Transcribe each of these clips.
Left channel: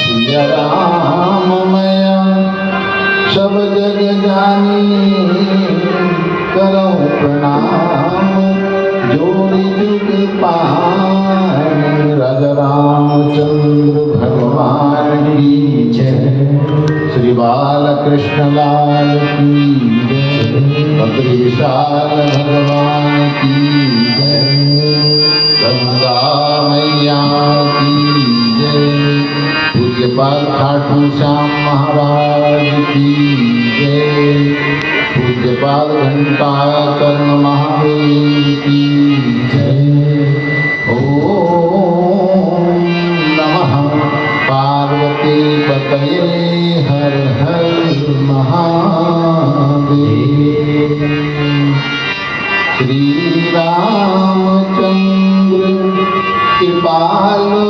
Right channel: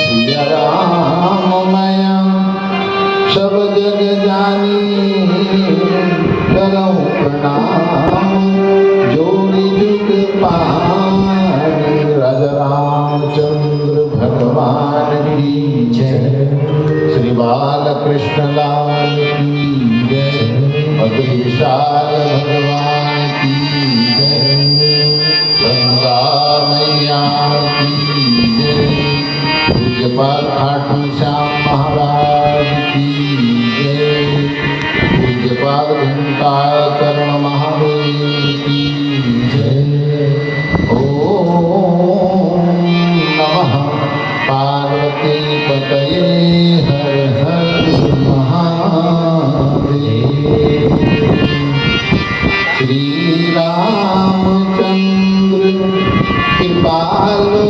सिया राम मैया सब जग जानी करऊं प्रणाम जोरी जुग पानी राजा रामचंद्र भगवान की जय श्री बालकृष्ण लाल की जय बद्रीशाल भगवान की जय गंगा मैया की जय पूज्यपाल खाटू श्याम महाराज की जय पूज्यपाल घंटा कर्ण महादेव की जय ओम नमः पार्वती पतये हर हर महादेव श्री रामचंद्र कृपालु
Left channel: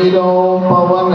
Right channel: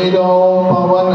भजो मन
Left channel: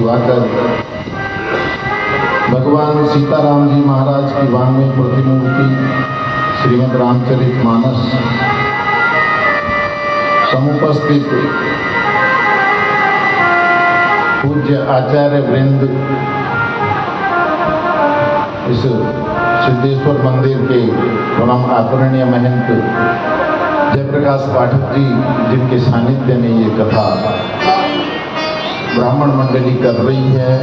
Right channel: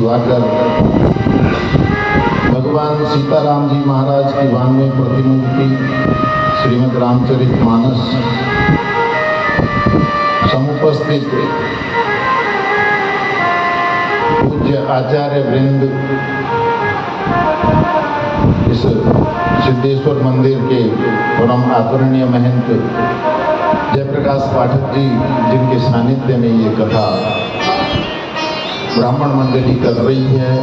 दिवाकर भगवान सीताराम जी महाराज की 92 प्रतिमूर्ति श्रीमद् रामचरितमानस समुपस्थित पूज्य आचार्य वृंद इस सिद्धेश्वर मंदिर के परम आदरणीय महंत जयप्रकाश पाठक जी जिनके सानिध्य में ये कथा ब्राह्मण मंडली कर रही है,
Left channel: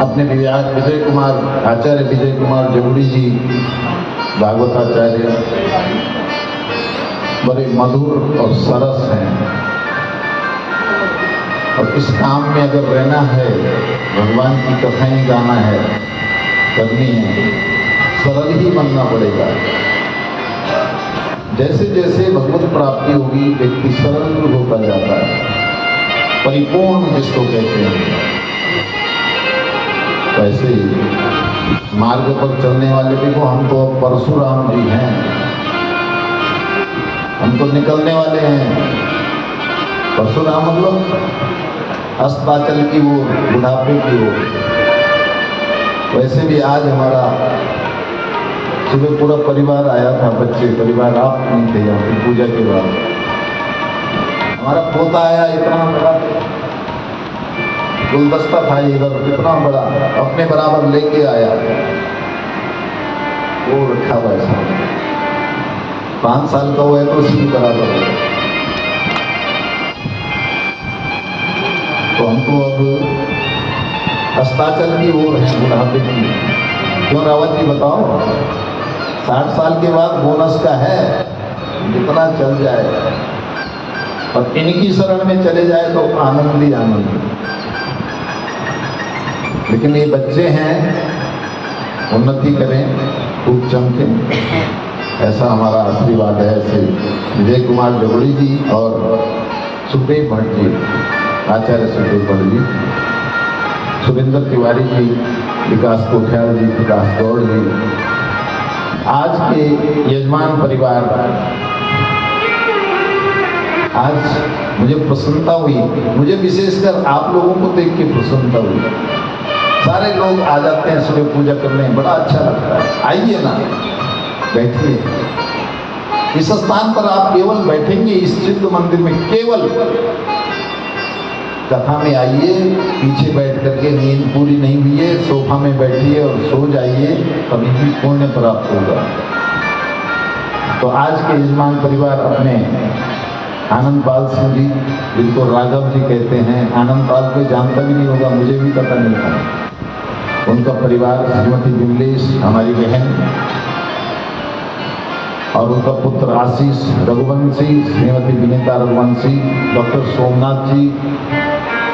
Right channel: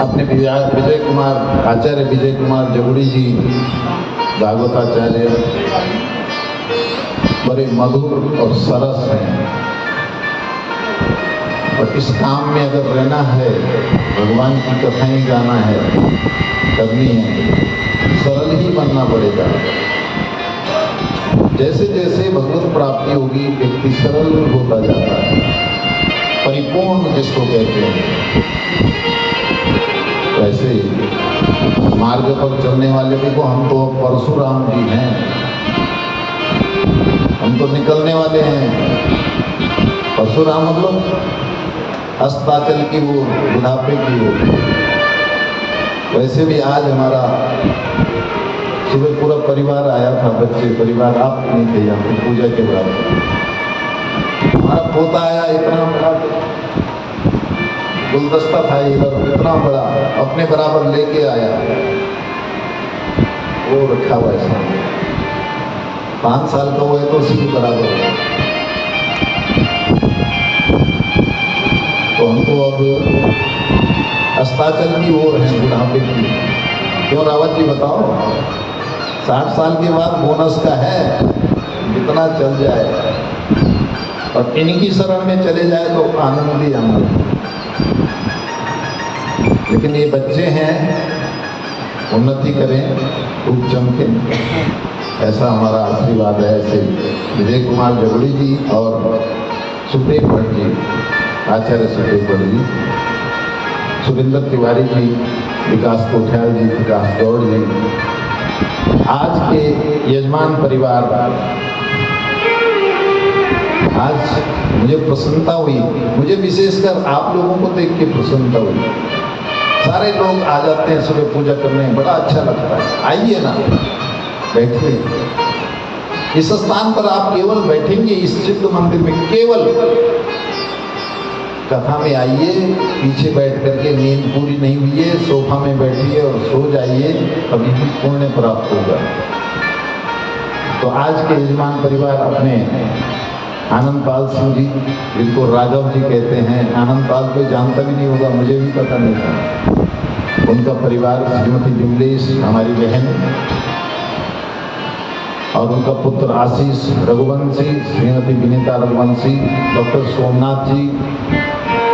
अपने विजय कुमार आचार्य विजय कुमार जगुड़ी जी भागवताचार्य बड़े मधुर और सरस हैं। और इस काम में अगर रहना है, भगवान की कथाएं गाना है, करनी है, सरल ही बनना पड़ेगा। जैसे जैसे भगवत प्राप्ति होगी व्यक्ति सरल होता जाता है, परिपूर्ण जिसको कहते हैं। वैसे मार्ग पर चलने वाले देखो, हम तो अब परशुराम जी हैं, हम तो निकलने वाले हैं। परशुराम मतलब अस्ताचल की वो बुढ़ापे की वो। वैसे भी आज हमारा सुबह पूरा परिवार आया था, बच्चे परिवार, आप नहीं थे यहाँ पे पूजा के बाद। हमारा पोता आया, इतना बड़ा गुलदस्ता था इधर, इतना बड़ा अपने बराबर लेके आया, वो रखा हुआ ऐसा 5 साल का हुआ है तो उसी के बराबर है। तो हम तो अब अस्ताचल की ओर हैं, बुढ़ापे की। क्यों रावत जी बताओ, 60 साल के बाद बोनस का है, जितना चल जाए और इनकी शरण में चले जाए तो आनंद ही आनंद। लेकिन ये बच्चे हैं, उन्नति करें, खूब चमके, ऐसा हमारा आशीर्वाद है। ऐसे विजय कुमार जगुड़ी जी और सुखदेव भट्ट जी, आचार्य सुखदेव भट्ट जी, सुरेंद्र तिवारी जी, विकास कोठियाल जी, विकास गौड़ जी, आज के यजमान परिवार। आज मुझे प्रसन्नता हुई, मुझे विशेषकर आप लोगों को देख के प्रसन्नता हुई। सारे लोग आ जाते हैं सुबह पूजा करने, बड़ा अच्छा लगता है। आइए ना, बैठिए। इस स्थान पर आप केवल बैठेंगे, इस सिद्ध मंदिर में केवल कथा में आइए, पीछे बैठ करके नींद पूरी नहीं हुई है, सोफा में बैठिए और सो जाइए, तभी भी पुण्य प्राप्त होगा। तो आज के यजमान परिवार अपने आनंद पाल सिंह जी, जिनको राघव जी कहते हैं, आनंद पाल कोई जानता भी नहीं होगा, मुझे भी पता नहीं था। उनका परिवार, श्रीमती विमलेश हमारी बहन और उनका पुत्र आशीष रघुवंशी, श्रीमती विनीता रघुवंशी, डॉक्टर सोमनाथ जी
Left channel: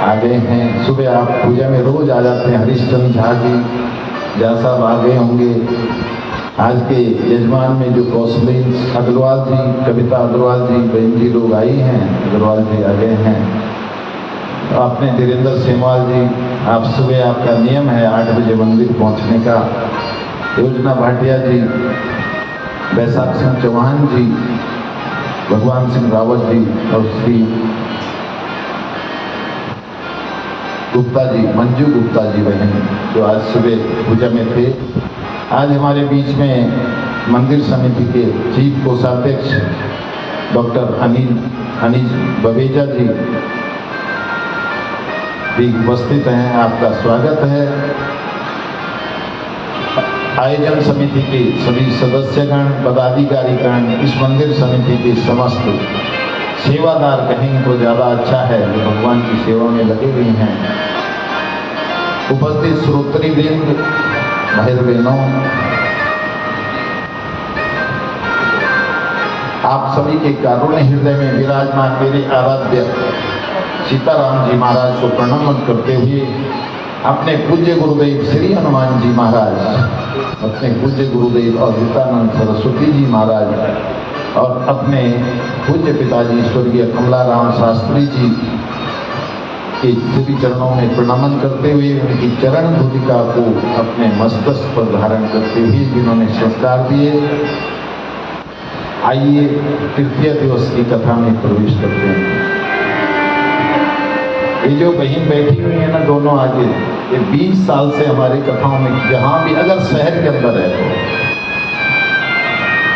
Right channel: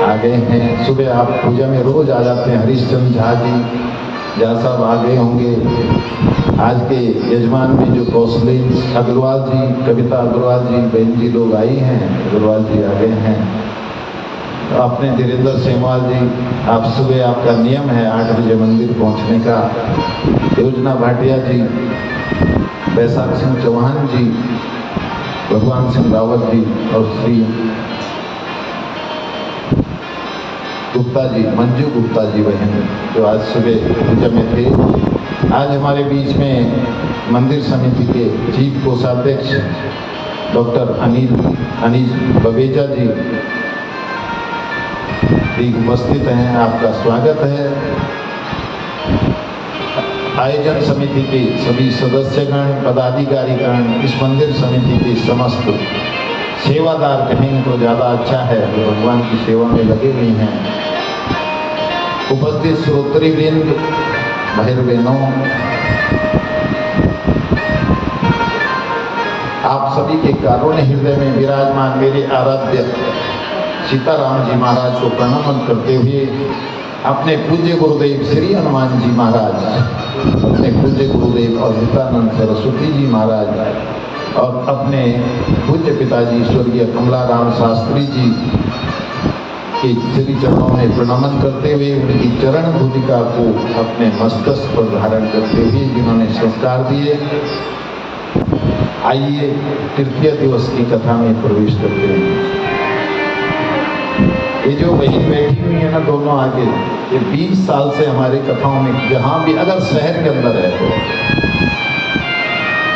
आ गए हैं। सुबह आप पूजा में रोज आ जाते हैं। हरीशचंद्र झा जी, झा साहब आ गए होंगे। आज के यजमान में जो कौशलेन अग्रवाल जी, कविता अग्रवाल जी, बहन जी लोग आई हैं, अग्रवाल जी आ गए हैं। आपने धीरेन्द्र सेमवाल जी, आप सुबह आपका नियम है 8 बजे मंदिर पहुंचने का। योजना भाटिया जी, बैसाख सिंह चौहान जी, भगवान सिंह रावत जी और श्री गुप्ता जी, मंजू गुप्ता जी बहन, जो आज सुबह पूजा में थे। आज हमारे बीच में मंदिर समिति के चीफ कोषाध्यक्ष डॉक्टर अनिल बवेजा जी भी उपस्थित हैं, आपका स्वागत है। आयोजन समिति के सभी सदस्यगण, पदाधिकारीगण, इस मंदिर समिति के समस्त सेवादार कहेंगे तो ज़्यादा अच्छा है, जो भगवान की सेवा में लगे हुए हैं। उपस्थित श्रोत्री वृंद, भाई बहनों, आप सभी के कारुण्य हृदय में विराजमान मेरे आराध्य सीताराम जी महाराज को प्रणाम करते हुए अपने पूज्य गुरुदेव श्री हनुमान जी महाराज, अपने पूज्य गुरुदेव अद्भुतानंद सरस्वती जी महाराज और अपने पूज्य पिताजी स्वर्गीय कमलाराम शास्त्री जी के श्री चरणों में प्रणाम करते हुए उनकी चरण भूतिका को अपने मस्तक पर धारण करते हुए जिन्होंने संस्कार दिए, आइए तृतीय दिवस की कथा में प्रवेश करते हैं। ये जो बहन बैठी हुई है ना दोनों आगे, ये 20 साल से हमारी कथाओं में जहाँ भी अगर शहर के अंदर है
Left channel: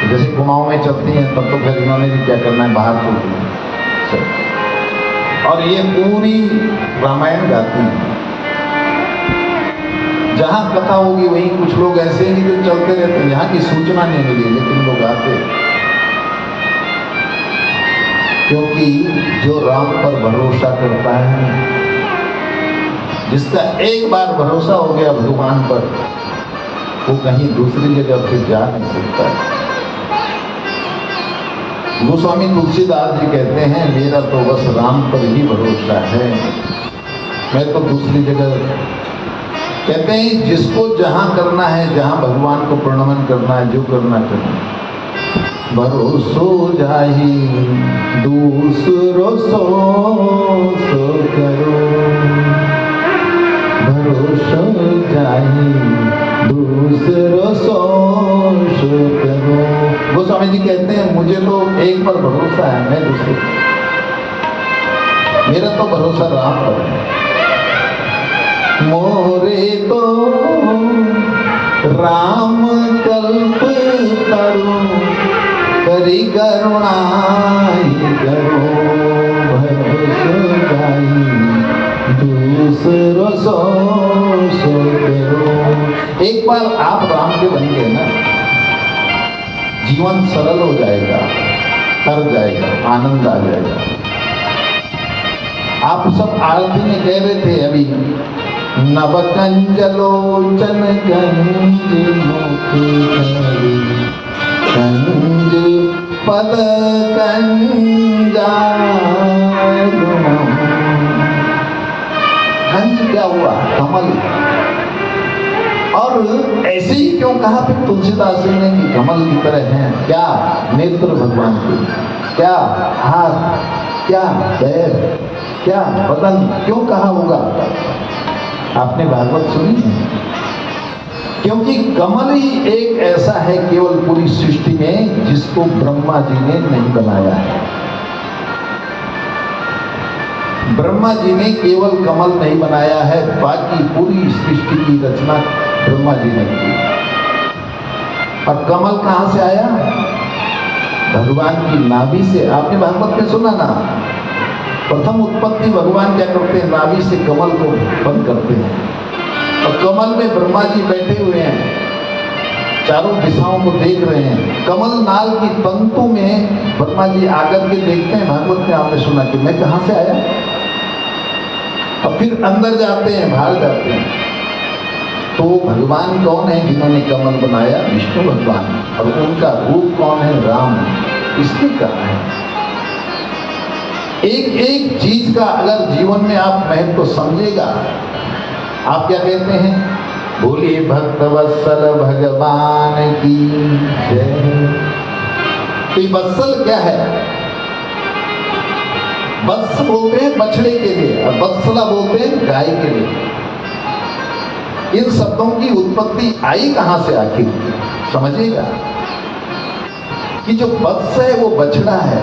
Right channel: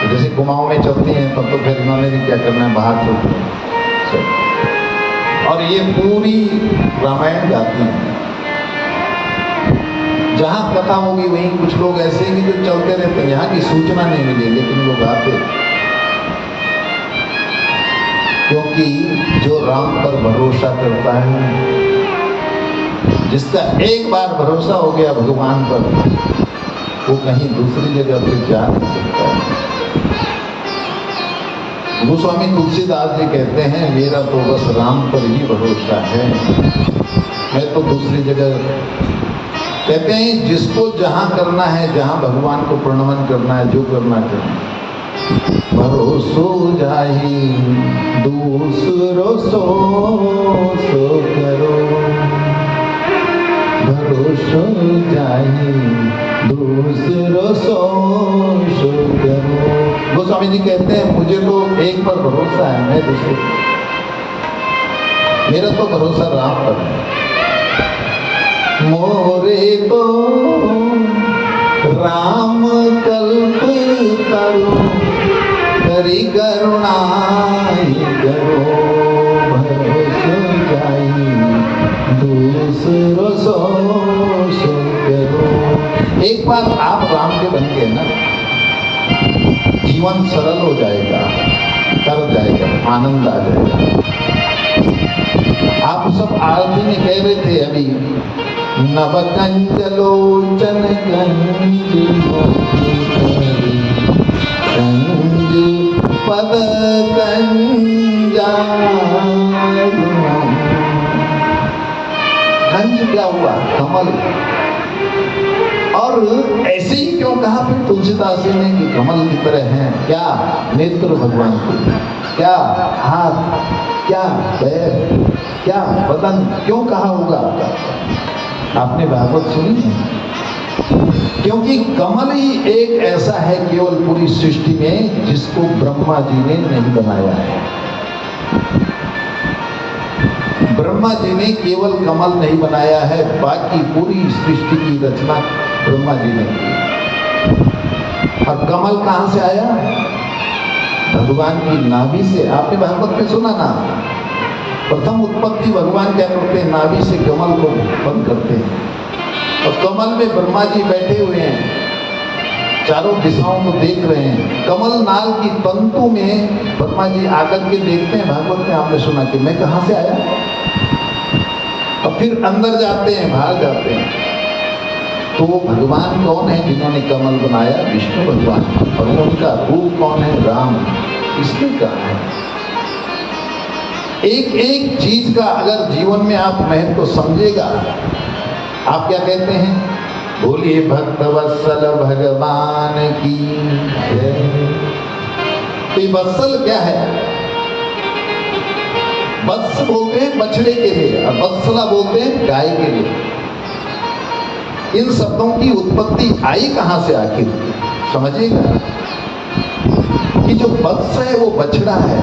तो जैसे कुमाऊं में चलती हैं तब तो फिर इन्होंने भी क्या करना है बाहर चलती हैं, और ये पूरी रामायण गाती हैं। जहाँ कथा होगी वहीं कुछ लोग ऐसे हैं कि जो चलते रहते हैं, यहाँ की सूचना नहीं मिली लेकिन लोग आते, क्योंकि जो राम पर भरोसा करता है, जिसका एक बार भरोसा हो गया भगवान पर, वो कहीं दूसरी जगह फिर जा नहीं सकता। गोस्वामी तुलसीदास जी कहते हैं मेरा तो बस राम पर ही भरोसा है, मैं तो दूसरी जगह, कहते हैं जिसको जहां करना है, जहां भगवान को प्रणमन करना है, जो करना करना, भरोसो जाहि दूसरो सो करो, भरोसो जाहि दूसरो सो करो। गोस्वामी जी कहते हैं मुझे तो एक पर भरोसा है, मैं दूसरे, मेरा तो भरोसा राम पर है। मोरे तो राम कल्प करो, करी करुणाई करो, भरोसो जाहि दूसरो सो करो। एक बार आप राम के बन गए ना, जीवन सरल हो जाएगा, तर जाएगा, आनंद आ जाएगा। आप सब आरती में कह रहे थे अभी, नव कंजलोचन गंज कंज पद कंज क्या हुआ? कमल। और ऐसे ही क्यों कहा फिर तुलसीदास जी ने कि कमल की तरह हैं? क्या नेत्र भगवान के, क्या हाथ, क्या पैर, क्या बदन, क्यों कहा होगा? आपने भागवत सुनी है? क्योंकि कमल ही एक ऐसा है केवल पूरी सृष्टि में जिसको ब्रह्मा जी ने नहीं बनाया है। ब्रह्मा जी ने केवल कमल नहीं बनाया है, बाकी पूरी सृष्टि की रचना ब्रह्मा जी ने की। और कमल कहां से आया? भगवान की नाभि से। आपने भागवत में सुना ना, प्रथम उत्पत्ति भगवान क्या करते हैं? नाभि से कमल को बंद करते हैं, और कमल में ब्रह्मा जी बैठे हुए हैं, चारों दिशाओं को देख रहे हैं। कमल नाल की तंतु में ब्रह्मा जी आकर के देखते हैं। भागवत में आपने सुना कि मैं कहां से आया, और फिर अंदर जाते हैं, बाहर जाते हैं। तो भगवान कौन है जिन्होंने कमल बनाया? विष्णु भगवान। और उनका रूप कौन है? राम। इसने कहा है एक एक चीज का अगर जीवन में आप महत्व को समझेगा, आप क्या कहते हैं? बोलिए भक्त वत्सल भगवान की जय। तो ये वत्सल क्या है? वत्स बोलते हैं बछड़े के लिए, और वत्सला बोलते हैं गाय के लिए। इन शब्दों की उत्पत्ति आई कहां से आखिर? समझिएगा कि जो वत्स है वो बछड़ा है,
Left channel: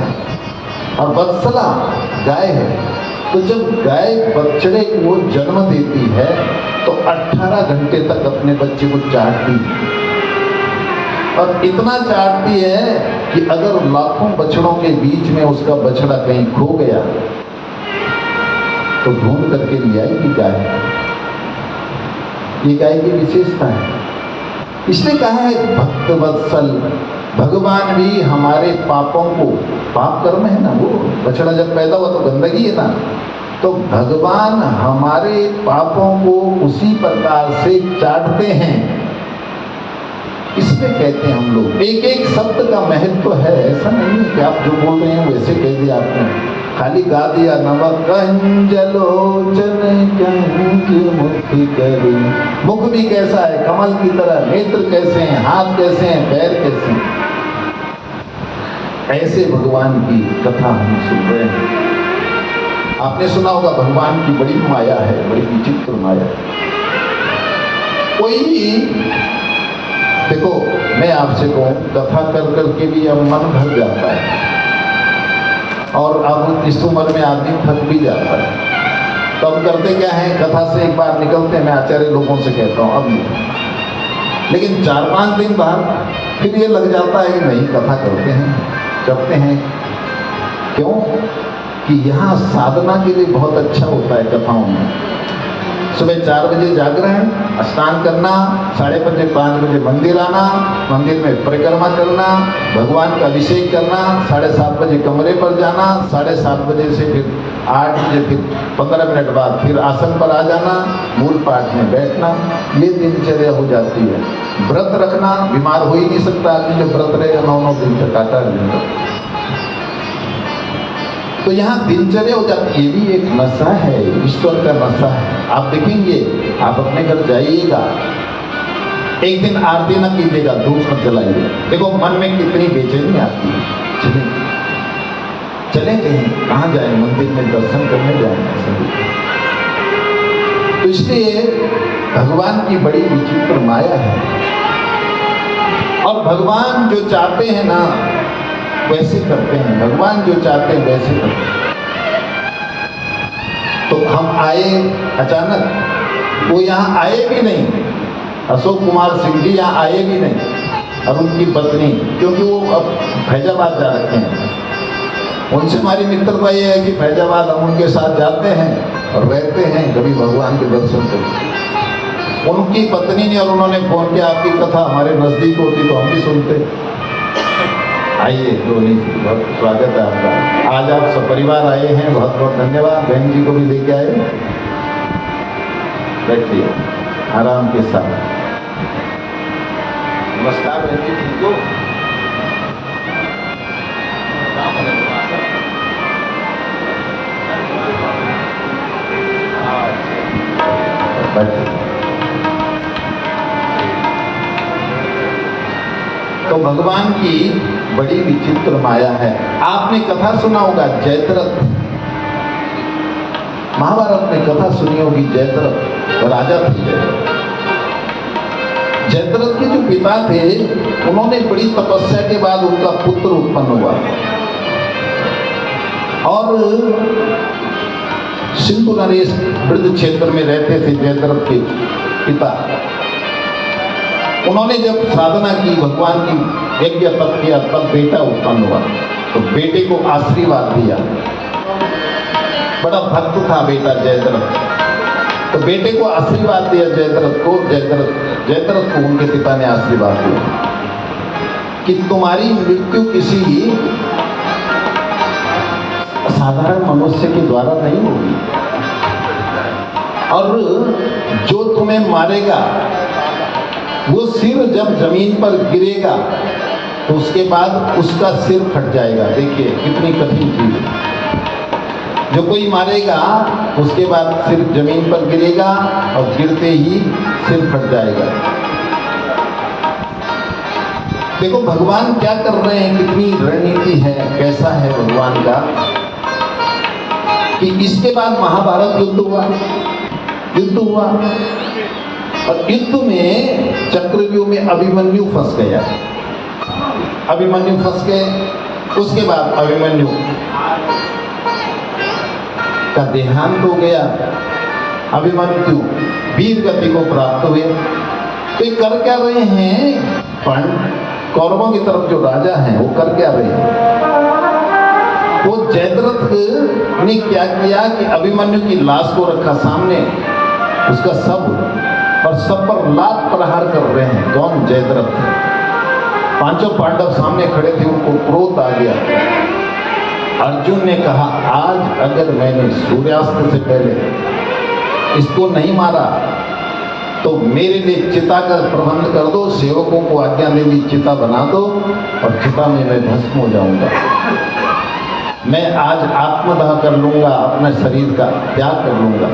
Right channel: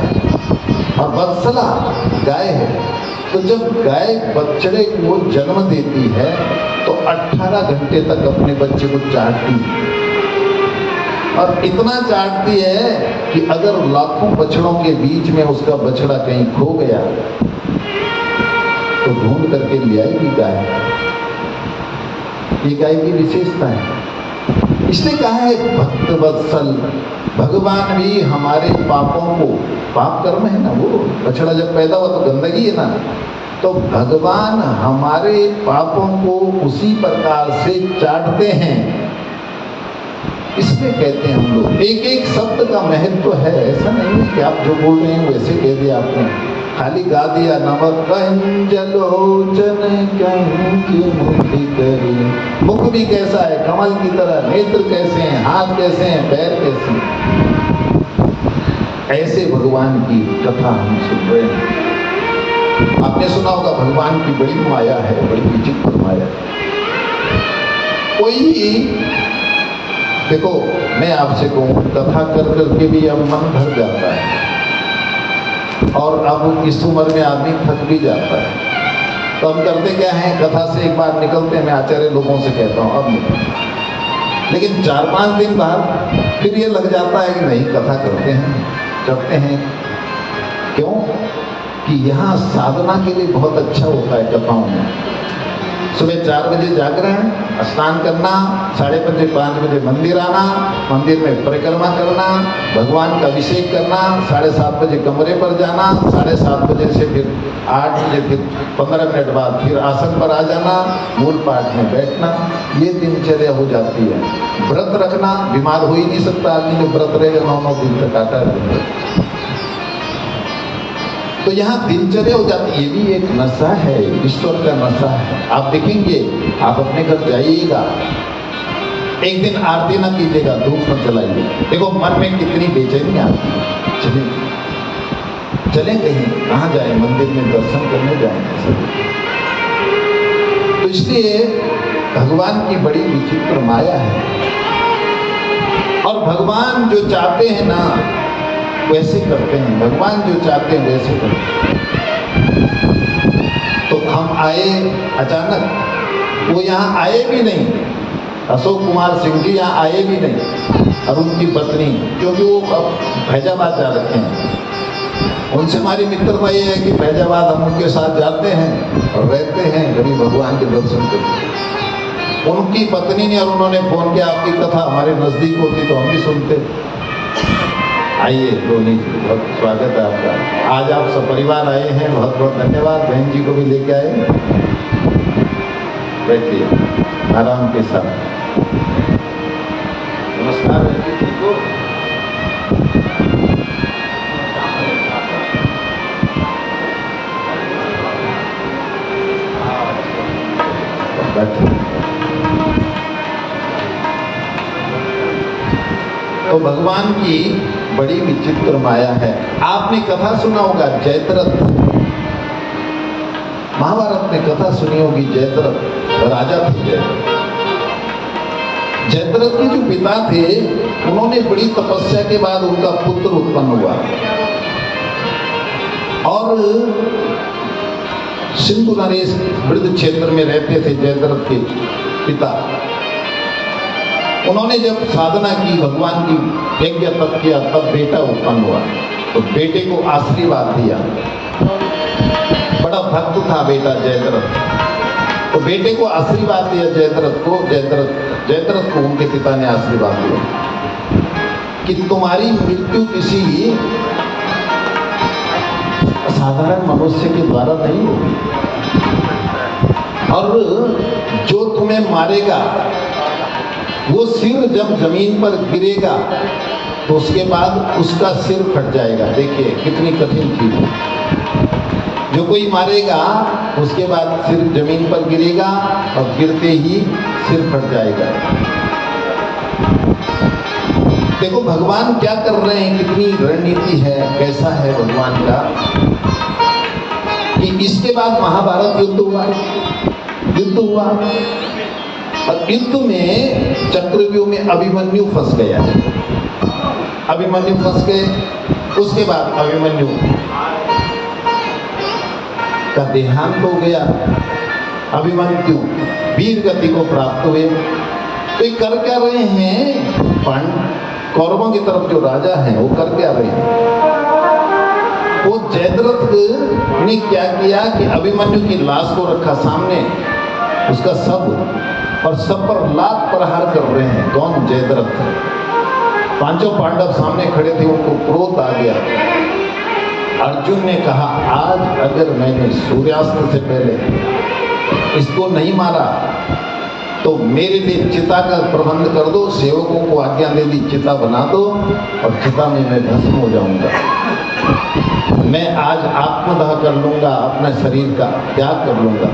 और वत्सला गाय है। तो जब गाय बछड़े को जन्म देती है तो 18 घंटे तक अपने बच्चे को चाटती है, और इतना चाटती है कि अगर लाखों बछड़ों के बीच में उसका बछड़ा कहीं खो गया तो ढूंढ करके ले आएगी गाय। ये गाय की विशेषता है। इसलिए कहा है भक्त वत्सल। भगवान भी हमारे पापों को, पाप कर्म है ना, वो बछड़ा जब पैदा हुआ तो गंदगी है ना, तो भगवान हमारे पापों को उसी प्रकार से चाटते हैं। इसमें कहते हैं हम लोग एक एक शब्द का महत्व है। ऐसा नहीं है कि आप जो बोल रहे हैं वैसे कह दिया आपने, खाली गा दिया। नव कंजलोचन कंज मुख करी। मुख भी कैसा है? कमल की तरह। नेत्र कैसे हैं? हाथ कैसे हैं? पैर कैसे हैं? ऐसे भगवान की कथा हम सुन रहे हैं। आपने सुना होगा भगवान की बड़ी माया है, बड़ी विचित्र माया। कोई देखो, मैं आपसे कहूं, कथा कर करके भी अब मन भर जाता है, और अब इस उम्र में आदमी थक भी जाता है। तो हम करते क्या है, कथा से एक बार निकलते हैं, मैं आचार्य लोगों से कहता हूँ अब नहीं, लेकिन 4-5 दिन बाद फिर ये लग जाता है कि नहीं कथा करते हैं, करते हैं। क्यों कि यहाँ साधना के लिए बहुत अच्छा होता है कथाओं में। सुबह 4 बजे जागरण, स्नान करना, 5:30 बजे मंदिर आना, मंदिर में परिक्रमा करना, भगवान का अभिषेक करना, 7:30 बजे कमरे पर जाना, 7:30 बजे से फिर 8 बजे फिर 15 मिनट बाद फिर आसन पर आ जाना, मूल पाठ में बैठना, ये दिनचर्या हो जाती है। व्रत रखना, बीमार हो ही नहीं सकता आदमी जो व्रत रहेगा 9 दिन तक, आता है। तो यहाँ दिनचर्या हो जाती है, ये भी एक नशा है, ईश्वर का नशा है। आप देखेंगे, आप अपने घर जाइएगा, एक दिन आरती न कीजिएगा, धूप न जलाइए, देखो मन में कितनी बेचैनी आती है। चले कहीं, कहाँ जाए, मंदिर में दर्शन करने जाएंगे सभी। तो इसलिए भगवान की बड़ी विचित्र माया है, और भगवान जो चाहते हैं ना वैसे करते हैं, भगवान जो चाहते हैं वैसे करते हैं। तो हम आए अचानक, वो यहाँ आए भी नहीं, अशोक कुमार सिंह जी यहाँ आए भी नहीं, और उनकी पत्नी, क्योंकि वो अब फैजाबाद जा रखे हैं। उनसे हमारी मित्रता ये है कि फैजाबाद हम उनके साथ जाते हैं और रहते हैं, कभी भगवान के दर्शन करते। उनकी पत्नी ने और उन्होंने फोन किया, आपकी कथा हमारे नजदीक होती तो हम भी सुनते। आइए धोनी जी, बहुत स्वागत है आपका। आज आप सपरिवार आए हैं, बहुत बहुत धन्यवाद। बहन जी को भी लेके आए, बैठिए आराम के साथ। नमस्कार बहन जी, ठीक हो? बैठिए। तो भगवान की बड़ी विचित्र माया है। आपने कथा सुना होगा जयद्रथ, महाभारत में कथा सुनी होगी। जयद्रथ राजा थे। जयद्रथ के जो पिता थे, उन्होंने बड़ी तपस्या के बाद उनका पुत्र उत्पन्न हुआ, और सिंधु नरेश वृद्ध क्षेत्र में रहते थे जयद्रथ के पिता। उन्होंने जब साधना की, भगवान की यज्ञ तप किया, तब बेटा उत्पन्न हुआ। तो बेटे को आशीर्वाद दिया, बड़ा भक्त था बेटा जयद्रथ। तो बेटे को आशीर्वाद दिया जयद्रथ को उनके पिता ने आशीर्वाद दिया कि तुम्हारी मृत्यु किसी साधारण मनुष्य के द्वारा नहीं होगी, और जो तुम्हें मारेगा वो सिर जब जमीन पर गिरेगा तो उसके बाद उसका सिर फट जाएगा। देखिए कितनी कठिन चीज है। जो कोई मारेगा उसके बाद सिर जमीन पर गिरेगा, और गिरते ही सिर फट जाएगा। देखो भगवान क्या कर रहे हैं, कितनी रणनीति है, कैसा है भगवान का, कि इसके बाद महाभारत युद्ध हुआ, और युद्ध में चक्रव्यूह में अभिमन्यु फंस गया। अभिमन्यु फंस गए, उसके बाद अभिमन्यु का देहांत हो गया। अभिमन्यु वीर गति को प्राप्त हुए। तो ये कर क्या रहे हैं, कौरवों की तरफ जो राजा हैं वो कर क्या रहे हैं, वो जयद्रथ ने क्या किया कि अभिमन्यु की लाश को रखा सामने, उसका शव, और सब पर लात प्रहार कर रहे हैं। कौन? जयद्रथ। 5 पांडव सामने खड़े थे, उनको क्रोध आ गया। अर्जुन ने कहा, आज अगर मैंने सूर्यास्त से पहले इसको नहीं मारा तो मेरे लिए चिता का प्रबंध कर दो, सेवकों को आज्ञा दे दी चिता बना दो, और चिता में मैं भस्म हो जाऊंगा। मैं आज आत्मदाह कर लूंगा, अपने शरीर का त्याग कर लूंगा।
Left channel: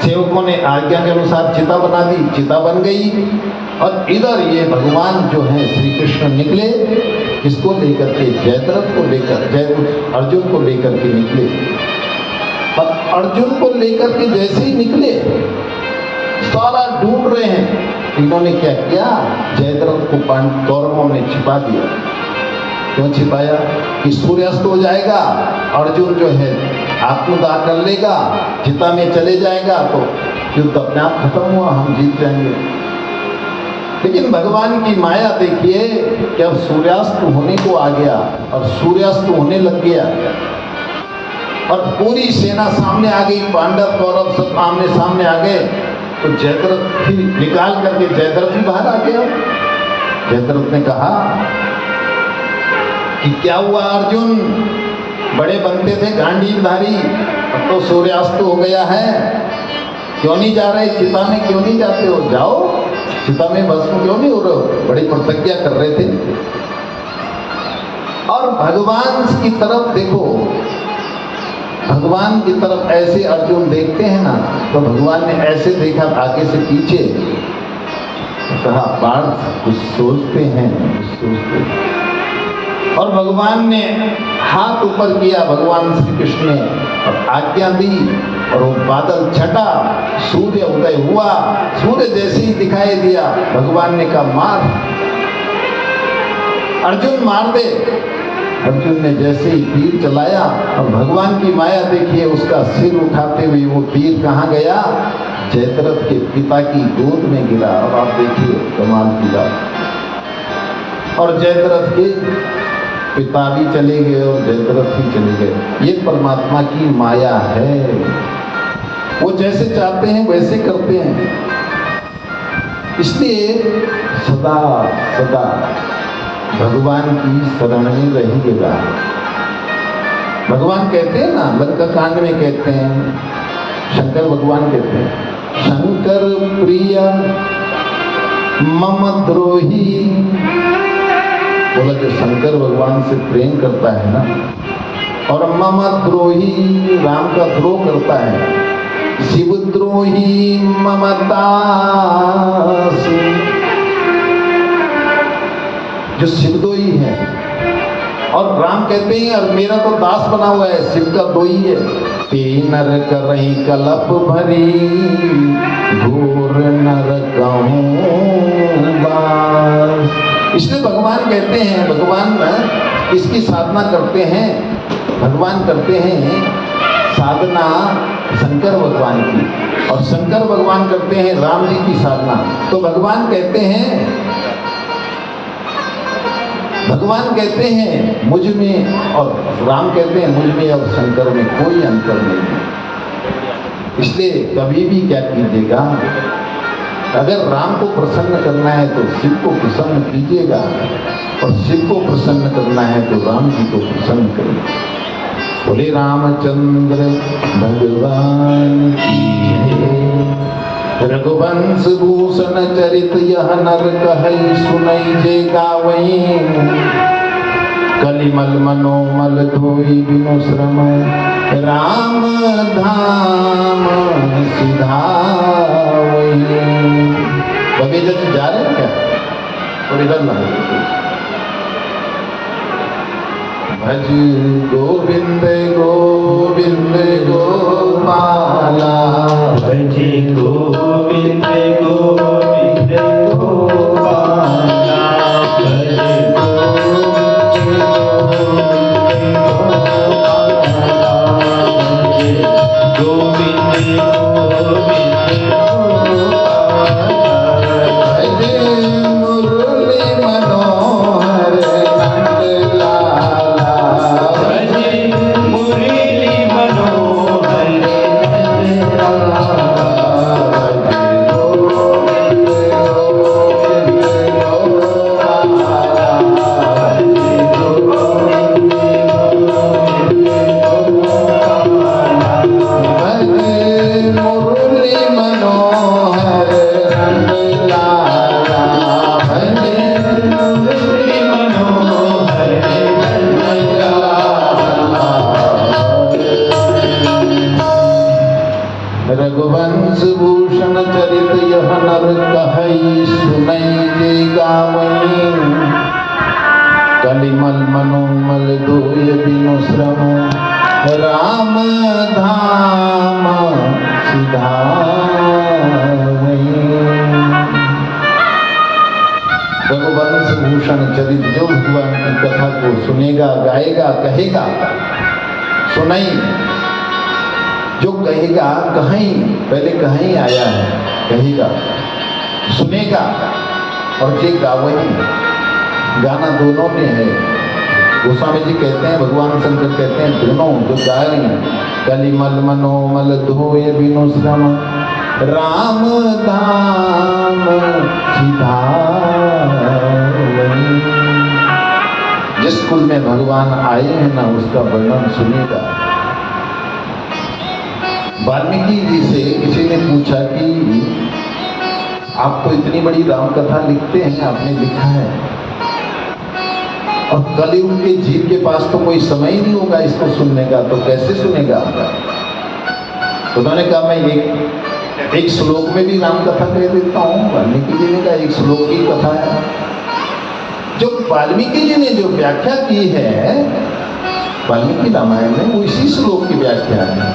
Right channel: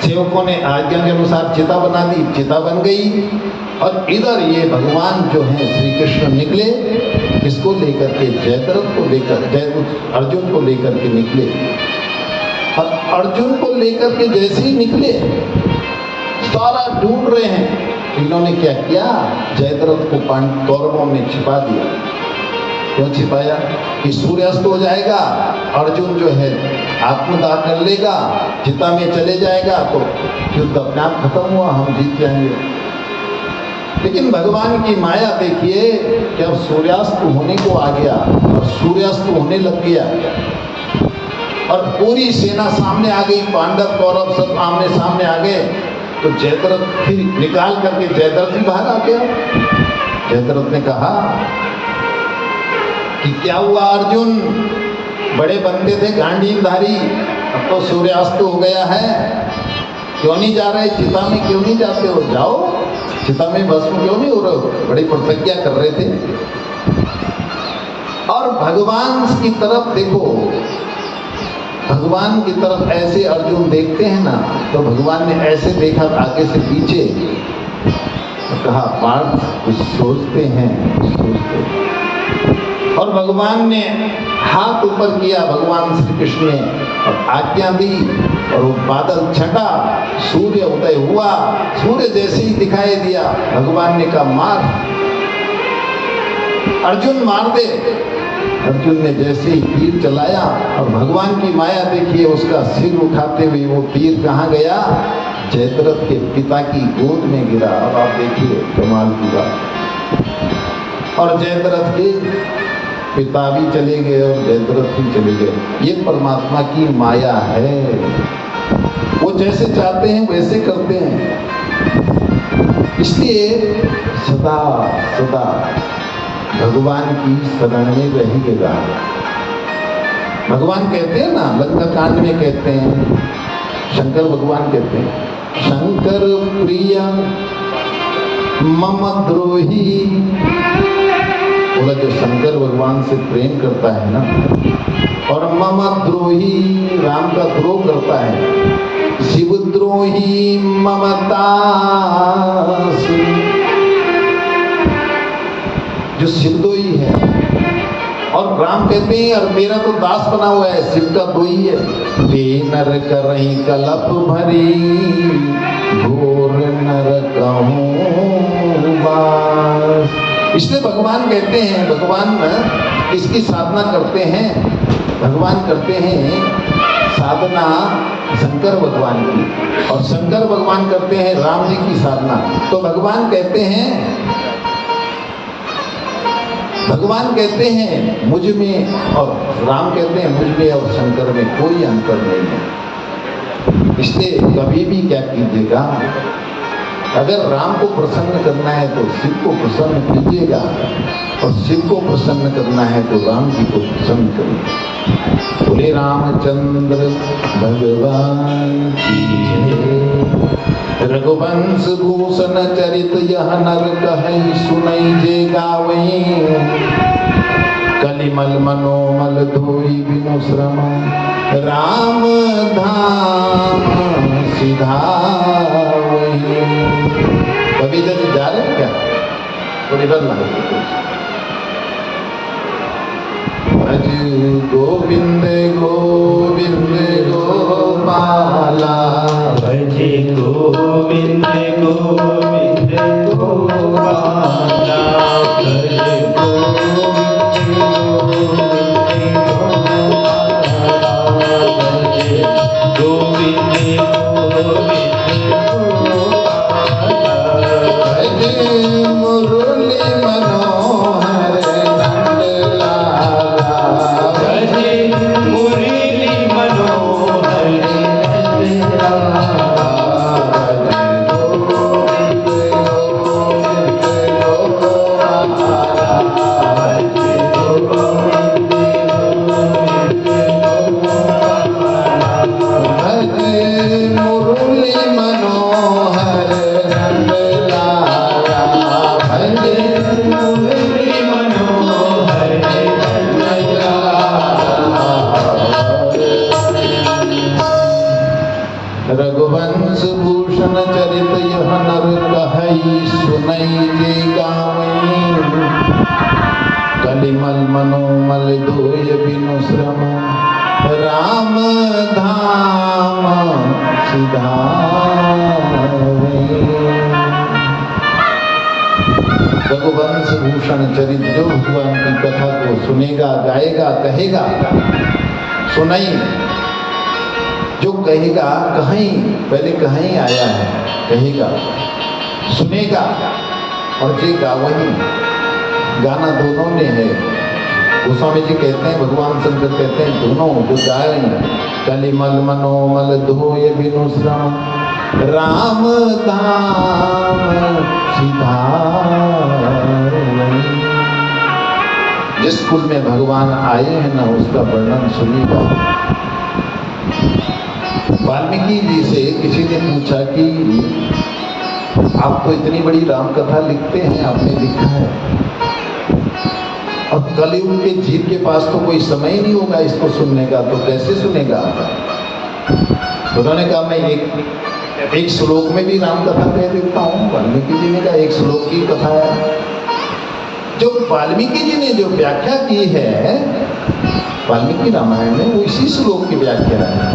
सेवकों ने आज्ञा के अनुसार चिता बना दी, चिता बन गई, और इधर ये भगवान जो हैं श्री कृष्ण निकले, इसको लेकर के जयद्रथ को लेकर, अर्जुन को लेकर के निकले। और अर्जुन को लेकर के जैसे ही निकले, सारा ढूंढ रहे हैं। इन्होंने क्या किया, जयद्रथ को कौरवों ने छिपा दिया। क्यों छिपाया? कि सूर्यास्त हो जाएगा, अर्जुन जो है आत्मदाह कर लेगा, चिता में चले जाएगा तो युद्ध अपने आप खत्म हुआ, हम जीत जाएंगे। लेकिन भगवान की माया देखिए कि अब सूर्यास्त होने को आ गया और सूर्यास्त होने लग गया और पूरी सेना सामने आ गई, पांडव कौरव सब आमने सामने आ गए। तो जयद्रथ फिर निकाल करके जयद्रथ ही बाहर आ गया। जयद्रथ ने कहा कि क्या हुआ अर्जुन, बड़े बनते थे गांडीवधारी, अब तो सूर्यास्त हो गया है, क्यों नहीं जा रहे चिता में, क्यों नहीं जाते हो? जाओ चिता में, भस्म क्यों नहीं हो रहे हो? बड़ी प्रतिज्ञा कर रहे थे। और भगवान की तरफ देखो, भगवान की तरफ ऐसे अर्जुन देखते हैं ना, तो भगवान ने ऐसे देखा आगे से पीछे, तो कहा पार्थ कुछ सोचते हैं, सोचते हैं। और भगवान ने हाथ ऊपर किया, भगवान श्री कृष्ण ने, और आज्ञा दी और वो बादल छटा, सूर्य उदय हुआ। सूर्य जैसे ही दिखाई दिया, भगवान ने कहा मार, अर्जुन मार दे। अर्जुन ने जैसे ही तीर चलाया और भगवान की माया देखिए, उसका सिर उठाते हुए वो तीर कहाँ गया? जयद्रथ के पिता की गोद में गिरा। और आप देखिए कमाल की बात, और जयद्रथ के पिता भी चले गए और जयद्रथ भी चले गए। ये परमात्मा की माया है, वो जैसे चाहते हैं वैसे करते हैं। इसलिए सदा सदा भगवान की शरण में रहिएगा। भगवान कहते हैं ना, लंका कांड में कहते हैं, शंकर भगवान कहते हैं, शंकर प्रिय मम द्रोही। बोला जो शंकर भगवान से प्रेम करता है ना, और मम द्रोही, राम का द्रोह करता है, शिवद्रोही ममता, जो शिवद्रोही है। और राम कहते हैं और मेरा तो दास बना हुआ है, शिव का दोही है। नर करही कलप भरी, घोर नरकहूँ बास। इसलिए भगवान कहते हैं, भगवान इसकी साधना करते हैं, भगवान करते हैं साधना शंकर भगवान की, और शंकर भगवान करते हैं राम जी की साधना। तो भगवान कहते हैं, भगवान कहते हैं मुझ में, और राम कहते हैं मुझ में और शंकर में कोई अंतर नहीं है। इसलिए कभी भी क्या कीजिएगा, अगर राम को प्रसन्न करना है तो शिव को प्रसन्न कीजिएगा, और शिव को प्रसन्न करना है तो राम जी को प्रसन्न करिए। बोले रामचंद्र भगवान की जय। रघुवंश भूषण चरित यह नर कहै, सुनई जे गावई। कलिमल मनोमल धोई बिनु श्रम, राम धाम सिधावई। कभी इधर से जा रहे हैं क्या? और इधर ना भज गोविंद गोविंद गोपाला, भज गोविंद गोविंद गोपाला, भज गोविंद गोविंद गोपाला, भज गोविंद गोविंद गोपाला। भज मुरली मनोहर नंद लाला, भज मुरली मनोहर नंद लाला, भज गोविंद गोविंद गोपाला, भज गोविंद गोविंद गोपाला। भज मुरली मनोहर नंद लाला, भज मुरली मनोहर नंद लाला। रघुवंश भूषण चरित यह नर कहई, सुनई जे गावई। कलिमल मनोमल धोय बिनु श्रम, राम धाम सिधावई। रघुवंश भूषण चरित जो भगवान की कथा को सुनेगा, गाएगा, कहेगा, सुनाई जो कहेगा, कहीं पहले कहीं आया है, कहेगा, सुनेगा और जे गावही, गाना दोनों में है। गोस्वामी जी कहते हैं, भगवान शंकर कहते हैं, दोनों जो गाए कलिमल मनोमल धोय बिनु श्रम राम धाम सिधारन। जिस कुल में भगवान आए हैं ना, उसका वर्णन सुनेगा। वाल्मीकि जी से किसी ने पूछा कि आप तो इतनी बड़ी राम कथा लिखते हैं, आपने लिखा है, और कलयुग के जीव के पास तो कोई समय ही नहीं होगा इसको सुनने का, तो कैसे सुनेगा? उन्होंने कहा मैं एक श्लोक में भी राम कथा कह देता हूँ। वाल्मीकि जी ने कहा एक श्लोक की कथा है। जो वाल्मीकि जी ने जो व्याख्या की है वाल्मीकि रामायण में, वो इसी श्लोक की व्याख्या है।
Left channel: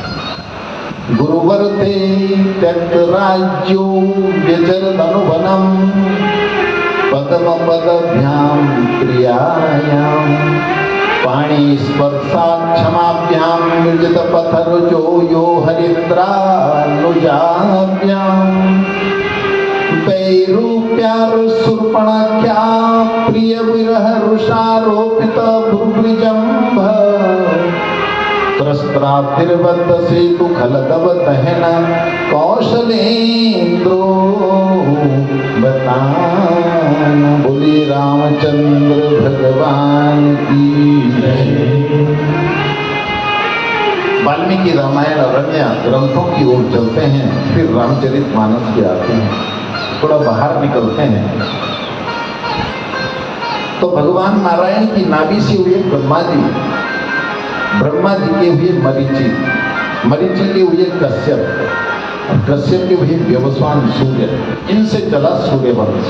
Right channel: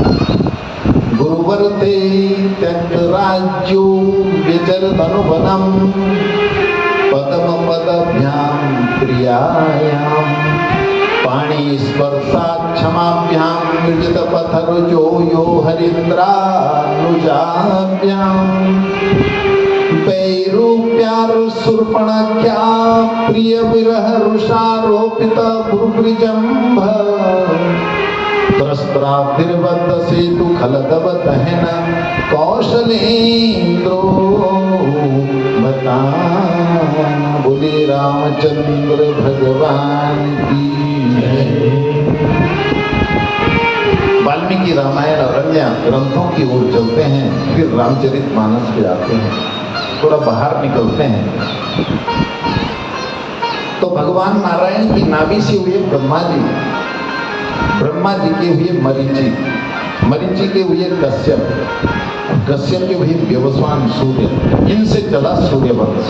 गुरुवर ते त्यक्त राज्यो व्यजरदनुवनम पदम पदभ्याम क्रियायाम पाणी स्पर्शात् क्षमाभ्याम निर्जित पथरुजो यो हरिन्द्रानुजाभ्याम वैरूप्यार शूर्पणख्या प्रिय विरह रुषारोपित भ्रुभृजंभ त्रस्त्राभिर्बद्ध सेतु खलदवत है न कौशलेन्द्रो बताना। बोले रामचंद्र भगवान की जय। वाल्मीकि रामायण और अन्य ग्रंथों की ओर चलते हैं, फिर रामचरितमानस पे आते हैं, थोड़ा बाहर निकलते हैं। तो भगवान नारायण की नाभि से हुए ब्रह्मा जी, ब्रह्मा जी के हुए मरीचि, मरीचि के हुए कश्यप, कश्यप के हुए व्यवस्वान सूर्य, इनसे चला सूर्य वंश।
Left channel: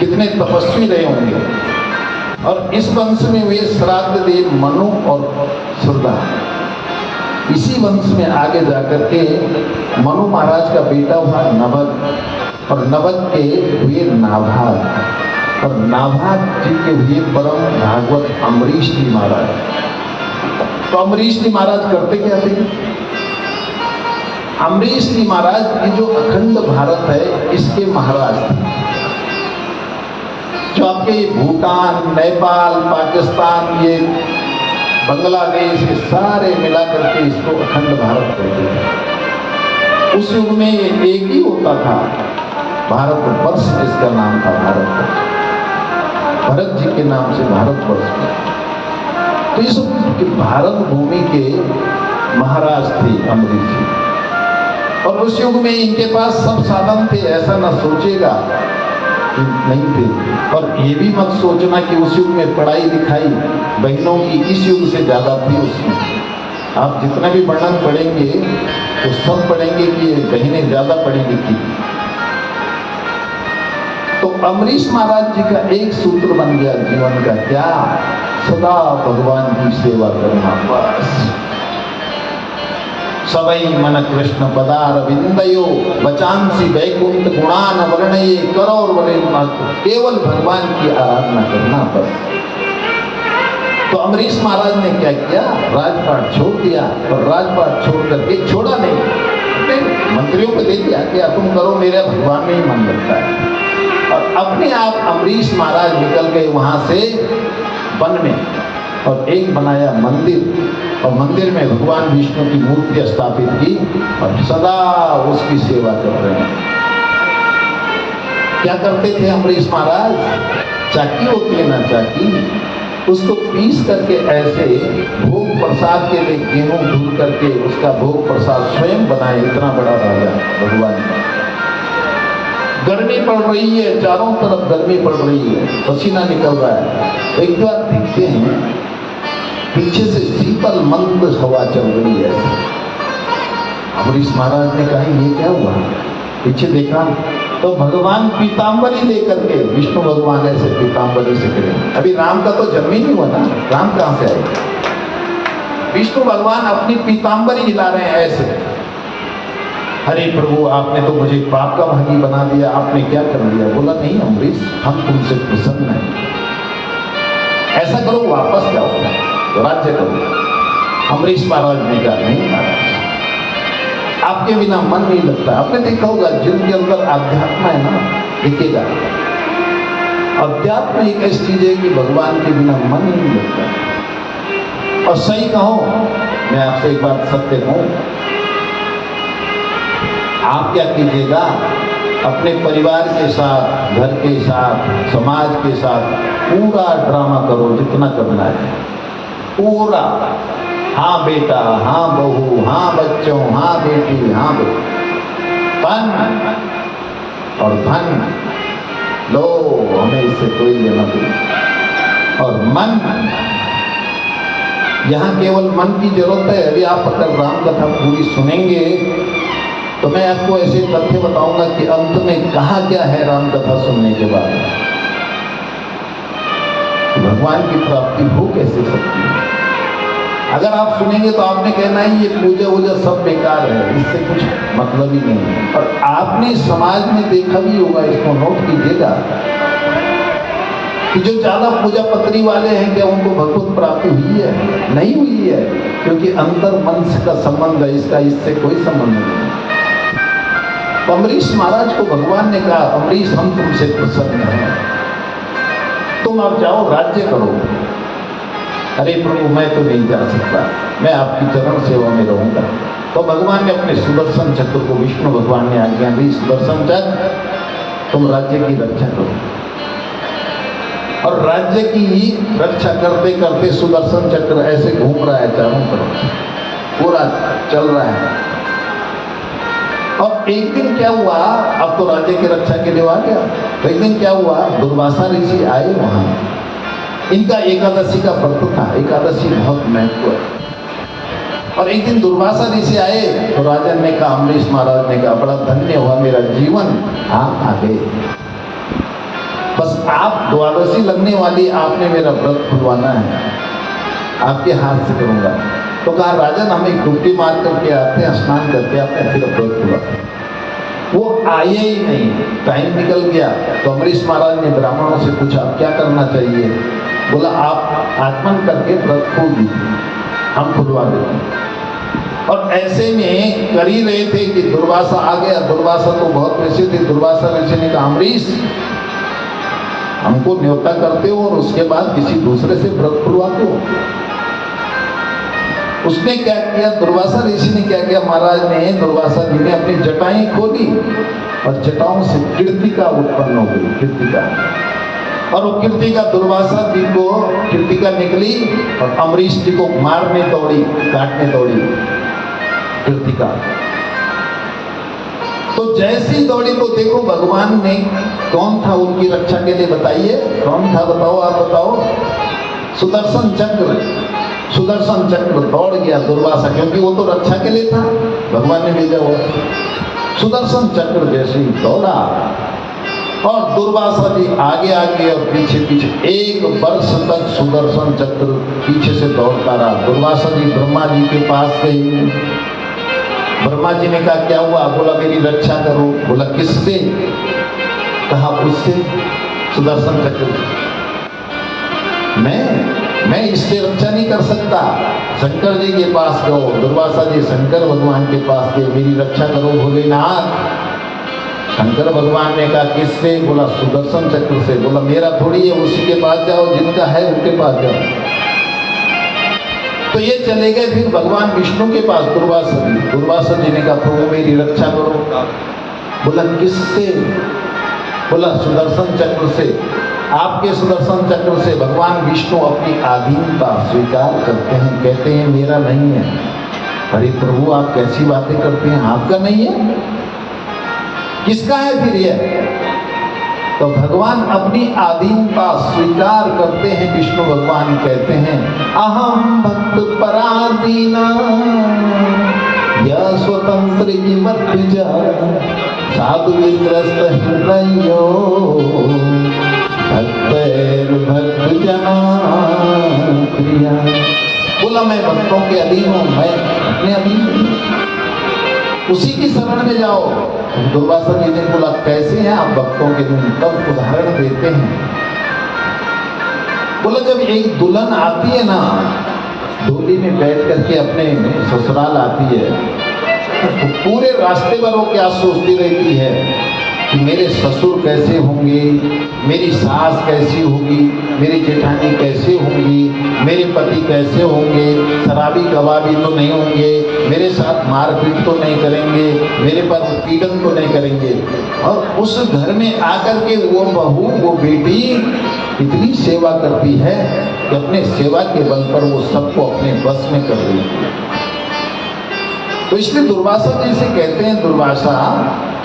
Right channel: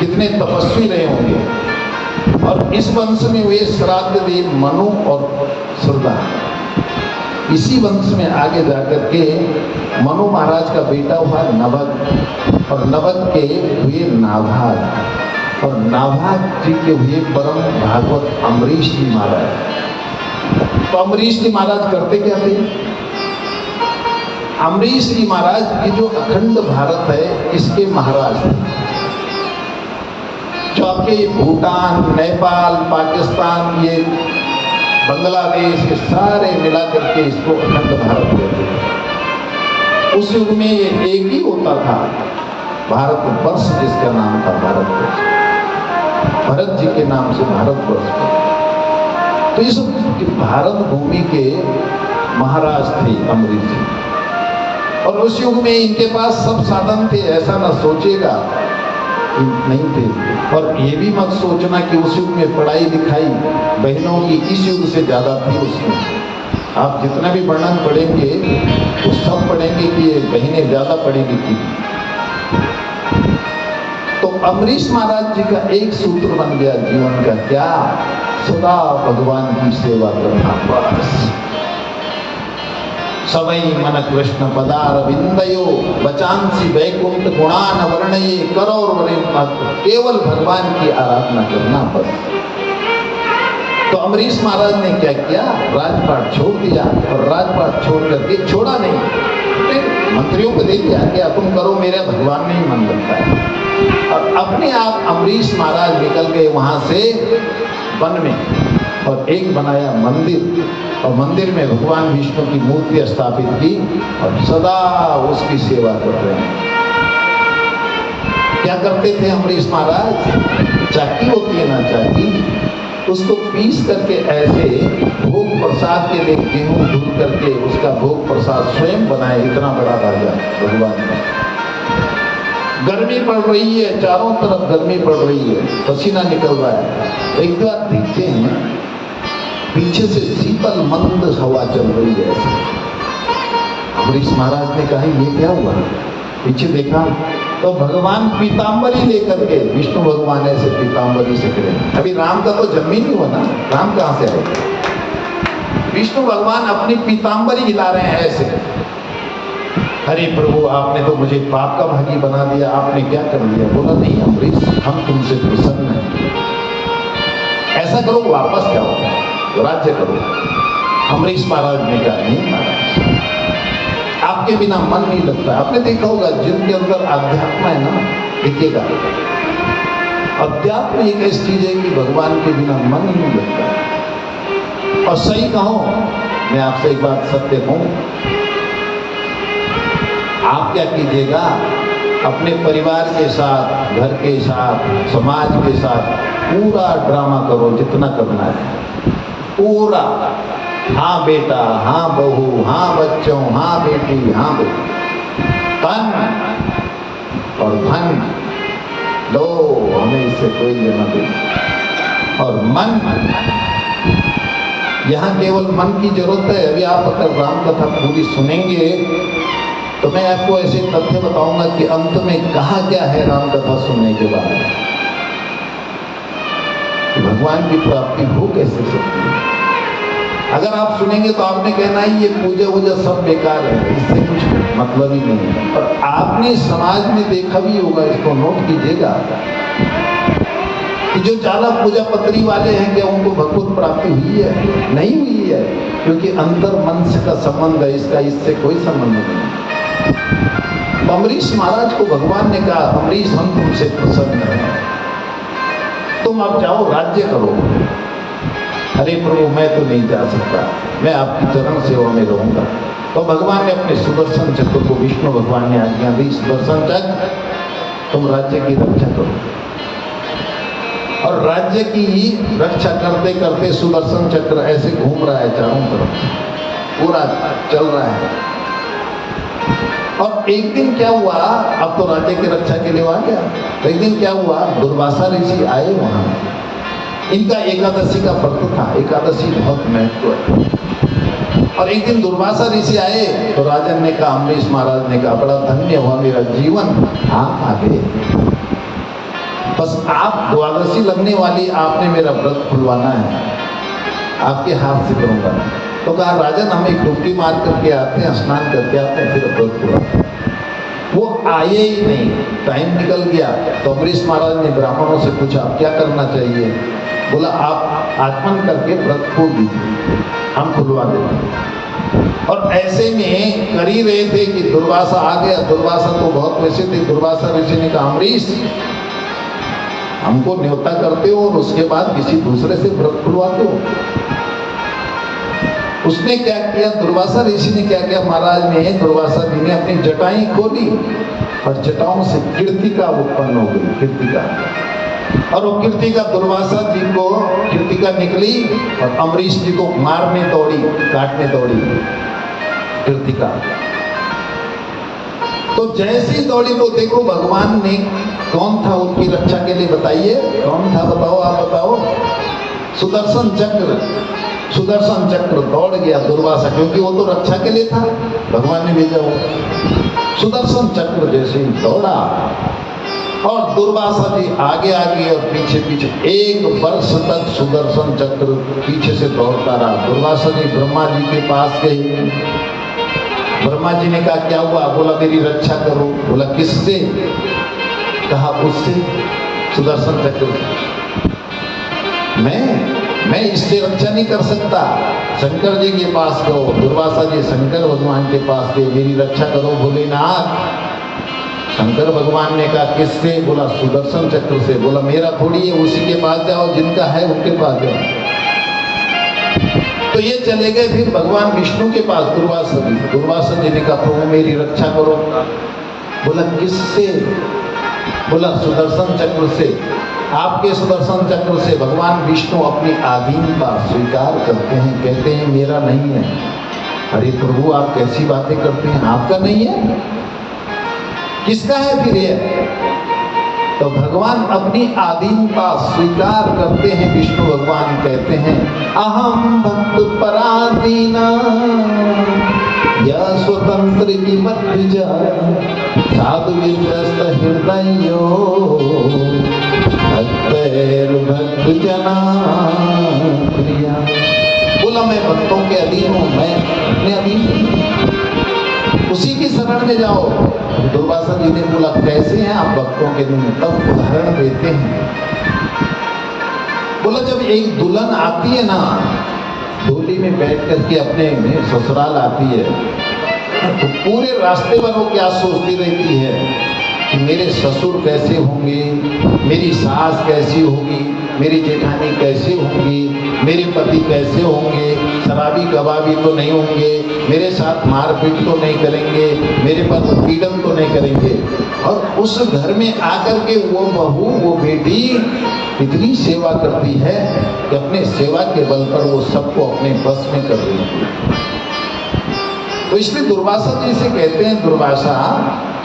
कितने तपस्वी रहे होंगे। और इस वंश में हुए श्राद्ध देव मनु और सुरदा। इसी वंश में आगे जाकर के मनु महाराज का बेटा हुआ नभग, और नभग के हुए नाभाग, और नाभाग जी के हुए परम भागवत अम्बरीश जी महाराज। तो अम्बरीश जी महाराज करते क्या थे? अम्बरीश जी महाराज ये जो अखंड भारत है, इसके महाराज थे। जो आपके भूटान, नेपाल, पाकिस्तान, ये बांग्लादेश, ये सारे मिला करके इसको अखंड भारत कहते हैं। उस युग में ये एक ही होता था, भारतवर्ष, जिसका नाम था भारतवर्ष। भरत जी के नाम से भारतवर्ष। तो इस भारत भूमि के महाराज थे अम्बरीश जी। और उस युग में इनके पास सब साधन थे, ऐसा न सोचेगा कि नहीं थे। और ये भी मत सोचना कि उस युग में पढ़ाई लिखाई बहनों की इस युग से ज्यादा थी उसमें। आप जितना भी वर्णन पढ़ेंगे तो सब पढ़ेंगे कि ये बहनें ज्यादा पढ़ी लिखी। तो अम्बरीश महाराज जी का एक सूत्र बन गया जीवन का, क्या? सदा भगवान की सेवा करना, बस। सवै मन कृष्ण पदार विंदयो बचांसी वैकुंठ गुणान वर्णये करोर वरे केवल भगवान की आराधना करना, बस। तो अम्बरीश महाराज ने क्या किया? राजपाट छोड़ दिया, और राजपाट छोड़ करके, छोड़ा नहीं, मंत्रियों को दे दिया कि तुम करो, मेरा भगवान में ही मन लगता है। और अपने आप अम्बरीश महाराज निकल गए वहां से वन में, और एक बनाया मंदिर, और मंदिर में भगवान विष्णु की मूर्ति स्थापित की, और सदा उसकी सेवा कर रहे हैं। क्या करते थे अम्बरीश महाराज? चाकी होती है ना, चाकी, उसको पीस करके ऐसे भोग प्रसाद के लिए गेहूं धुल करके उसका भोग प्रसाद स्वयं बनाए। इतना बड़ा राजा भगवान का। गर्मी पड़ रही है, चारों तरफ गर्मी पड़ रही है, पसीना निकल रहा है। एक बार देखते हैं पीछे से शीतल मंद हवा चल रही है। अम्बरीश महाराज ने कहा ये क्या हुआ? पीछे देखा तो भगवान पीताम्बरी लेकर के, विष्णु भगवान ऐसे पीताम्बरी से खड़े। अभी राम का तो जन्म ही नहीं हुआ ना, राम कहां से आएगा? विष्णु भगवान अपनी पीताम्बरी हिला रहे हैं ऐसे। अरे प्रभु आपने तो मुझे पाप का भागी बना दिया, आपने क्या कर दिया? बोला नहीं अम्बरीश, हम तुमसे प्रसन्न हैं। ऐसा करो वापस जाओ, राज्य करो। अम्बरीश महाराज ने कहा नहीं महाराज, आपके बिना मन नहीं लगता। आपने देखा होगा जिनके अंदर आध्यात्म है ना, दिखेगा। अध्यात्म एक ऐसी चीज है कि भगवान के बिना मन ही नहीं लगता। और सही कहो, मैं आपसे एक बात सत्य कहूं, आप क्या कीजिएगा, अपने परिवार के साथ, घर के साथ, समाज के साथ पूरा ड्रामा करो जितना करना है, पूरा। हाँ बेटा, हाँ बहू, हाँ बच्चों, हाँ बेटी, हाँ बेटी, तन और धन लो, हमें इससे कोई लेना नहीं। और मन, यहाँ केवल मन की जरूरत है। अभी आप अगर राम कथा पूरी सुनेंगे तो मैं आपको ऐसे तथ्य बताऊंगा कि अंत में कहा क्या है राम कथा सुनने के बाद। भगवान की प्राप्ति हो कैसे सकती है? अगर आप सुनेंगे तो आपने कहना है ये पूजा वूजा सब बेकार है, इससे कुछ मतलब ही नहीं है। और आपने समाज में देखा भी होगा, इसको नोट कीजिएगा, कि जो ज्यादा पूजा पत्री वाले हैं क्या उनको भगवत प्राप्ति हुई है? नहीं हुई है, क्योंकि अंतर मन से का संबंध है, इसका इससे कोई संबंध नहीं। अम्बरीश महाराज को भगवान ने कहा अम्बरीश हम तुमसे प्रसन्न हैं, तुम अब जाओ राज्य करो। अरे प्रभु मैं तो नहीं जा सकता, मैं आपकी चरण सेवा में रहूंगा। तो भगवान ने अपने सुदर्शन चक्र को, विष्णु भगवान ने आज्ञा दी, सुदर्शन चक्र तुम राज्य की रक्षा करो। और राज्य की रक्षा करते करते सुदर्शन चक्र ऐसे घूम रहा है चारों तरफ, पूरा चल रहा है। और एक दिन क्या हुआ, अब तो राज्य की रक्षा के लिए आ गया, तो एक दिन क्या हुआ, दुर्वासा ऋषि आए वहां। इनका एकादशी का व्रत था, एकादशी बहुत महत्व। और एक दिन दुर्वासा ऋषि आए तो राजन ने कहा, अम्बरीश महाराज ने कहा बड़ा धन्य हुआ मेरा जीवन, आप आ गए। बस आप द्वादशी लगने वाली, आपने मेरा व्रत खुलवाना है, आपके हाथ से करूंगा। तो कहा राजन हम एक डुबकी मार करके आते हैं, स्नान करके आते हैं, फिर व्रत खुलवाते। वो आए ही नहीं, टाइम निकल गया। तो अम्बरीश महाराज ने ब्राह्मणों से पूछा क्या करना चाहिए? बोला आप आत्मन करके व्रत खोल दीजिए, हम खुलवा देते हैं। और ऐसे में कर ही रहे थे कि दुर्वासा आ गया। दुर्वासा तो बहुत वैसे थे। दुर्वासा ऋषि ने कहा अम्बरीश हमको न्योता करते हो और उसके बाद किसी दूसरे से व्रत खुलवाते हो। उसने क्या किया, दुर्वासा ऋषि ने क्या किया, महाराज ने, दुर्वासा जी ने अपनी जटाएं खोली और जटाओं से कीर्तिका उत्पन्न हो गई, कीर्तिका। और वो कीर्तिका दुर्वासा जी को कीर्तिका निकली और अम्बरीश जी को मारने दौड़ी, काटने दौड़ी कीर्तिका। तो जैसी दौड़ी तो देखो भगवान ने, कौन था उनकी रक्षा के लिए, बताइए कौन था, बताओ आप बताओ। सुदर्शन चक्र, सुदर्शन चक्र दौड़ गया दुर्वासा, क्योंकि वो तो रक्षा के लिए था, भगवान ने भेजा वो। सुदर्शन चक्र जैसे ही दौड़ा और दुर्वासा जी आगे आगे और पीछे पीछे, 1 वर्ष तक सुदर्शन चक्र पीछे से दौड़ता रहा। दुर्वासा जी ब्रह्मा जी के पास गए। ब्रह्मा जी ने कहा क्या हुआ? बोला मेरी रक्षा करो। बोला किससे? कहा उससे, सुदर्शन चक्र। मैं इससे रक्षा नहीं कर सकता, शंकर जी के पास गो। दुर्वासा जी शंकर भगवान के पास गए, मेरी रक्षा करो भोलेनाथ। शंकर भगवान ने कहा किससे? बोला सुदर्शन चक्र से। बोला मेरा थोड़ी है, उसी के पास जाओ, जिनका है उनके पास जाओ। तो ये चले गए फिर भगवान विष्णु के पास, दुर्वासा जी ने कहा प्रभु मेरी रक्षा करो। बोला किससे? बोला सुदर्शन चक्र से। आपके सुदर्शन चक्र से भगवान विष्णु अपनी आधीनता स्वीकार करते हैं, कहते हैं मेरा नहीं है। अरे प्रभु आप कैसी बातें करते हैं, आपका नहीं है, किसका है फिर ये? तो भगवान अपनी आधीनता स्वीकार करते हैं। विष्णु भगवान कहते हैं अहम भक्त पराधीना या स्वतंत्र की मत जा साधु विग्रस्त हृदयो भक्त जना प्रिया। बोला मैं भक्तों के अधीन हूँ, मैं अपने अधीन नहीं। उसी की शरण में जाओ। दुर्वासा जी ने बोला कैसे हैं आप भक्तों के लिए, तब उदाहरण देते हैं। बोला जब एक दुल्हन आती है ना, डोली में बैठ करके अपने ससुराल आती है, तो पूरे रास्ते भर वो क्या सोचती रहती है कि मेरे ससुर कैसे होंगे, मेरी सास कैसी होगी, मेरी जेठानी कैसे होंगी, मेरे पति कैसे होंगे, शराबी कबाबी तो नहीं होंगे, मेरे साथ मारपीट तो नहीं करेंगे, मेरे पर उत्पीड़न तो नहीं करेंगे। और उस घर में आकर के वो बहू, वो बेटी इतनी सेवा करती है कि अपने सेवा के बल पर वो सबको अपने बस में कर रही है। तो इसलिए दुर्वासा जी से कहते हैं, दुर्वासा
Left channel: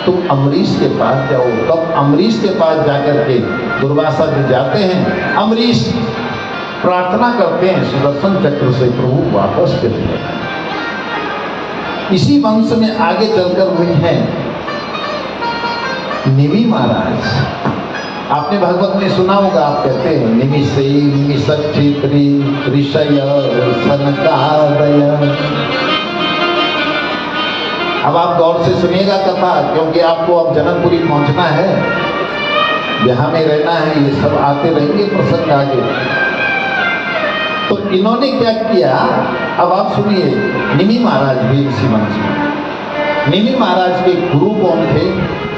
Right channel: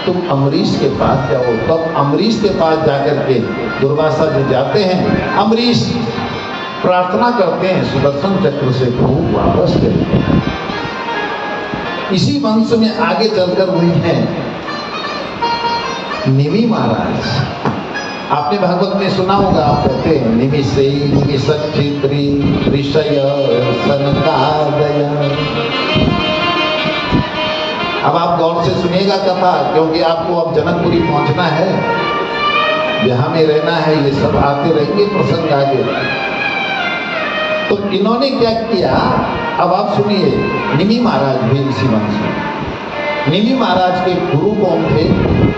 तुम अम्बरीश के पास जाओ। तब अम्बरीश के पास जाकर के दुर्वासा जी जाते हैं। अम्बरीश प्रार्थना करते हैं सुदर्शन चक्र से, प्रभु वापस चले। इसी वंश में आगे चलकर हुए हैं निमि महाराज। आपने भागवत में सुना होगा, आप कहते हैं निमिषेयी निमिषच्छिद्री ऋषय सनकादय। अब आप गौर से सुनिएगा कथा, क्योंकि आपको अब जनकपुरी पहुंचना है, जहां में रहना है, ये सब आते रहेंगे प्रसंग आगे। तो इन्होंने क्या किया, अब आप सुनिए। निमि महाराज भी इसी वंश में। निमि महाराज के गुरु कौन थे?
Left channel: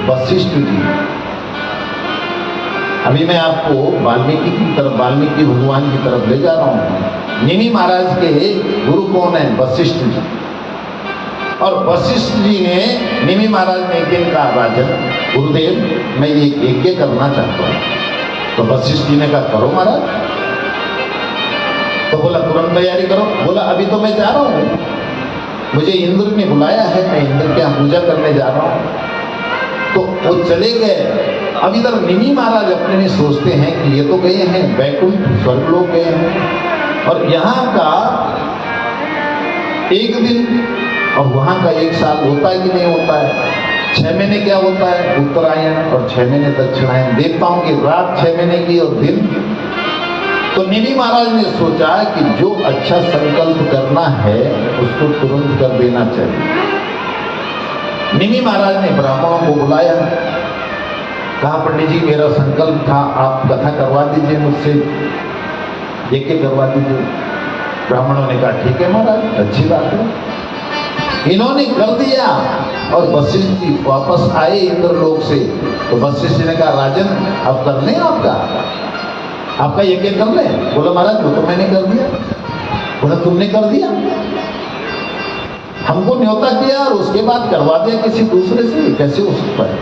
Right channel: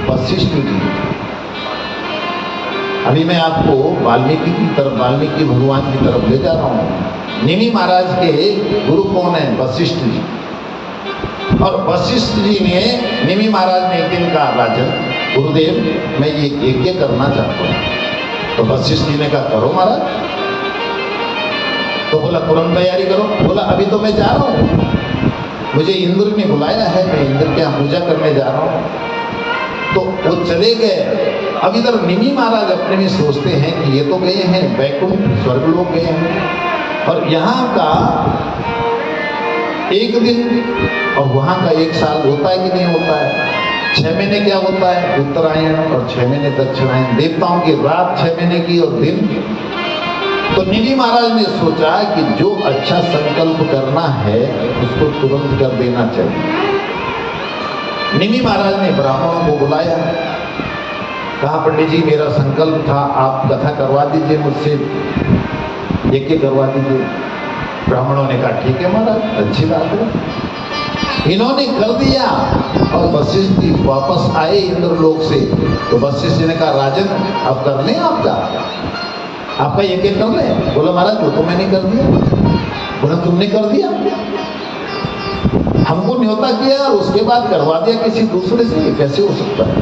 वशिष्ठ जी। अभी मैं आपको वाल्मीकि की तरफ, वाल्मीकि भगवान की तरफ ले जा रहा हूं। निमि महाराज के गुरु कौन है? वशिष्ठ जी। और वशिष्ठ जी ने, निमि महाराज ने एक दिन कहा, राजन गुरुदेव मैं ये यज्ञ करना चाहता हूँ। तो वशिष्ठ जी ने कहा करो महाराज। तो बोला तुरंत तैयारी करो। बोला अभी तो मैं जा रहा हूँ, मुझे इंद्र ने बुलाया है, मैं इंद्र के यहाँ पूजा करने जा रहा हूँ। तो वो चले गए। अब इधर निमि महाराज अपने में सोचते हैं कि ये तो गए हैं वैकुंठ, स्वर्गलोक गए हैं, और यहाँ का एक दिन और वहां का एक साल होता है कि नहीं होता है? 6 महीने क्या होता है? उत्तरायण और 6 महीने दक्षिणायन। देवताओं की रात 6 महीने की और दिन। तो निमि महाराज ने सोचा कि जो अच्छा संकल्प करना है उसको तुरंत कर देना चाहिए। निमि महाराज ने ब्राह्मणों को बुलाया, कहा पंडित जी मेरा संकल्प था, आप कथा करवा दीजिए मुझसे, यज्ञ करवा दीजिए। ब्राह्मणों ने कहा ठीक है महाराज, अच्छी बात है। इन्होंने कर दिया। और वशिष्ठ जी वापस आए इंद्रलोक से। तो वशिष्ठ जी ने कहा राजन अब कर लें, आपका यज्ञ कर लें। बोला महाराज वो तो मैंने कर दिया। बोला तुमने कर दिया? हमको न्योता किया और उसके बाद करवा दिया किसी दूसरे से, कैसे हो सकता है?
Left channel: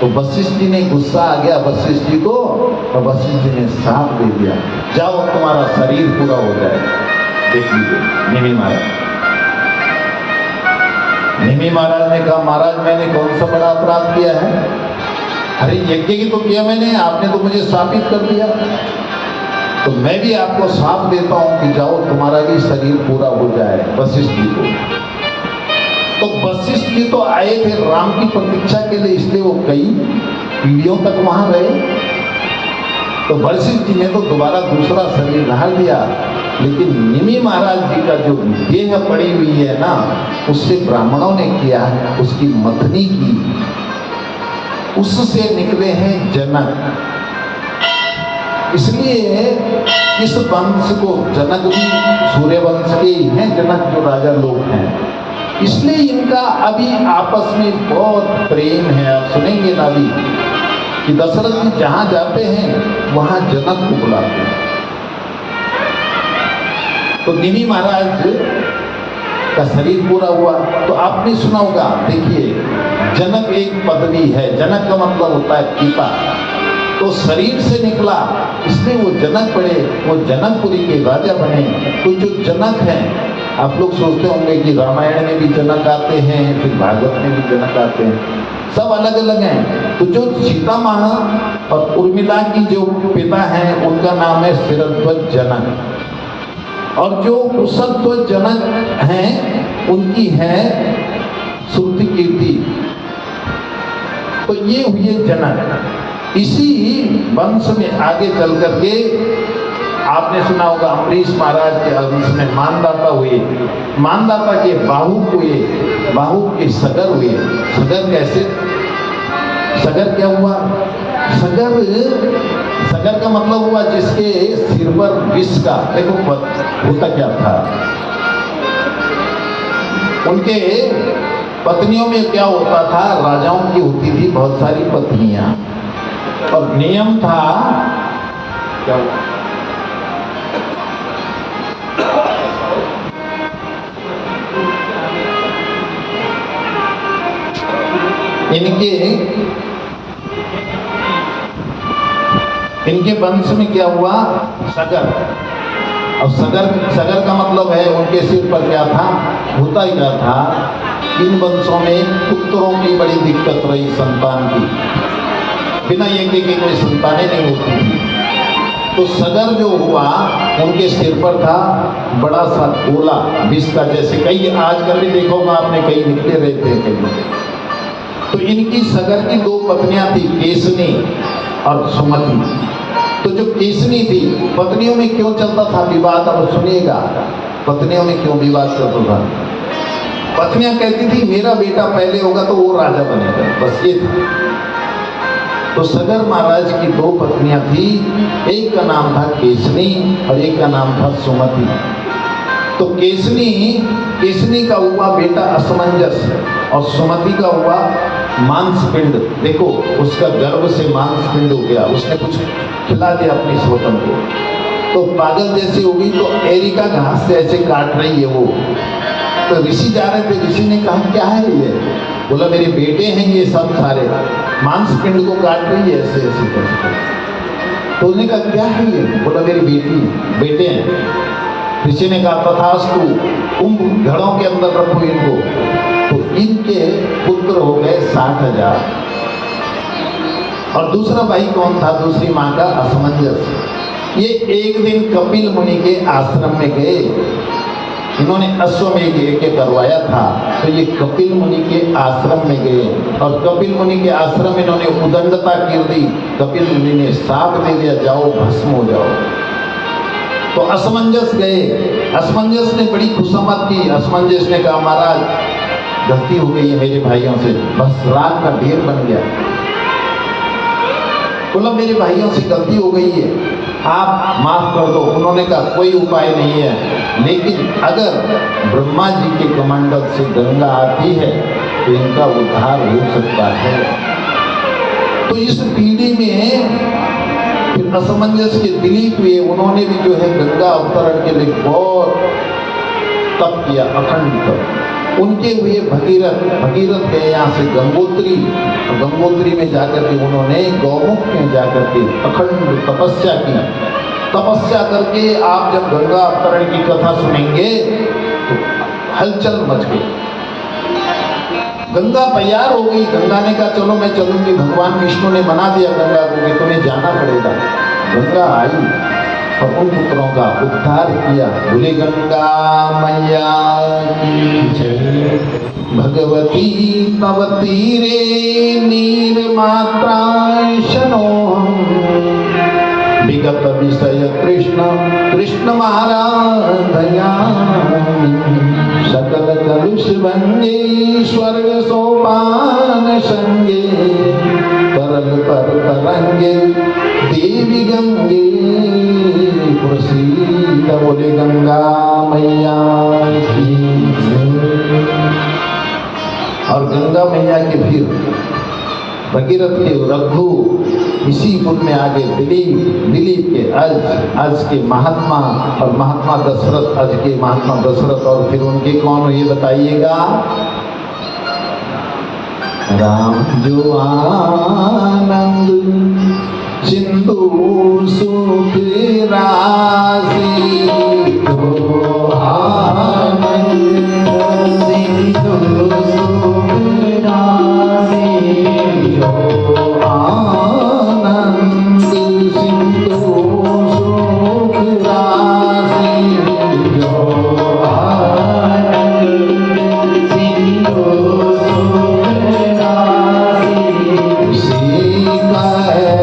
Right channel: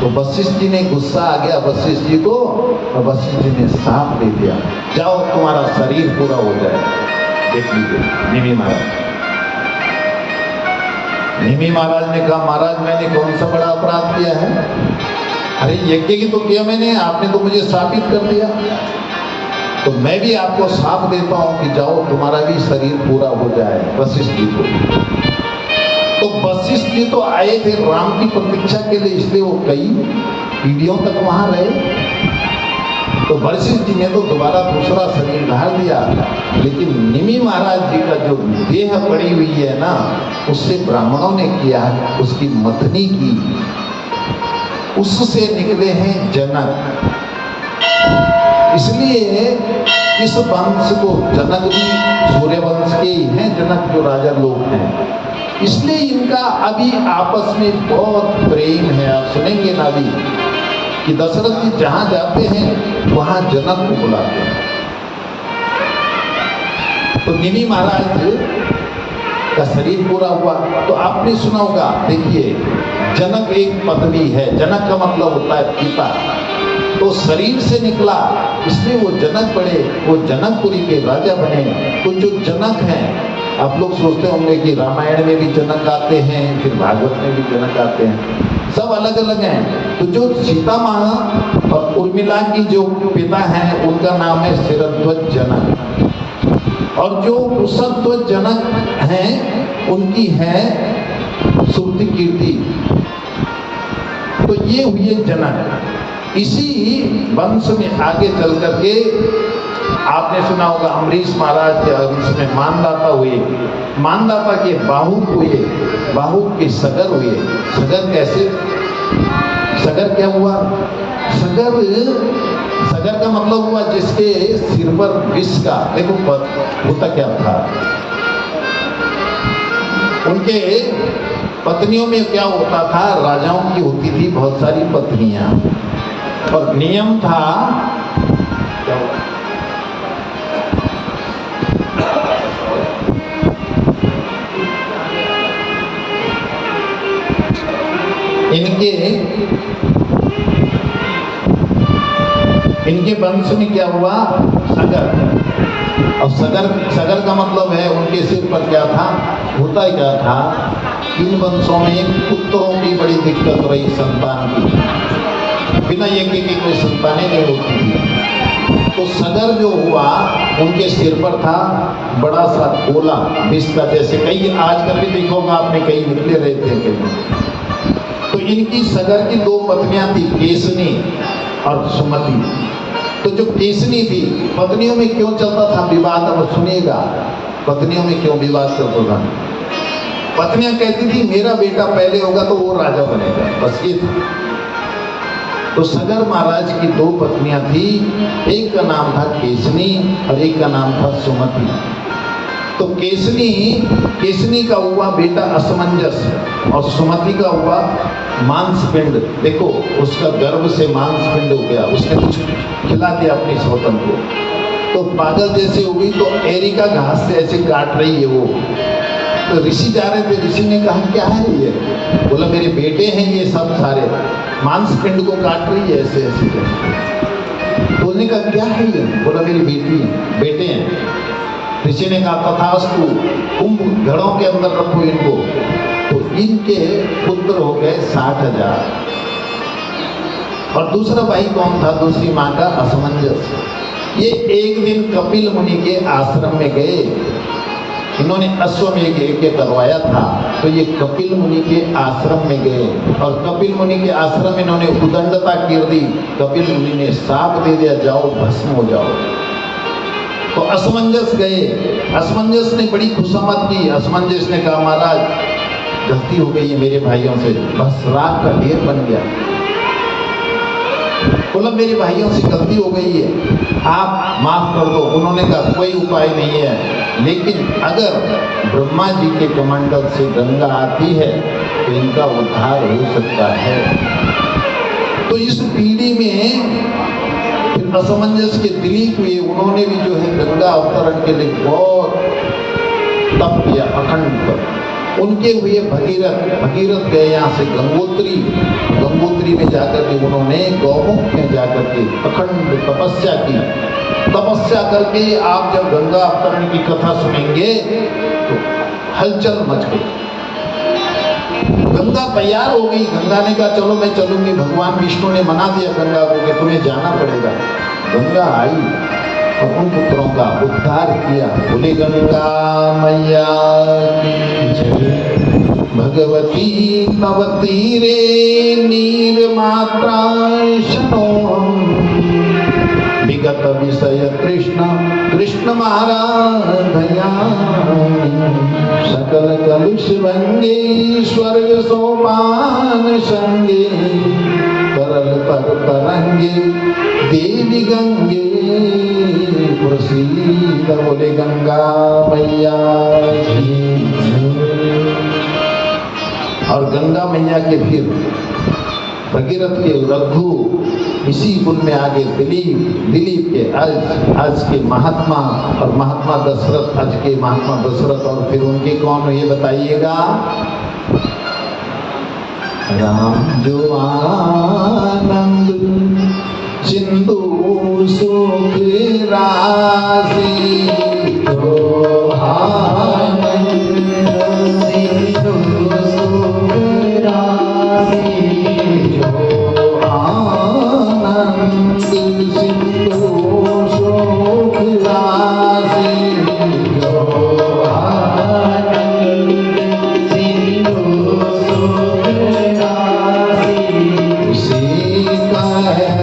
तो वशिष्ठ जी ने गुस्सा आ गया वशिष्ठ जी को, और वशिष्ठ जी ने श्राप दे दिया, जाओ तुम्हारा शरीर पूरा हो जाए। देख लीजिए निमि महाराज। निमि महाराज ने कहा महाराज मैंने कौन सा बड़ा अपराध किया है? अरे यज्ञ की तो किया मैंने, आपने तो मुझे शापित कर दिया। तो मैं भी आपको शाप देता हूं कि जाओ तुम्हारा भी शरीर पूरा हो जाए। वशिष्ठ जी को, तो वशिष्ठ जी तो आए थे राम की प्रतीक्षा के लिए, इसलिए वो कई पीढ़ियों तक वहां रहे। तो वशिष्ठ जी ने तो दोबारा दूसरा शरीर धार दिया, लेकिन निमि महाराज जी का जो देह पड़ी हुई है ना, उससे ब्राह्मणों ने किया, उसकी मथनी की, उससे निकले हैं जनक। इसलिए इस वंश को जनक भी सूर्य वंश के ही हैं, जनक जो राजा लोग हैं। इसलिए इनका अभी आपस में बहुत प्रेम है। आप सुनेंगे ना अभी कि दशरथ जी जहां जाते हैं वहां जनक को बुलाते हैं। तो निमि महाराज का शरीर पूरा हुआ। तो आपने सुना होगा, देखिए जनक एक पदवी है, जनक का मतलब होता है पिता। तो शरीर से निकला, इसलिए वो जनक पड़े, वो जनकपुरी के राजा बने। तो जो जनक हैं, आप लोग सोचते होंगे कि रामायण में भी जनक आते हैं, फिर भागवत में भी जनक आते हैं, सब अलग अलग हैं। तो जो सीता माँ और उर्मिला की जो पिता हैं, उनका नाम है शिरध्वज जनक। और जो कुशध्वज जनक हैं, उनकी है श्रुति कीर्ति। तो ये हुए जनक। इसी वंश में आगे चल करके आपने सुना होगा अमरीश महाराज के इसमें मानदाता हुए, मानदाता के बाहु हुए, बाहु के सगर हुए। सगर कैसे? सगर क्या हुआ? सगर का मतलब हुआ जिसके सिर पर विष का, देखो होता क्या था, उनके पत्नियों में क्या होता था, राजाओं की होती थी बहुत सारी पत्नियां, और नियम था इनके वंश में क्या हुआ, सगर। अब सगर का मतलब है उनके सिर पर क्या था, होता ही क्या था, इन वंशों में पुत्रों की बड़ी दिक्कत रही, संतान की, बिना एक में संतानें नहीं होती थी। तो सगर जो हुआ उनके सिर पर था बड़ा सा गोला विष का, जैसे कई आजकल भी देखोगे आपने कई निकले रहते हैं कई। तो इनकी सगर की दो पत्नियां थी, केसनी और सुमति। तो जो केसनी थी, पत्नियों में क्यों चलता था विवाद, अब सुनिएगा, पत्नियों में क्यों विवाद चलता था। पत्नियां कहती थी मेरा बेटा पहले होगा तो वो राजा बनेगा, बस ये था। तो सगर महाराज की दो पत्नियां थी, एक का नाम था केसनी और एक का नाम था सुमति। तो केसनी का हुआ बेटा असमंजस और सुमति का हुआ मांसपिंड। देखो उसका गर्भ से मांसपिंड हो गया, उसने कुछ खिला दिया अपनी स्वतन को, तो पागल जैसे हो गई, तो एरिका घास से ऐसे काट रही है वो। तो ऋषि जा रहे थे, ऋषि ने कहा क्या है ये, बोला मेरे बेटे हैं ये सब सारे, मांसपिंड को काट रही है ऐसे ऐसे करके। तो उसने कहा क्या है ये, बोला मेरी बेटे हैं। ऋषि ने कहा तथास्तु, कुंभ घड़ों के अंदर रखो इनको। तो इनके पुत्र हो गए 60,000। और दूसरा भाई कौन था, दूसरी माँ का असमंजस। ये एक दिन कपिल मुनि के आश्रम में गए, इन्होंने अश्वमेध यज्ञ करवाया था, तो ये कपिल मुनि के आश्रम में गए, और कपिल मुनि के आश्रम में इन्होंने उदंडता कर दी। कपिल मुनि ने शाप दे दिया, जाओ भस्म हो जाओ। तो असमंजस गए, असमंजस ने बड़ी खुशामद की। असमंजस ने कहा महाराज गलती हो गई है मेरे भाइयों से, बस रात का ढेर बन गया। बोला मेरे भाइयों से गलती हो गई है, आप माफ कर दो। उन्होंने कहा कोई उपाय नहीं है, लेकिन अगर ब्रह्मा जी के कमंडल से गंगा आती है तो इनका उद्धार हो सकता है। तो इस पीढ़ी में फिर असमंजस के दिलीप हुए, उन्होंने भी जो है गंगा अवतरण के लिए बहुत तप किया, अखंड तप। उनके हुए भगीरथ गए यहाँ से गंगोत्री में जाकर के उन्होंने गौमुख में जाकर के अखंड तपस्या की। तपस्या करके आप जब गंगा अवतरण की कथा सुनेंगे तो हलचल मच गई। गंगा तैयार हो गई, गंगा ने कहा चलो मैं चलूंगी, भगवान विष्णु ने मना दिया गंगा को कि तुम्हें जाना पड़ेगा। गंगा आई और उन पुत्रों का उद्धार किया। बोले गंगा मैया की जय। भगवती तव तीरे नीर मात्रा शनो, विगत विषय कृष्ण महाराधया, सकल कलुष भंगे स्वर्ग सोपान संगे, तरल पर तरंगे देवी गंगे प्रसीद। बोले गंगा मैया की। और गंगा मैया के फिर भगीरथ के रघु इसी कुल में आगे दिलीप के आज के महात्मा और महात्मा दशरथ, आज के महात्मा दशरथ, और फिर उनके कौन ये बताइएगा। राम जो आनंद सिंधु सुख राशि, जो आनंद सिंधु सुख राशि, जो आनंद सिंधु सुख राशि, जो आनंद सिंधु सुख राशि, उसी का है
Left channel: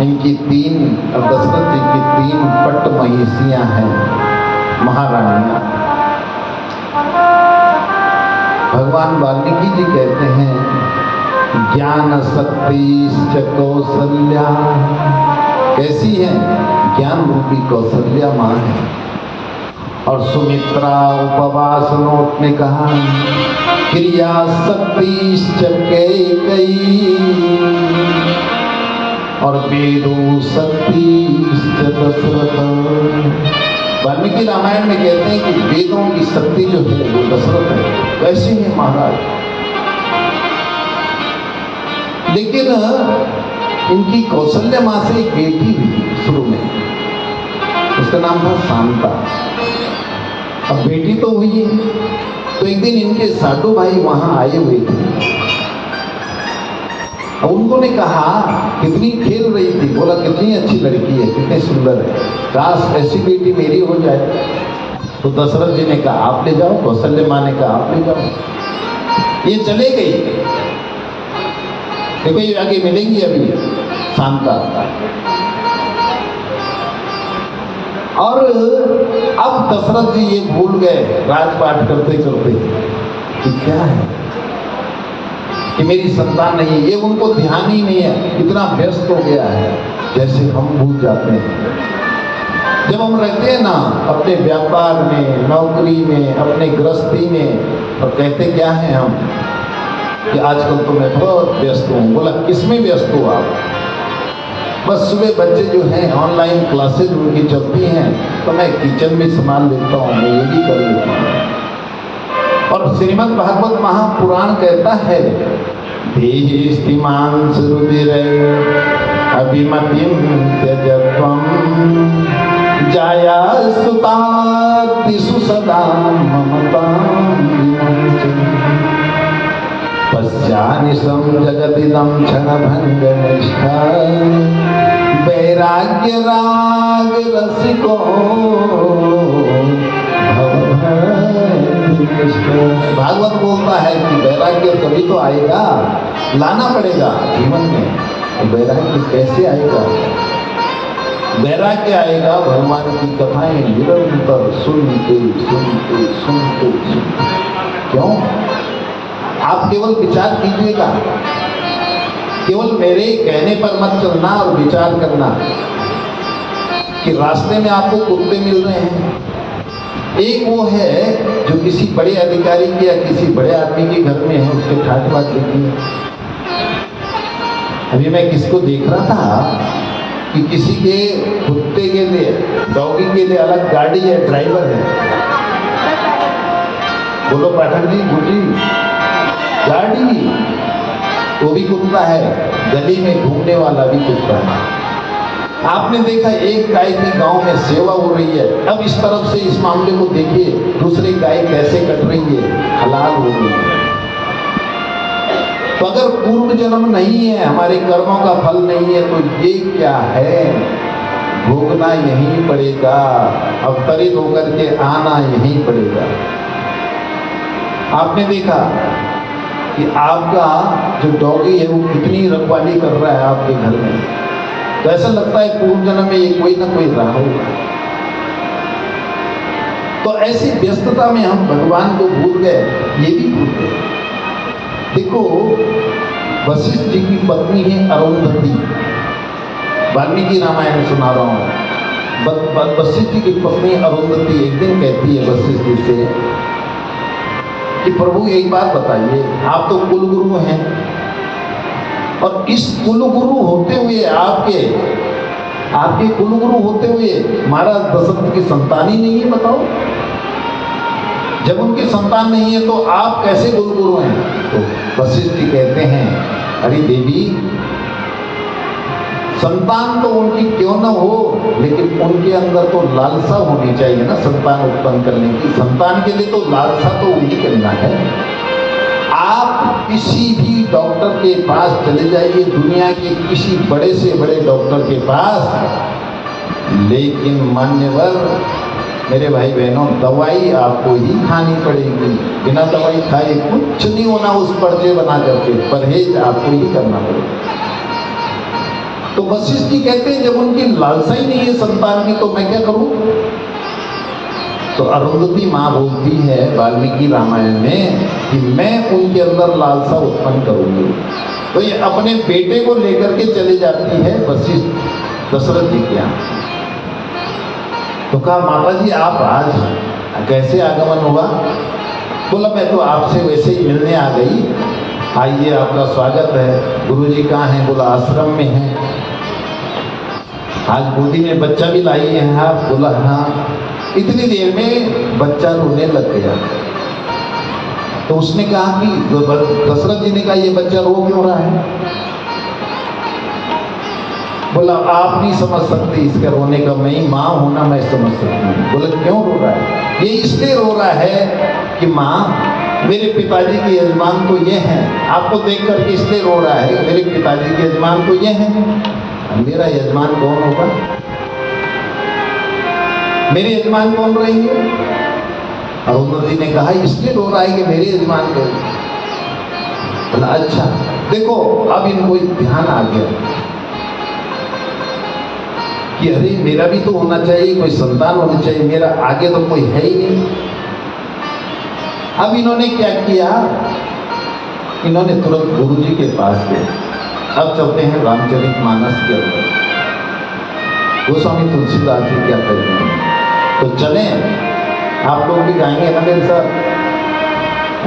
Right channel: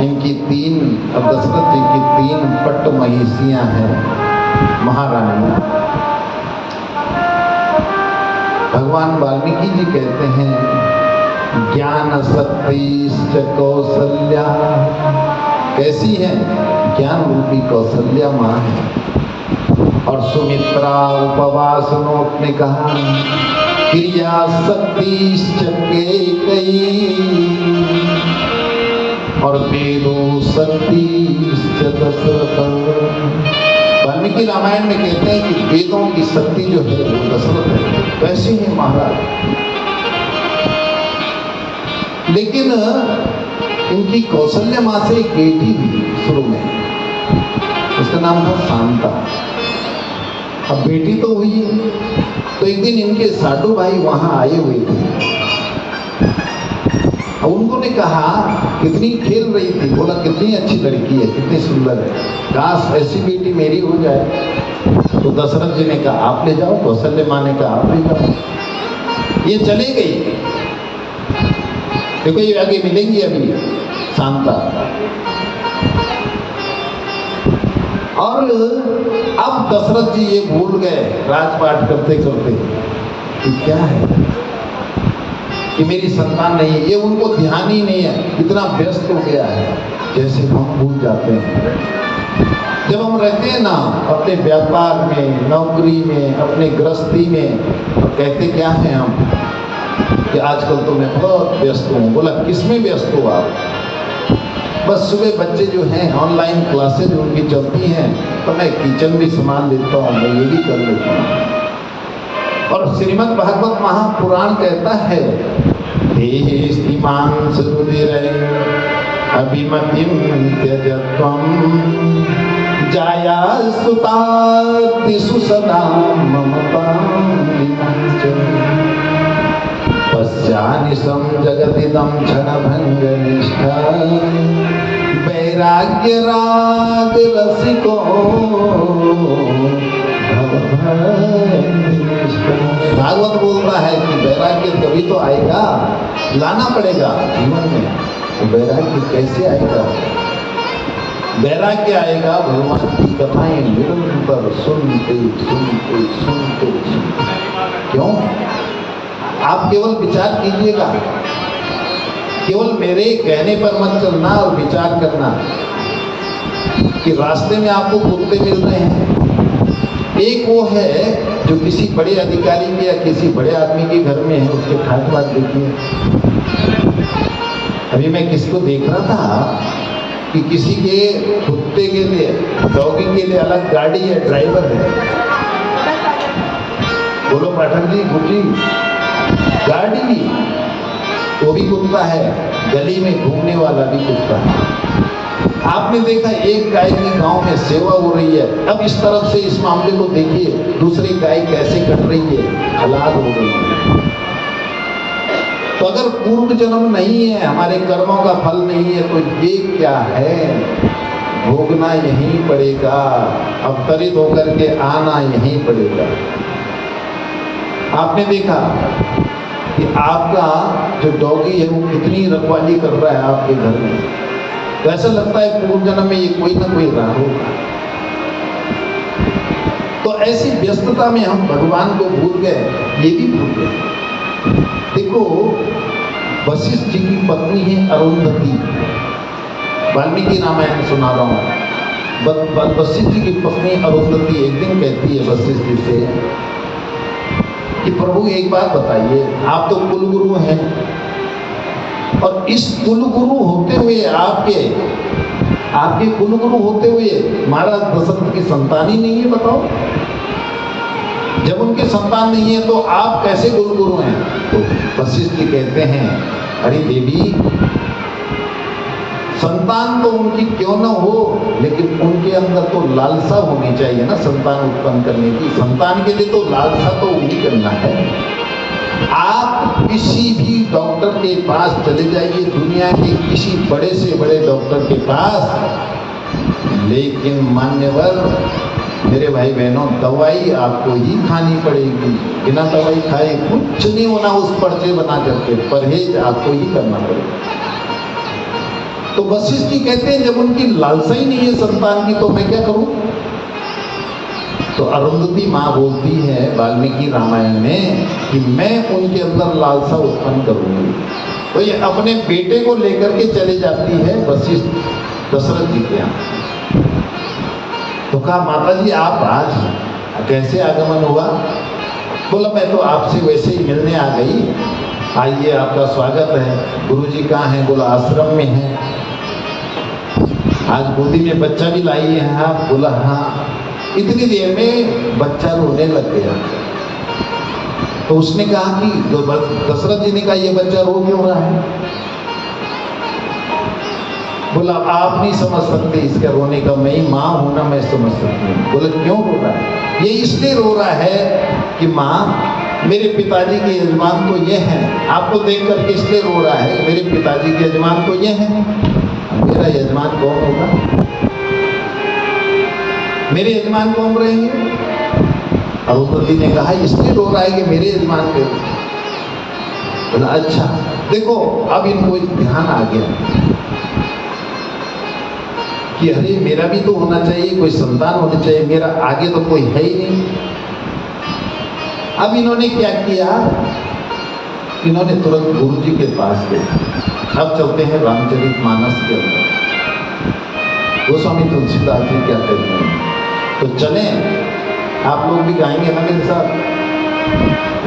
इनकी तीन, दशरथ जी की तीन पट्ट महिषियां हैं, महारानियां। भगवान वाल्मीकि जी कहते हैं ज्ञान शक्ति कौशल्या, कैसी है? ज्ञान रूपी कौशल्या माँ है। और सुमित्रा उपवास नोट ने कहा क्रिया शक्ति कैकेयी और वेदो शक्ति दशरथ। वाल्मीकि रामायण में कहते हैं कि वेदों की शक्ति जो है वो दशरथ है। कैसे है महाराज? लेकिन इनकी कौशल्या माँ से एक बेटी हुई शुरू में, उसका नाम था शांता। अब बेटी तो हुई, तो एक दिन इनके साधु भाई वहां आए हुए थे। उन्होंने कहा कितनी खेल रही थी, बोला कितनी अच्छी लड़की है, कितनी सुंदर है, काश ऐसी बेटी मेरी हो जाए। तो दशरथ जी ने कहा आप ले जाओ, कौशल्या माँ ने कहा आप ले जाओ। ये चले गई। देखो ये आगे मिलेंगी अभी शांता। और अब दशरथ जी ये भूल गए राजपाट करते करते कि क्या है कि मेरी संतान नहीं है, ये उनको ध्यान ही नहीं है, इतना व्यस्त हो गया है। जैसे हम भूल जाते हैं जब हम रहते हैं ना अपने व्यापार में, नौकरी में, अपने गृहस्थी में, और कहते क्या हैं हम कि आजकल तो मैं बहुत व्यस्त हूँ। बोला किस में व्यस्त हो आप? बस सुबह बच्चे जो हैं ऑनलाइन क्लासेज उनकी चलती हैं, तो मैं किचन भी संभाल लेता हूँ, मैं ये भी कर लेता हूँ। और श्रीमद् भागवत महापुराण कहता है देहिस्तिमांस रुधिरे अभिमतिं त्यजत्वं जाया सुतातिषु सदा ममतां पश्यानिशं जगदिदं क्षणभङ्गनिष्ठा वैराग्य राग रसिको भागवत बोलता है कि वैराग्य तभी तो आएगा, लाना पड़ेगा जीवन में। वैराग्य कैसे आएगा? वैराग्य आएगा भगवान की कथाएं निरंतर सुनते सुनते सुनते सुनते। क्यों? आप केवल विचार कीजिएगा, केवल मेरे कहने पर मत चलना और विचार करना कि रास्ते में आपको कुत्ते मिल रहे हैं। एक वो है जो किसी बड़े अधिकारी के या किसी बड़े आदमी के घर में है, उसके ठाट बाट देखिए। अभी मैं किसको देख रहा था कि किसी के कुत्ते के लिए, डॉगी के लिए अलग गाड़ी है, ड्राइवर है। बोलो पाठक जी, गुरुजी, गाड़ी वो भी कुत्ता है, गली में घूमने वाला भी कुत्ता है। आपने देखा एक गाय की गांव में सेवा हो रही है, अब इस तरफ से इस मामले को देखिए, दूसरी गाय कैसे कट रही है, हलाल हो रही है। तो अगर पूर्व जन्म नहीं है, हमारे कर्मों का फल नहीं है, तो ये क्या है? भोगना यहीं पड़ेगा, अवतरित होकर के आना यहीं पड़ेगा। आपने देखा कि आपका जो डॉगी है वो कितनी रखवाली कर रहा है आपके घर में, तो ऐसा लगता है पूर्व जन्म में ये कोई ना कोई रहा होगा। तो ऐसी व्यस्तता में हम भगवान को भूल गए, ये भी भूल गए। देखो वशिष्ठ जी की पत्नी है अरुंधति, वाल्मीकि रामायण सुना रहा हूँ। वशिष्ठ जी की पत्नी अरुंधति एक दिन कहती है वशिष्ठ जी से कि प्रभु एक बात बताइए, आप तो कुलगुरु हैं और इस कुलगुरु होते हुए आपके आपके कुलगुरु होते हुए महाराज दशरथ की संतान ही नहीं है, बताओ। जब उनकी संतान नहीं है तो आप कैसे कुलगुरु हैं? तो वशिष्ठ जी कहते हैं, अरे देवी, संतान तो उनकी क्यों न हो, लेकिन उनके अंदर तो लालसा होनी चाहिए ना संतान उत्पन्न करने की। संतान के लिए तो लालसा तो उन्हीं करना है। आप किसी भी डॉक्टर के पास चले जाइए, दुनिया के किसी बड़े से बड़े डॉक्टर के पास, लेकिन मान्यवर मेरे भाई बहनों, दवाई आपको ही खानी पड़ेगी। बिना दवाई खाए कुछ नहीं होना उस पर्चे बना करके, परहेज आपको ही करना पड़ेगा। तो वशिष्ठ जी कहते हैं, जब उनकी लालसा ही नहीं है संतान की, तो मैं क्या करूं? तो अरुंधति माँ बोलती है वाल्मीकि रामायण में कि मैं उनके अंदर लालसा उत्पन्न करूंगी। तो ये अपने बेटे को लेकर के चले जाती है वशिष्ठ दशरथ जी के यहाँ। तो कहा, माता जी आप आज कैसे आगमन हुआ? बोला, मैं तो आपसे वैसे ही मिलने आ गई। आइए, आपका स्वागत है। गुरुजी कहाँ हैं? बोला, आश्रम में हैं। आज गोदी में बच्चा भी लाई है आप? बोला, हाँ। इतनी देर में बच्चा रोने लग गया। तो उसने कहा कि दशरथ जी ने कहा, ये बच्चा रो क्यों रहा है? बोला, आप नहीं समझ सकते इसके रोने का, मैं ही माँ हूं ना, मैं समझ सकती हूँ। बोले, क्यों रो रहा है? ये इसलिए रो रहा है कि माँ, मेरे पिताजी के यजमान तो ये हैं, आपको देख करके इसलिए रो रहा है। मेरे पिताजी के यजमान तो ये हैं, मेरा यजमान कौन होगा? मेरे यजमान कौन रहेंगे? अरुंधति ने कहा, इसलिए रो रहा है कि मेरे यजमान को। बोला, अच्छा। देखो, अब इनको एक ध्यान आ गया कि अरे मेरा भी तो होना चाहिए, कोई संतान होनी चाहिए, मेरा आगे तो कोई है ही नहीं। अब इन्होंने क्या किया? इन्होंने तुरंत गुरु जी के पास गए। अब चलते हैं रामचरितमानस के अंदर। गोस्वामी तुलसीदास जी क्या कहते हैं, तो चलें, आप लोग भी गाएंगे ना मेरे साथ।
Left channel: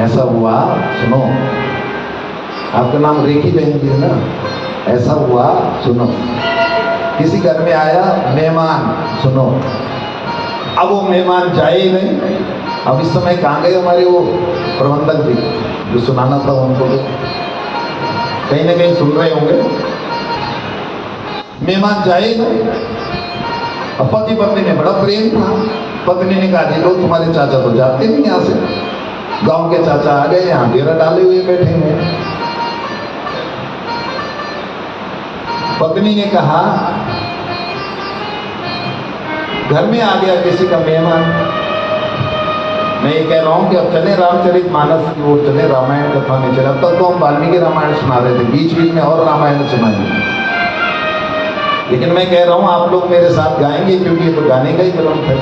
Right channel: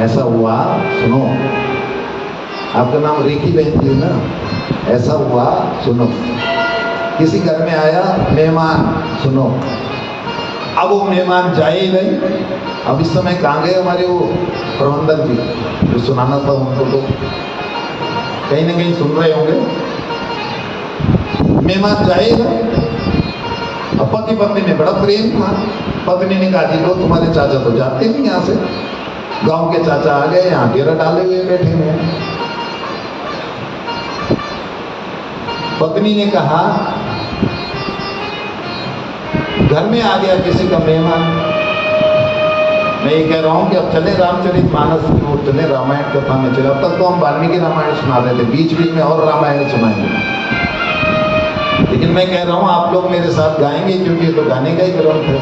ऐसा हुआ, सुनो, आपका नाम रेखी बहन जी है ना? ऐसा हुआ, सुनो, किसी घर में आया मेहमान, सुनो। अब वो मेहमान जाए ही नहीं। अब इस समय कहाँ गए हमारे वो प्रबंधक जी, जो सुनाना था उनको, तो कहीं ना कहीं सुन रहे होंगे। मेहमान जाए ही नहीं। अब पति पत्नी में बड़ा प्रेम था। पत्नी ने कहा, जी लो, तुम्हारे चाचा तो जाते नहीं यहाँ से, गांव के चाचा आ गए, यहाँ डेरा डाले हुए बैठे हुए। पत्नी ने कहा, घर में आ गया किसी का मेहमान। मैं ये कह रहा हूं कि अब चले रामचरितमानस की ओर, चले रामायण कथा में चले। अब तक तो हम वाल्मीकि रामायण सुना रहे थे, बीच बीच में और रामायण सुनाएंगे। लेकिन मैं कह रहा हूं आप लोग मेरे साथ गाएंगे, क्योंकि ये तो गाने का ही ग्रंथ है।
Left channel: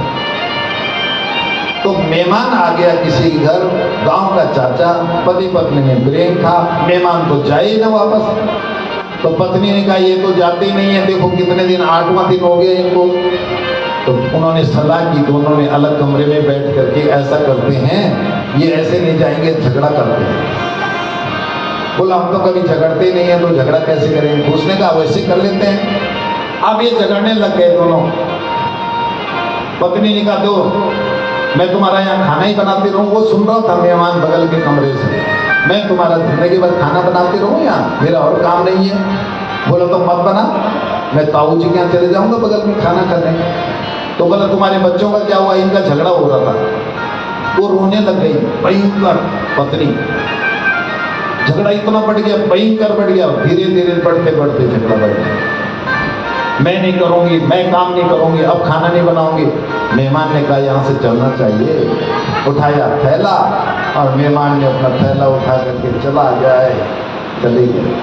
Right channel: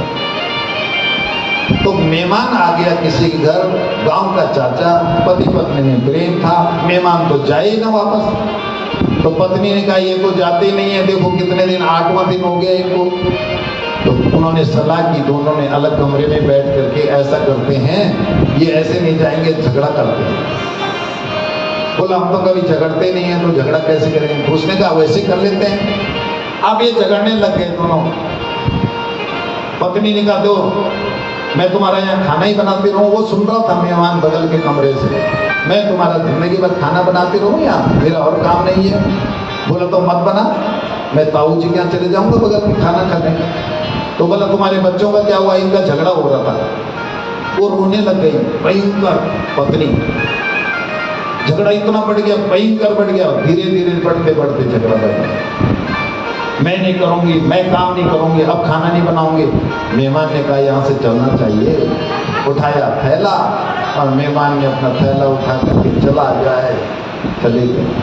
तो मेहमान आ गया किसी के घर, गांव का चाचा, पति पत्नी में प्रेम था, मेहमान तो जाए ना वापस। तो पत्नी ने कहा, ये तो जाते ही नहीं है, देखो कितने दिन, 8वां दिन हो गया इनको। तो उन्होंने सलाह की, दोनों ने अलग कमरे में बैठ करके, ऐसा करते हैं, ये ऐसे नहीं जाएंगे, झगड़ा करते हैं। बोला, हम तो कभी झगड़ते नहीं है, तो झगड़ा कैसे करेंगे? उसने कहा, वैसे कर लेते हैं। अब ये झगड़ने लग गए दोनों। पत्नी ने कहा, दो, मैं तुम्हारा यहाँ खाना ही बनाती रहूं। वो सुन रहा था मेहमान बगल के कमरे से, मैं तुम्हारा जिंदगी भर खाना बनाती रहूं यहाँ, मेरा और काम नहीं है। बोले, तो मत बना, मैं ताऊ जी के यहाँ चले जाऊंगा बगल में खाना खाने। तो बोला, तुम्हारे बच्चों का क्या हुआ? इनका झगड़ा हो रहा था। वो रोने लग गई, भयंकर पत्नी। झगड़ा इतना बढ़ गया, भयंकर बढ़ गया, धीरे धीरे बढ़ते बढ़ते झगड़ा बढ़ गया। मैं नहीं करूंगी, मैं काम नहीं करूंगी, अब खाना नहीं बनाऊंगी। मेहमान ने कहा, यहाँ से चलना चाहिए। उठाया थैला, और मेहमान ने अपना थैला उठा करके चला जाए, चले गए।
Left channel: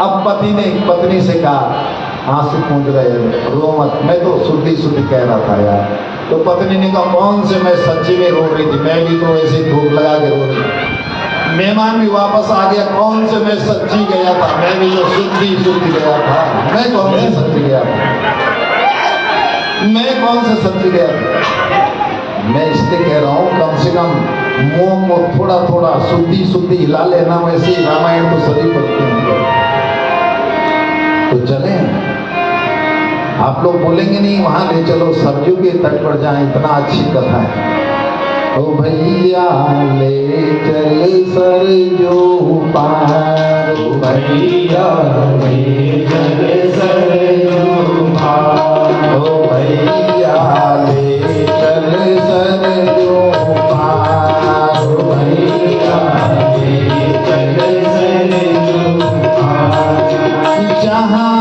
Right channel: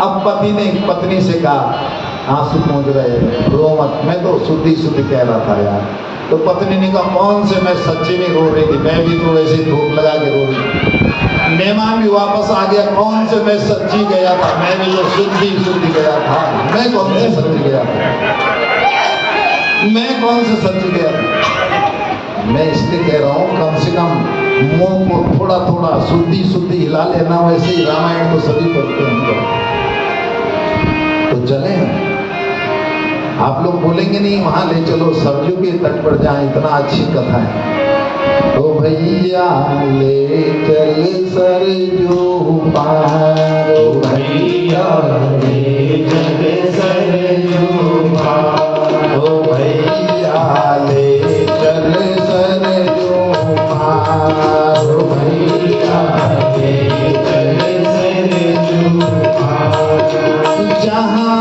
अब पति ने पत्नी से कहा, आंसू पूछ रहे, रो मत, मैं तो शुद्धि शुद्धि कह रहा था यार। तो पत्नी ने कहा, कौन से, मैं सच्ची में रो रही थी, मैं भी तो ऐसे धूप लगा के रो रही। मेहमान भी वापस आ गया, कौन से, मैं सच्ची गया था, मैं भी तो शुद्धि शुद्धि गया था। मैं कौन से सच्ची गया था? मैं कौन से सच्ची गया था? मैं इसलिए कह रहा हूँ, कम से कम मुंह को थोड़ा थोड़ा शुद्धि शुद्धि हिला लेना। वैसे ही रामायण तो सभी पढ़ते हैं। तो चले, आप लोग बोलेंगे नहीं वहां ले चलो सरयू के तट पर जाए, इतना अच्छी कथा है। ओ भैया ले चल सरयू पार, ओ भैया ले चल सरयू पार, ओ भैया ले चल सरयू पार, ओ भैया ले चल सरयू पार, जहाँ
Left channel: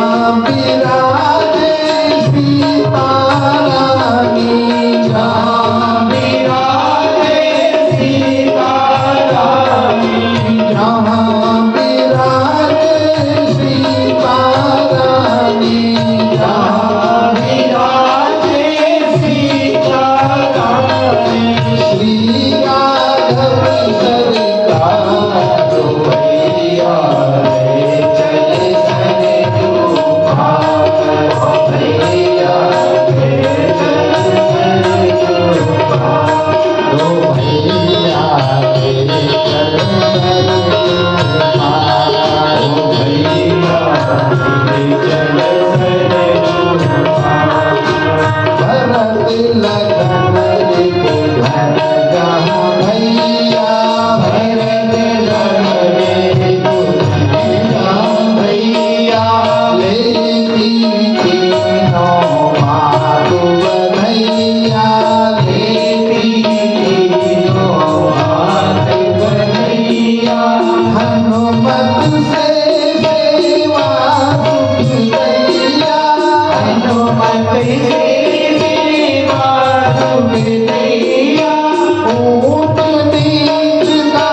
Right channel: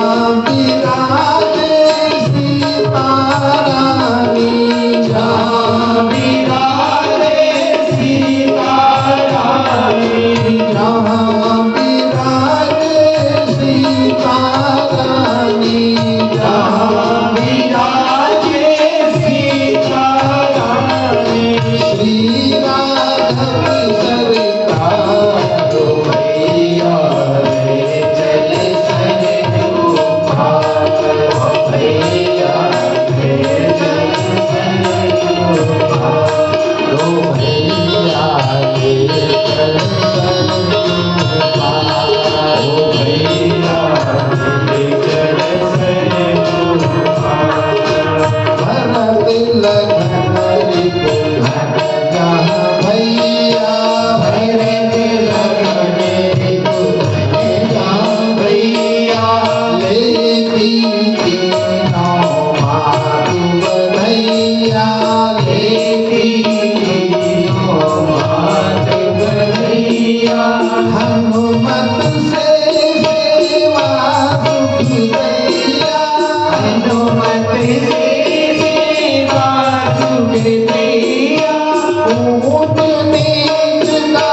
विराजे सीता रानी, जहाँ विराजे सीता रानी, जहाँ विराजे सीता रानी, जहाँ विराजे सीता रानी, श्री राघव सरकार, ओ भैया ले चल सरयू पार, भैया ले चल सरयू पार, ओ भैया ले चल सरयू पार, ओ भैया ले चल सरयू पार, भरत लगन रिपु धन जहाँ भैया, भरत लगन रिपु धन जहाँ भैया, लेती तीनों मातु बधैया, लेती तीनों मात बधैया, हनुमत से सेवा सुख दैया, हनुमत से सेवा सुख दैया, ऊंच नीच का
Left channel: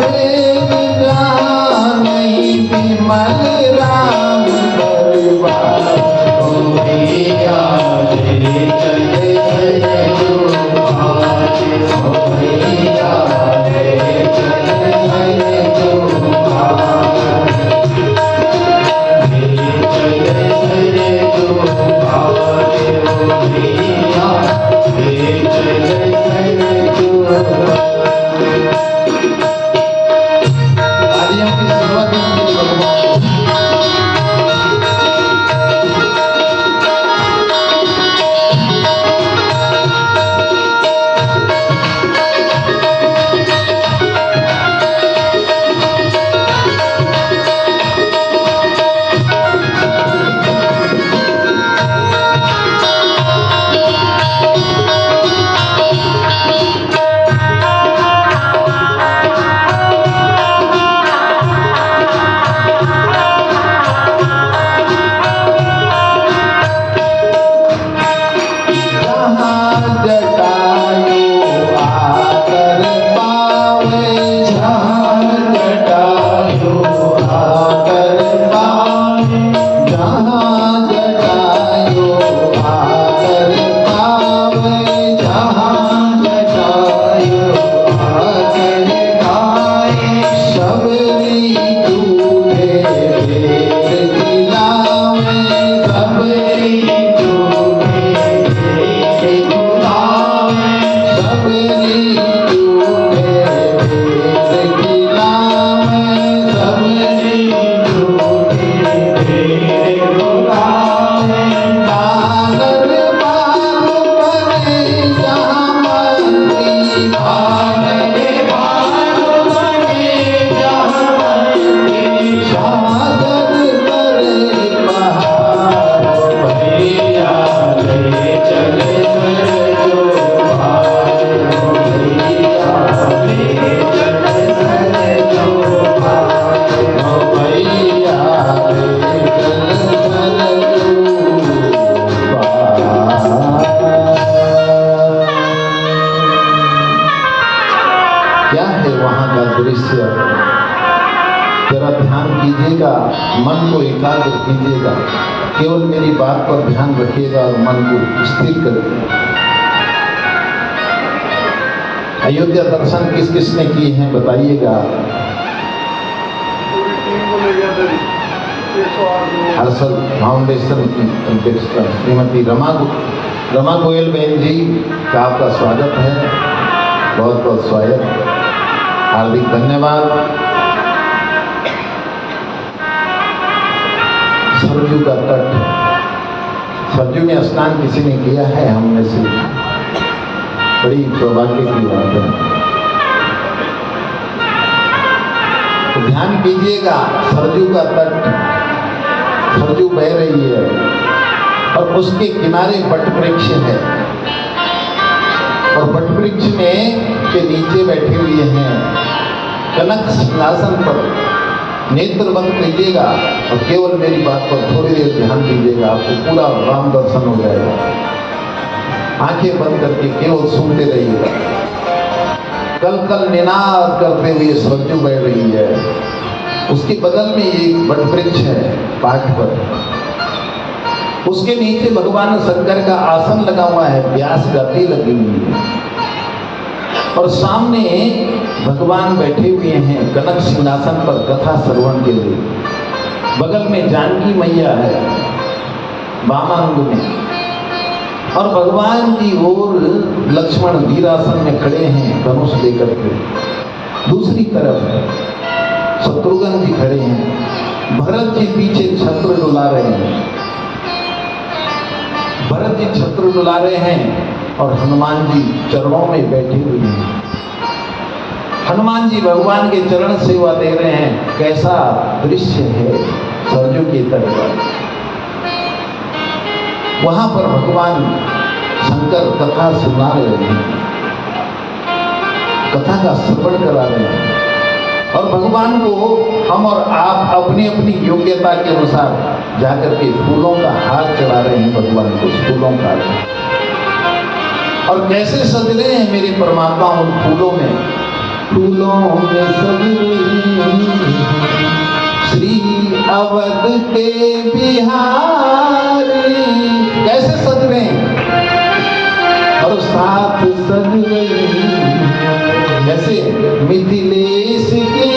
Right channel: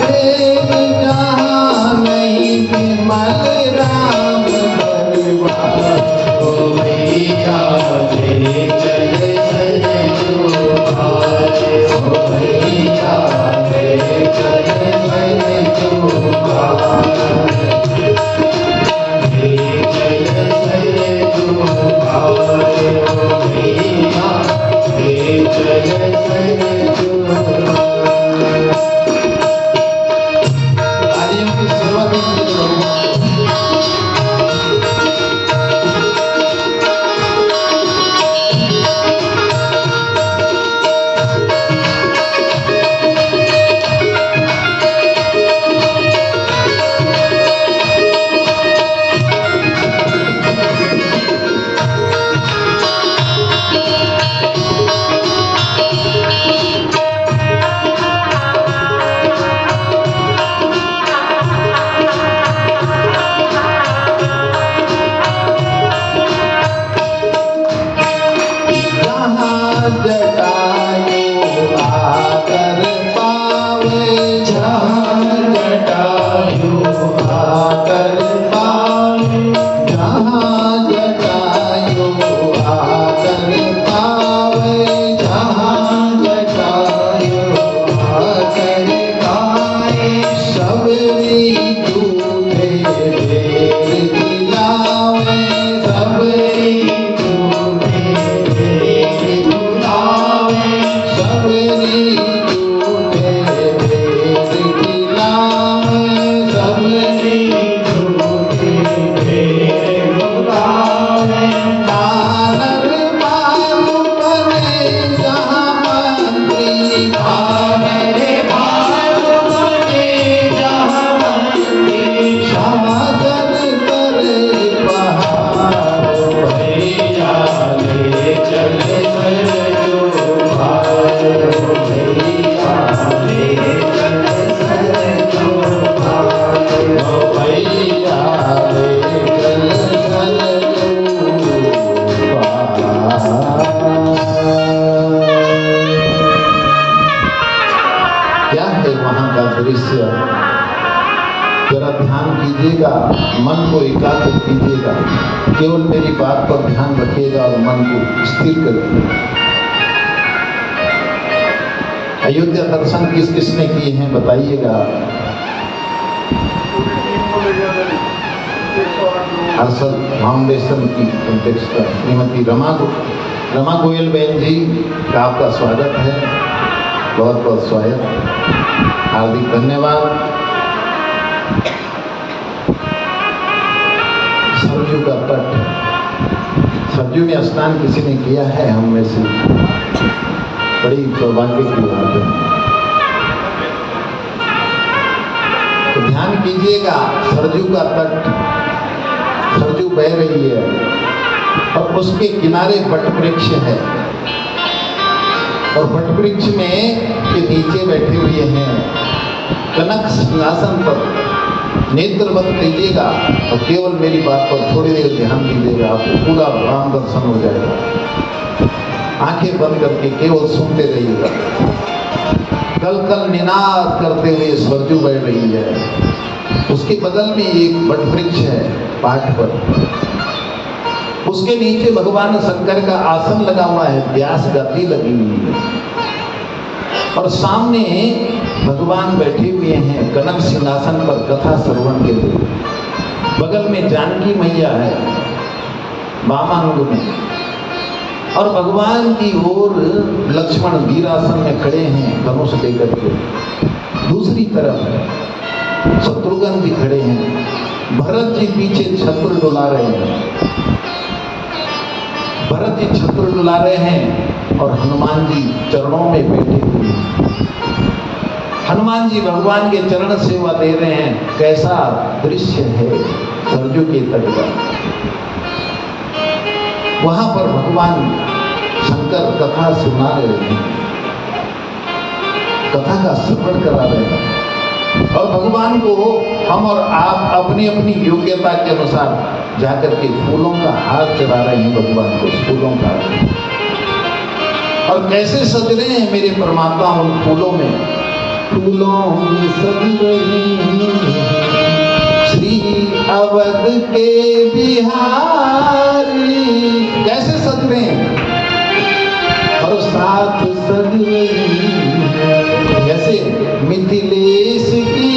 भेद जहाँ नहीं, विमल राम दरबार, ओ भैया ले चल सरयू पार, ओ भैया ले चल सरयू पार, ले चल सरयू पार, ओ भैया ले चल सरयू पार। तालियों की शुरुआत कीजिए। जहाँ जटायु आकर पावे, जहाँ जटायु आकर पावे, जहाँ जटायु आकर पावे, जहाँ जटायु आकर पावे, सबरी दूधे वेद दिलावे, सबरी दूधे वेद बुलावे, सबरी दूधे वेद दिलावे, सबरी दूधे वेद बुलावे, आनर बाग बने जहाँ मंत्री, आनर बाग बने जहाँ मंत्री, समागम करे बहार, भैया ले चल सरयू पार, भैया ले चल सरयू पार, ओ भैया ले चल सरयू पार। क्या है वहां का दृश्य, जरा ध्यान कीजिएगा, मन को एकाग्र कीजिएगा, केवल मेरी बात पर ध्यान रखिएगा और मन को स्थिर करिए। अयोध्या दर्शन किस किसने किए हैं बताइएगा। हर्षल फाउंडेशन की अध्यक्ष श्रीमती रमा गोयल बहन जी का आपका स्वागत है, बहुत बहुत स्वागत, हार्दिक धन्यवाद। सरयू का तट सरजू में स्नान किसी ने किया है हम में से? बड़ी सौभाग्य की बात है। तो ध्यान कीजिएगा, सरजू का तट, सरजू बह रही है और उसके किनारे वट वृक्ष है और वट वृक्ष में के नीचे बैठे हुए हैं कनक सिंहासन पर। नेत्र बंद कीजिएगा और केवल मेरी बात पर थोड़ी देर ध्यान दीजिएगा, आपको पूरा राम दर्शन हो जाएगा। आंखें बंद करके केवल सुनते रहिएगा। कल कल निनाद करते हुए सरजू बह रही है। उसके बगल में एक वट वृक्ष है पाठ पर, उसके नीचे भगवान शंकर का आसन लगा हुआ है, व्यास गति लगी हुई है और सामने भगवान बैठे हुए हैं कनक सिंहासन पर कथा श्रवण के लिए। बगल में जानकी मैया है वामांग में और भगवान की ओर लक्ष्मण वीरासन में खड़े हैं धनुष लेकर के। दूसरी तरफ शत्रुघ्न जी खड़े हैं, भरत जी पीछे छत्र डुला रहे हैं, भरत जी छत्र डुला रहे हैं और हनुमान जी चरणों में बैठे हुए हैं। हनुमान जी भगवान के चरण सेवा दे रहे हैं। कैसा दृश्य है सरजू के तट पर। वहां पर भगवान शंकर कथा सुना रहे हैं, कथा का श्रवण करा रहे हैं और भगवान को हम और आप अपनी अपनी योग्यता के अनुसार जाकर के फूलों का हार चढ़ा रहे हैं भगवान को, फूलों का। और कैसे सज रहे हैं मेरे परमात्मा उन फूलों में, फूलों में सज रही श्री अवध के बिहारी। कैसे सज रहे हैं और साथ सज रही जैसे मिथिलेश की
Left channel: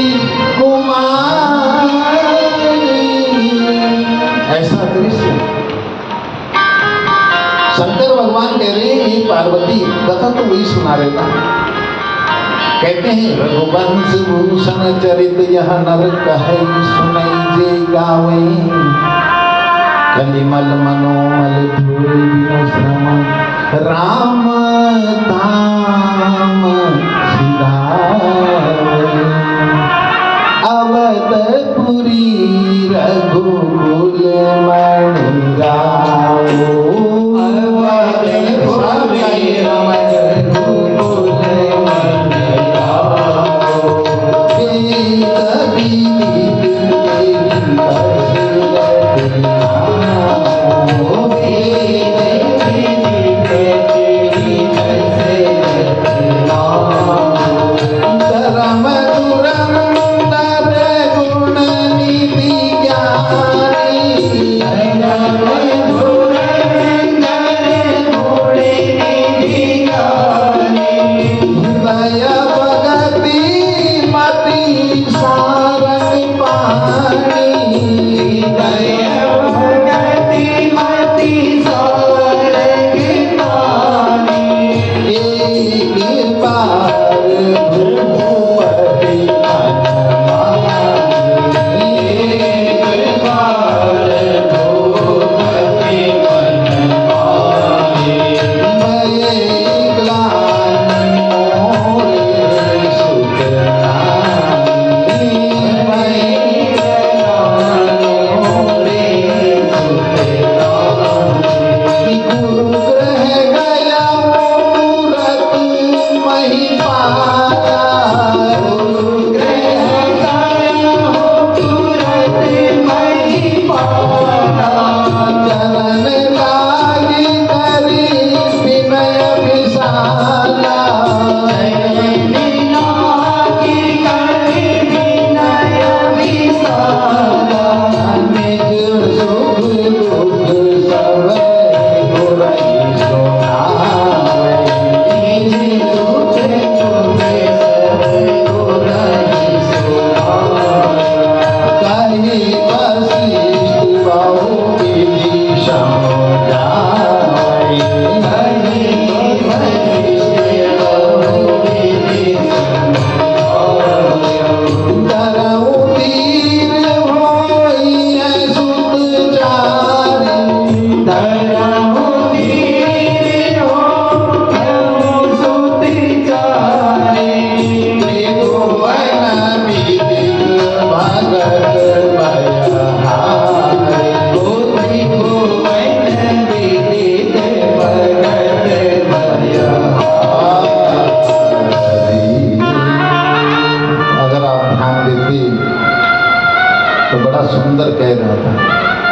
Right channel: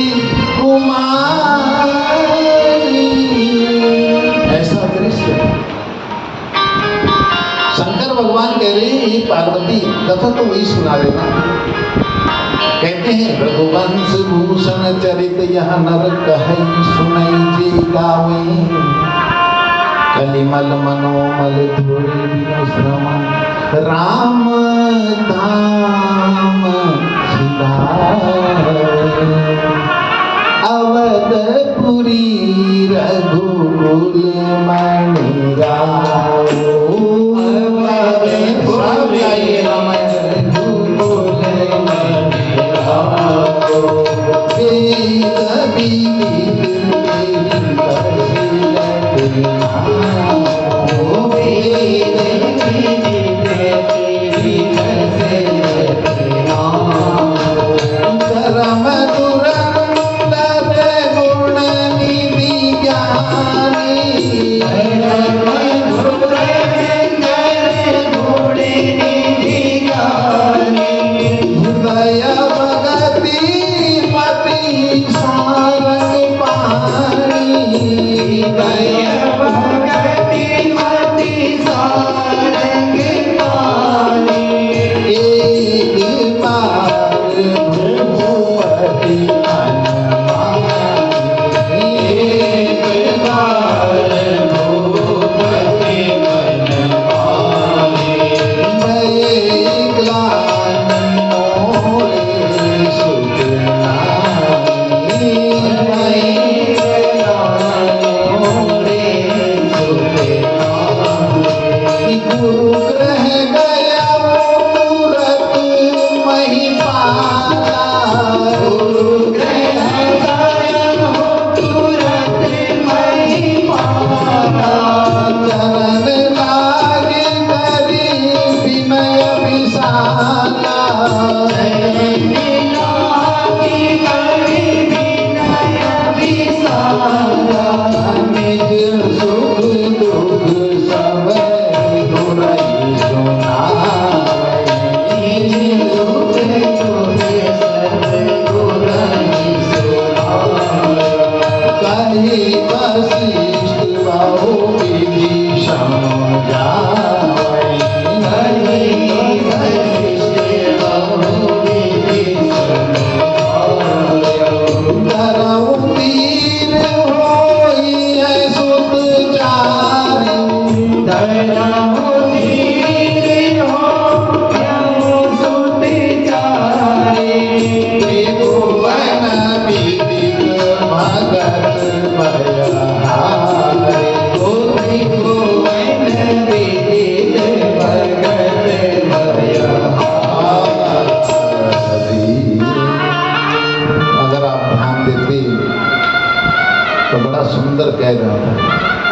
कुमारी। ऐसा दृश्य शंकर भगवान कह रहे हैं, ये पार्वती कथा तो वही सुना रहे ना। कहते हैं रघुवंश भूषण चरित यह नर कहे सुनई जे गावई। कलिमल मनोमल धोरे बिनु श्रमण राम धाम सिधावई। अवधपुरी रघुकुल मणि रावो।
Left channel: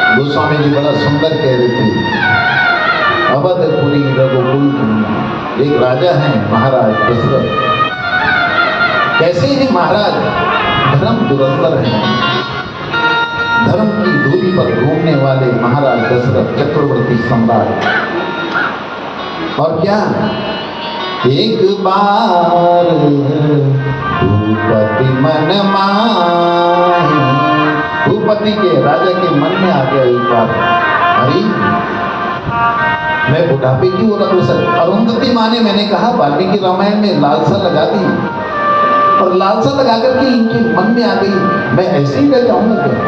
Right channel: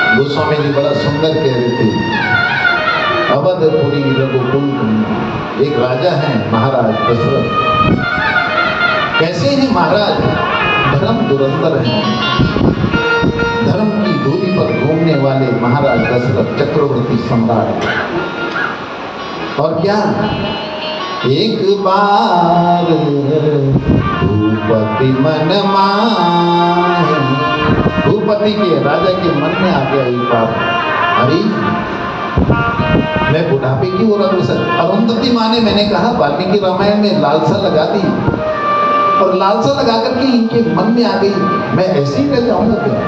गोस्वामी जी बड़ा सुंदर कह रहे थे, अवधपुरी रघुकुल तुम। एक राजा हैं महाराज दशरथ। कैसे हैं महाराज? धर्म दुरंतर हैं, धर्म की दूरी पर घूमने वाले महाराज दशरथ चक्रवर्ती सम्राट। और क्या, एक बार भूपति मन माहि, भूपति के राजा के मन में आ गया एक बार, अरे मैं बुढ़ापे की ओर अग्रसर। अरुंधति माँ ने, मैंने कहा वाल्मीकि रामायण में लालसा लगा दी, और लालसा लगा करके इनके मन में आ गई, मैं ऐसे ही रह जाऊंगा क्या?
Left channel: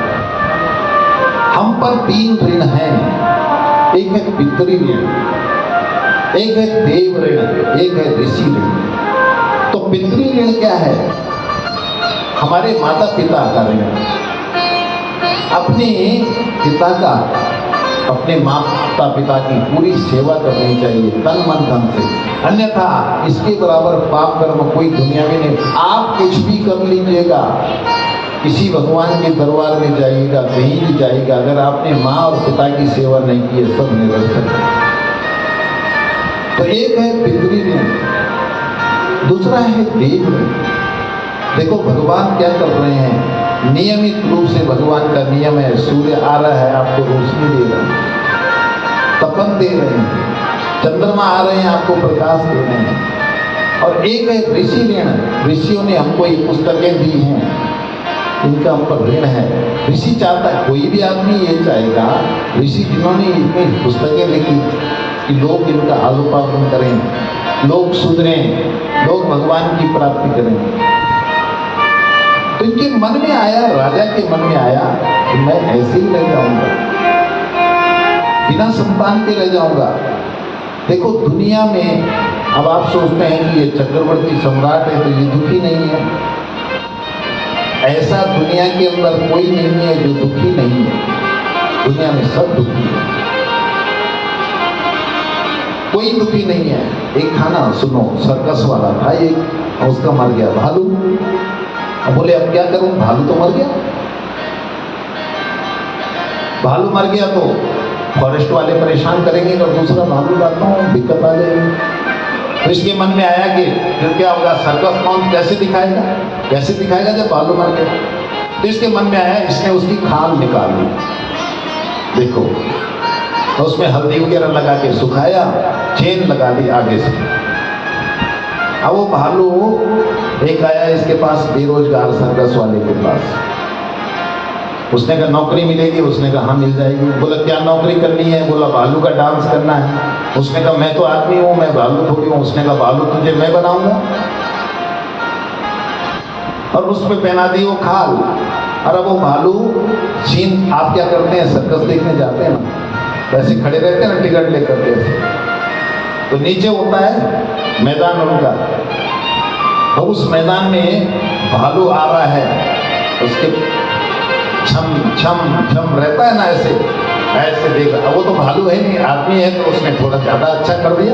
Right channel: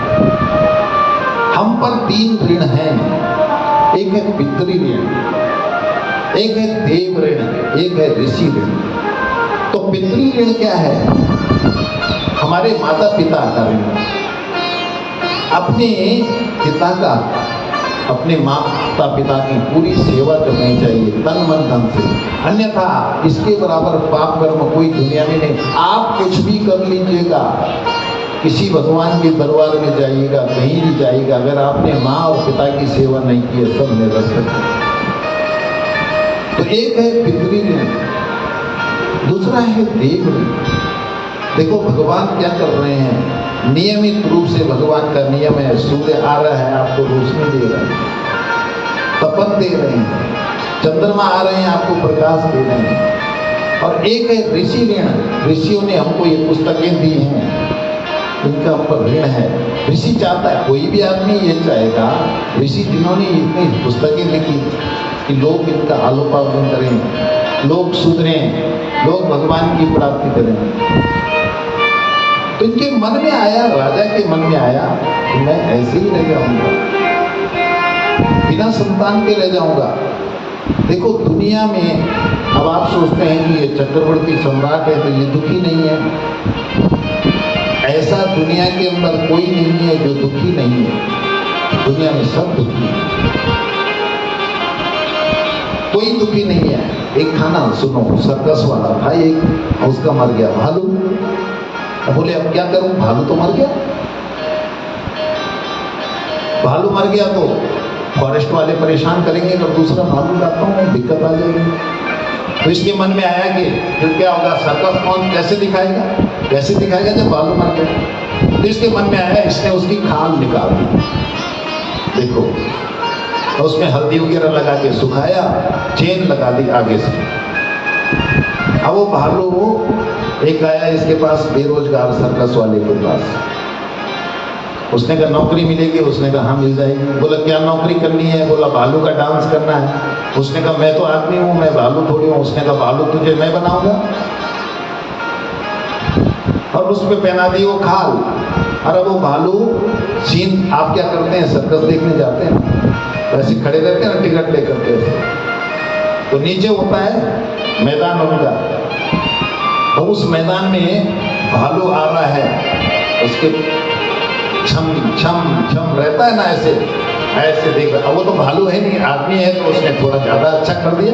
हम पर 3 ऋण हैं, एक है पितृ ऋण, एक है देव ऋण, एक है ऋषि ऋण। तो पितृ ऋण क्या है? हमारे माता पिता का ऋण, अपने पिता का, अपने माता पिता की पूरी सेवा करनी चाहिए तन मन धन से, अन्यथा इसके बराबर पाप कर्म कोई दुनिया में नहीं। आप कुछ भी कर लीजिएगा, किसी भगवान के दरबार में जाइएगा, कहीं भी जाइएगा, अगर आपने माँ और पिता की सेवा नहीं की है, सब निरस्त है। तो एक है पितृ ऋण, दूसरा है देव ऋण। देखो भगवान क्या कर रहे हैं, नियमित रूप से भगवान का नियम है, सूर्य आ रहा है आपको रोशनी दे रहा है, तपन दे रहे हैं, चंद्रमा आ रहे हैं आपको प्रकाश दे रहे हैं। और एक है ऋषि ऋण, ऋषियों ने हमको ये पुस्तकें दी हैं, इनका हम पर ऋण है। ऋषि चाहता है, कोई भी आदमी ये चाहेगा, ऋषि जिन्होंने इतनी पुस्तकें लिखी कि लोग इनका आलोपार्जन करें, लोग सुधरें, लोग भगवान की प्राप्ति करें। तो इनके मन में आया, राजा के मन में आया कि मैं ऐसे ही रह जाऊंगा, बिना संतान के रह जाऊंगा। देखो दुनिया में अब आप सोचते हैं कि ये चक्रवर्ती सम्राट है तो ये दुखी नहीं है, ऐसा दुनिया के अंदर कोई नहीं है जो दुखी नहीं है। दुनिया में सब दुखी है, कोई दुखी नहीं है। एक था ना, सुनो, सर्कस वाला था एक, उसका मर गया भालू। अब बोले अब क्या करूं, भालू तो मर गया। भालू मर गया तो फॉरेस्ट वाले परेशान करेंगे, तो दूसरा भालू लाता हूं, दिक्कत आ जाएगी। तो इसके मन में आया कि फिर क्या होगा, सर्कस कौन कैसे दिखाएगा, कैसे दिखाएगा जब भालू मर गया। तो इसके मन में आया, इसने उसकी खाल निकाल दी, देखो, तो उसमें हल्दी वगैरह लगा के सुखाया, चेन लगा दी आगे से। अब वो भालू एक आया इसके पास, बेरोजगार सर्कस वाले के पास। उसने कहा नौकरी मिलेगी, उसने कहा हाँ मिल जाएगी। बोला क्या नौकरी करनी है? बोला भालू का डांस करना है। उसने कहा मैं तो आदमी हूँ, मैं भालू थोड़ी हूँ। उसने कहा भालू तुझे मैं बनाऊंगा, और उस पे पहना दी वो खाल। अरे वो भालू सीन, आप क्या करते हैं, सर्कस देखने जाते हैं, वैसे खड़े रहते हैं ना टिकट लेकर के, तो नीचे होता है मैदान उनका, तो उस मैदान में भालू आ रहा है, उसके छम छम छम रहता है ना, ऐसे ऐसे देख रहा। वो तो भालू है नहीं, आदमी है, तो उसने थोड़ा ज्यादा अच्छा कर दिया,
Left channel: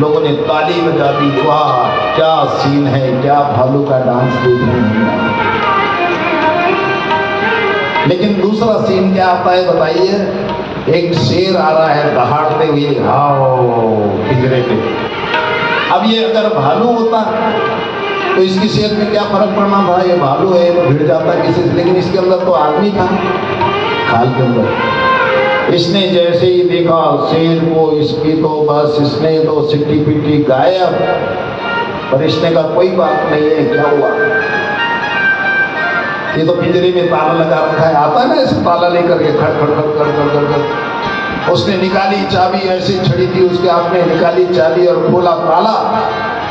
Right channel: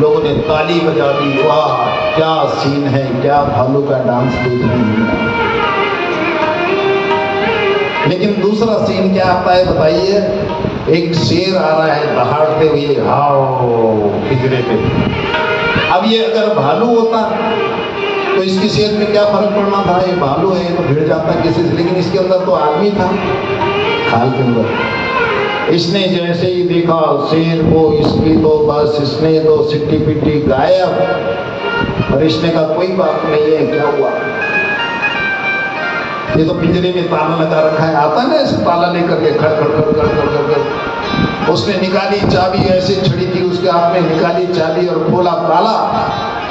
लोगों ने ताली बजा दी, वाह क्या सीन है, क्या भालू का डांस देखने मिला। लेकिन दूसरा सीन क्या आता है बताइए, एक शेर आ रहा है दहाड़ते हुए, हाओ पिंजरे पे। अब ये अगर भालू होता तो इसकी शेर में क्या फर्क पड़ना था, ये भालू है तो भिड़ जाता किसी से, लेकिन इसके अंदर तो आदमी था खाल के अंदर। इसने जैसे ही देखा शेर को, इसकी तो बस इसने तो सिट्टी पिट्टी गायब। और इसने कहा कोई बात नहीं है, क्या हुआ, ये तो पिंजरे में ताला लगा रखा है, आता है ना ऐसे ताला लेकर के खड़ खड़ खड़ खड़ खड़ खड़ खड़। उसने निकाली चाबी, ऐसे छड़ी थी उसके हाथ में, निकाली चाबी और खोला ताला,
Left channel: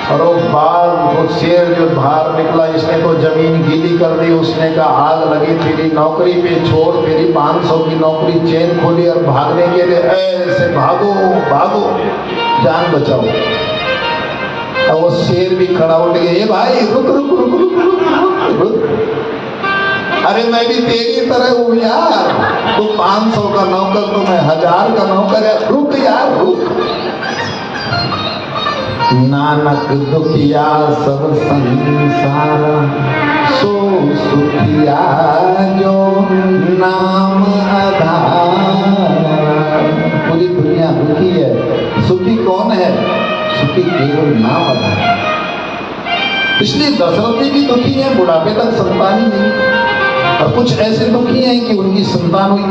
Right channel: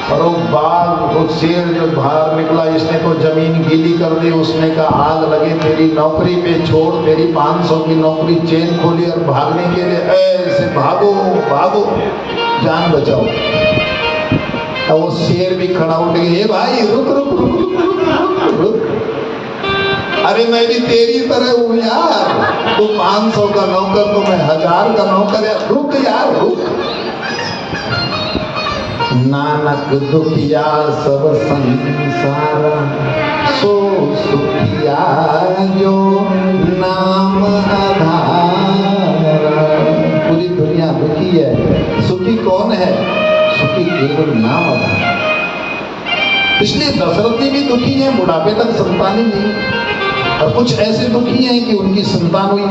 और वो बाघ, वो शेर जो बाहर निकला, इसने तो जमीन गीली कर दी। उसने कहा आग लगी तेरी नौकरी पे, छोड़ तेरी 500 की नौकरी। चेन खोली और भागने के लिए ऐसे भागो भागो, जान बचाओ। और वो शेर भी खड़ा उठ गया, ए भाई रुक रुक रुक रुक रुक रुक, अरे मैं भी तेरी तरह हूँ यार, तू 500 का नौकर तो मैं 1000 का नौकर है, रुक यार रुक। नानक दुखिया सब संसार, सो सुखिया जो नाम आधार। कौन है? सुखी केवल नाम आधार। इसलिए दशरथ जी भी दुखी हैं, बुढ़ापे तक संतान ही नहीं, और कुछ ऐसे दुखी हैं कि उनकी संतान हुई।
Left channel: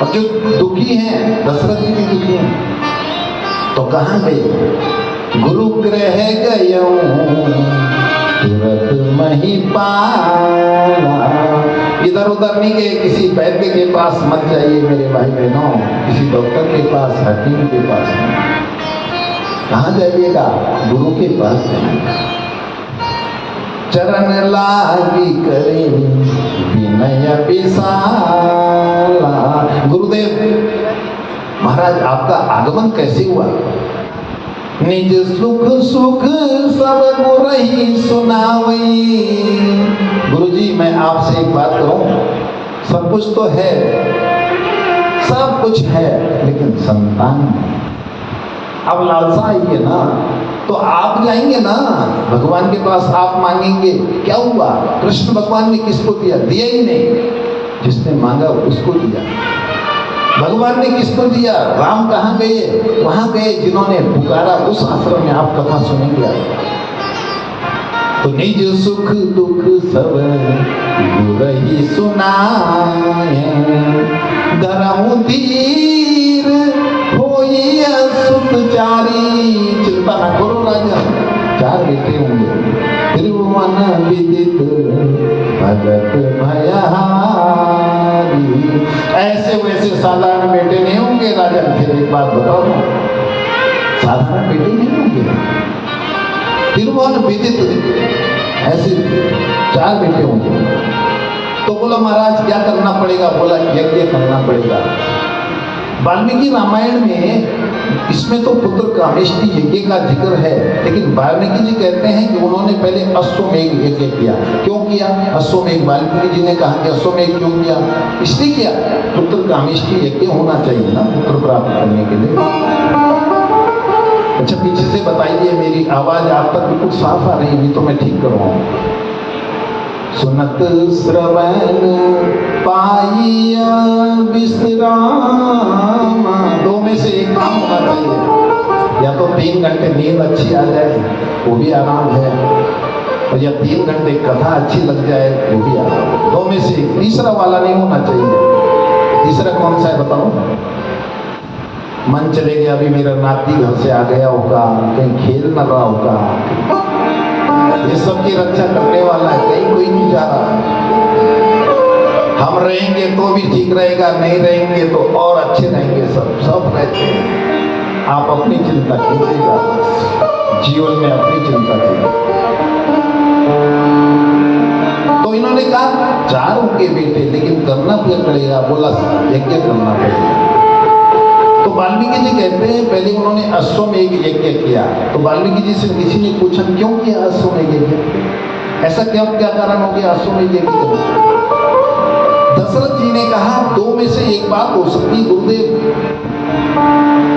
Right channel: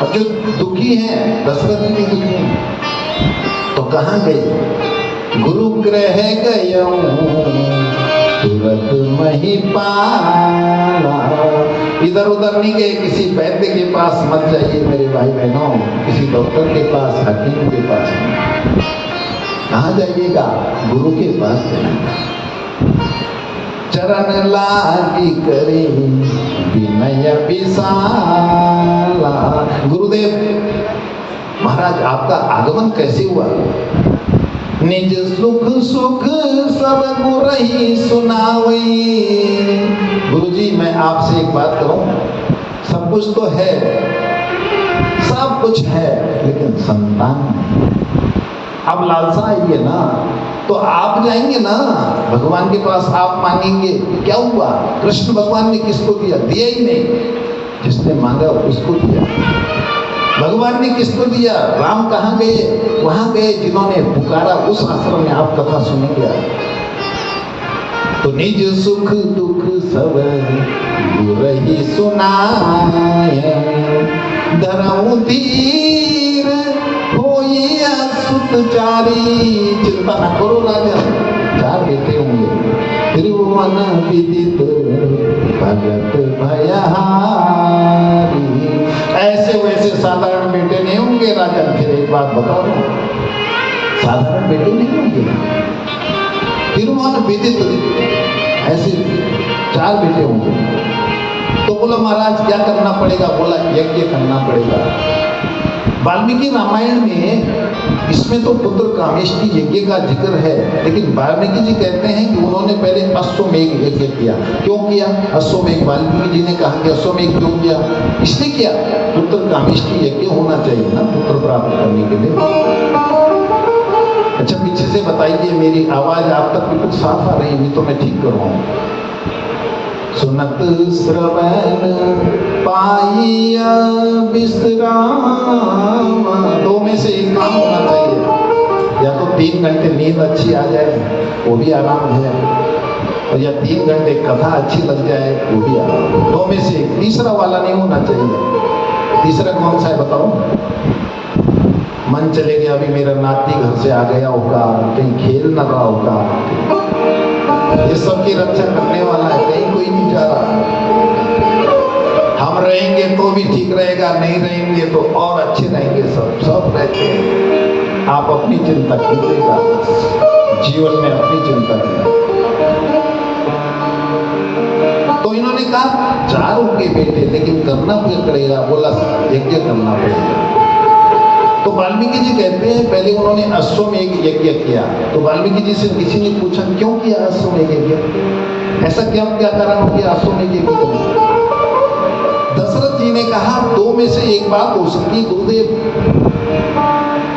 और जो दुखी हैं, दशरथ जी भी दुखी हैं, तो कहां गए? गुरु ग्रह गया तुरंत महिपाला। इधर उधर नहीं गए, किसी वैद्य के पास मत जाइए मेरे भाई बहनों, किसी डॉक्टर के पास, हकीम के पास नहीं। कहाँ जाइएगा? गुरु के पास जाइए। चरण लागी करे विनय विशाला। गुरुदेव महाराज आपका आगमन कैसे हुआ? निज सुख सुख सब गुरही सुनावई। गुरुजी मैं आपसे एक बात कहूं, सब कुछ तो है, सब कुछ है, लेकिन संतान नहीं। अब लालसा आई है ना, तो आप जाएंगे ना भगवान के पास, आप मांगेंगे। क्या हुआ? कृष्ण भगवान ने किसको दिया? दिया ही नहीं, जिसने मांगा उसको दिया। भगवान ने किसको दिया? राम कहाँ गए? वहां गए जिन्होंने पुकारा, उस आश्रम में आप कथा सुनेंगे। तो निज सुख दुख सब गुरही सुनाए, धरऊ धीर होई असुत चारी। चिंता न करो राजन, 4 बेटे होंगे। त्रिभुवन विदित भगत भयहारी। ऐसे वैसे साधारण बेटे नहीं होंगे राजन। फिर एक बात बताओ ना, साधारण बेटे नहीं होंगे। त्रिभुवन विदित ऐसे 4 बेटे होंगे। तो बोला महाराज क्या करना पड़ेगा? बोला यज्ञ करना पड़ेगा। वाल्मीकि रामायण में इसमें तो पुत्र कामेष्टि यज्ञ का जिक्र है, लेकिन वाल्मीकि जी कहते हैं कि उन्होंने पहले अश्वमेध यज्ञ किया। क्यों किया अश्वमेध? वाल्मीकि जी ने कहा कि अश्वमेध क्यों किया? इसलिए किया, पुत्र कामेष्टि यज्ञ होना चाहिए ना पुत्र प्राप्त करने के लिए। अच्छा पीछे से बताइए, मेरी आवाज आप तक बिल्कुल साफ आ रही है? नहीं तो मैं ठीक करवाऊं। सुनत श्रवण पाइया विश्राम। 2 में से एक काम होना चाहिए, या तो 3 घंटे नींद अच्छी आ जाए, वो भी आराम है, और या 3 घंटे कथा अच्छी लग जाए, वो भी आराम है। 2 में से एक, तीसरा वाला नहीं होना चाहिए। तीसरा कौन सा है बताओ? मन चले गया, अभी मेरा नाती घर से आ गया होगा, कहीं खेल न रहा होगा, ये सब की रक्षा करने वाला है, कहीं कोई नहीं जा रहा। हम रहेंगे तो भी ठीक रहेगा, नहीं रहेंगे तो और अच्छे रहेंगे। सब रहते हैं। आप अपनी चिंता कीजिएगा, जीवन में अपनी चिंता कीजिए। तो इन्होंने कहा 4 उनके बेटे, लेकिन करना क्या पड़ेगा? बोला यज्ञ करना पड़ेगा। तो वाल्मीकि जी कहते हैं पहले उन्होंने अश्वमेध यज्ञ किया। तो वाल्मीकि जी से किसी ने पूछा क्यों किया अश्वमेध यज्ञ? ऐसा क्या कारण हो गया अश्वमेध यज्ञ करने? दशरथ जी ने कहा 2 में से एक बात हो सकती गुरुदेव,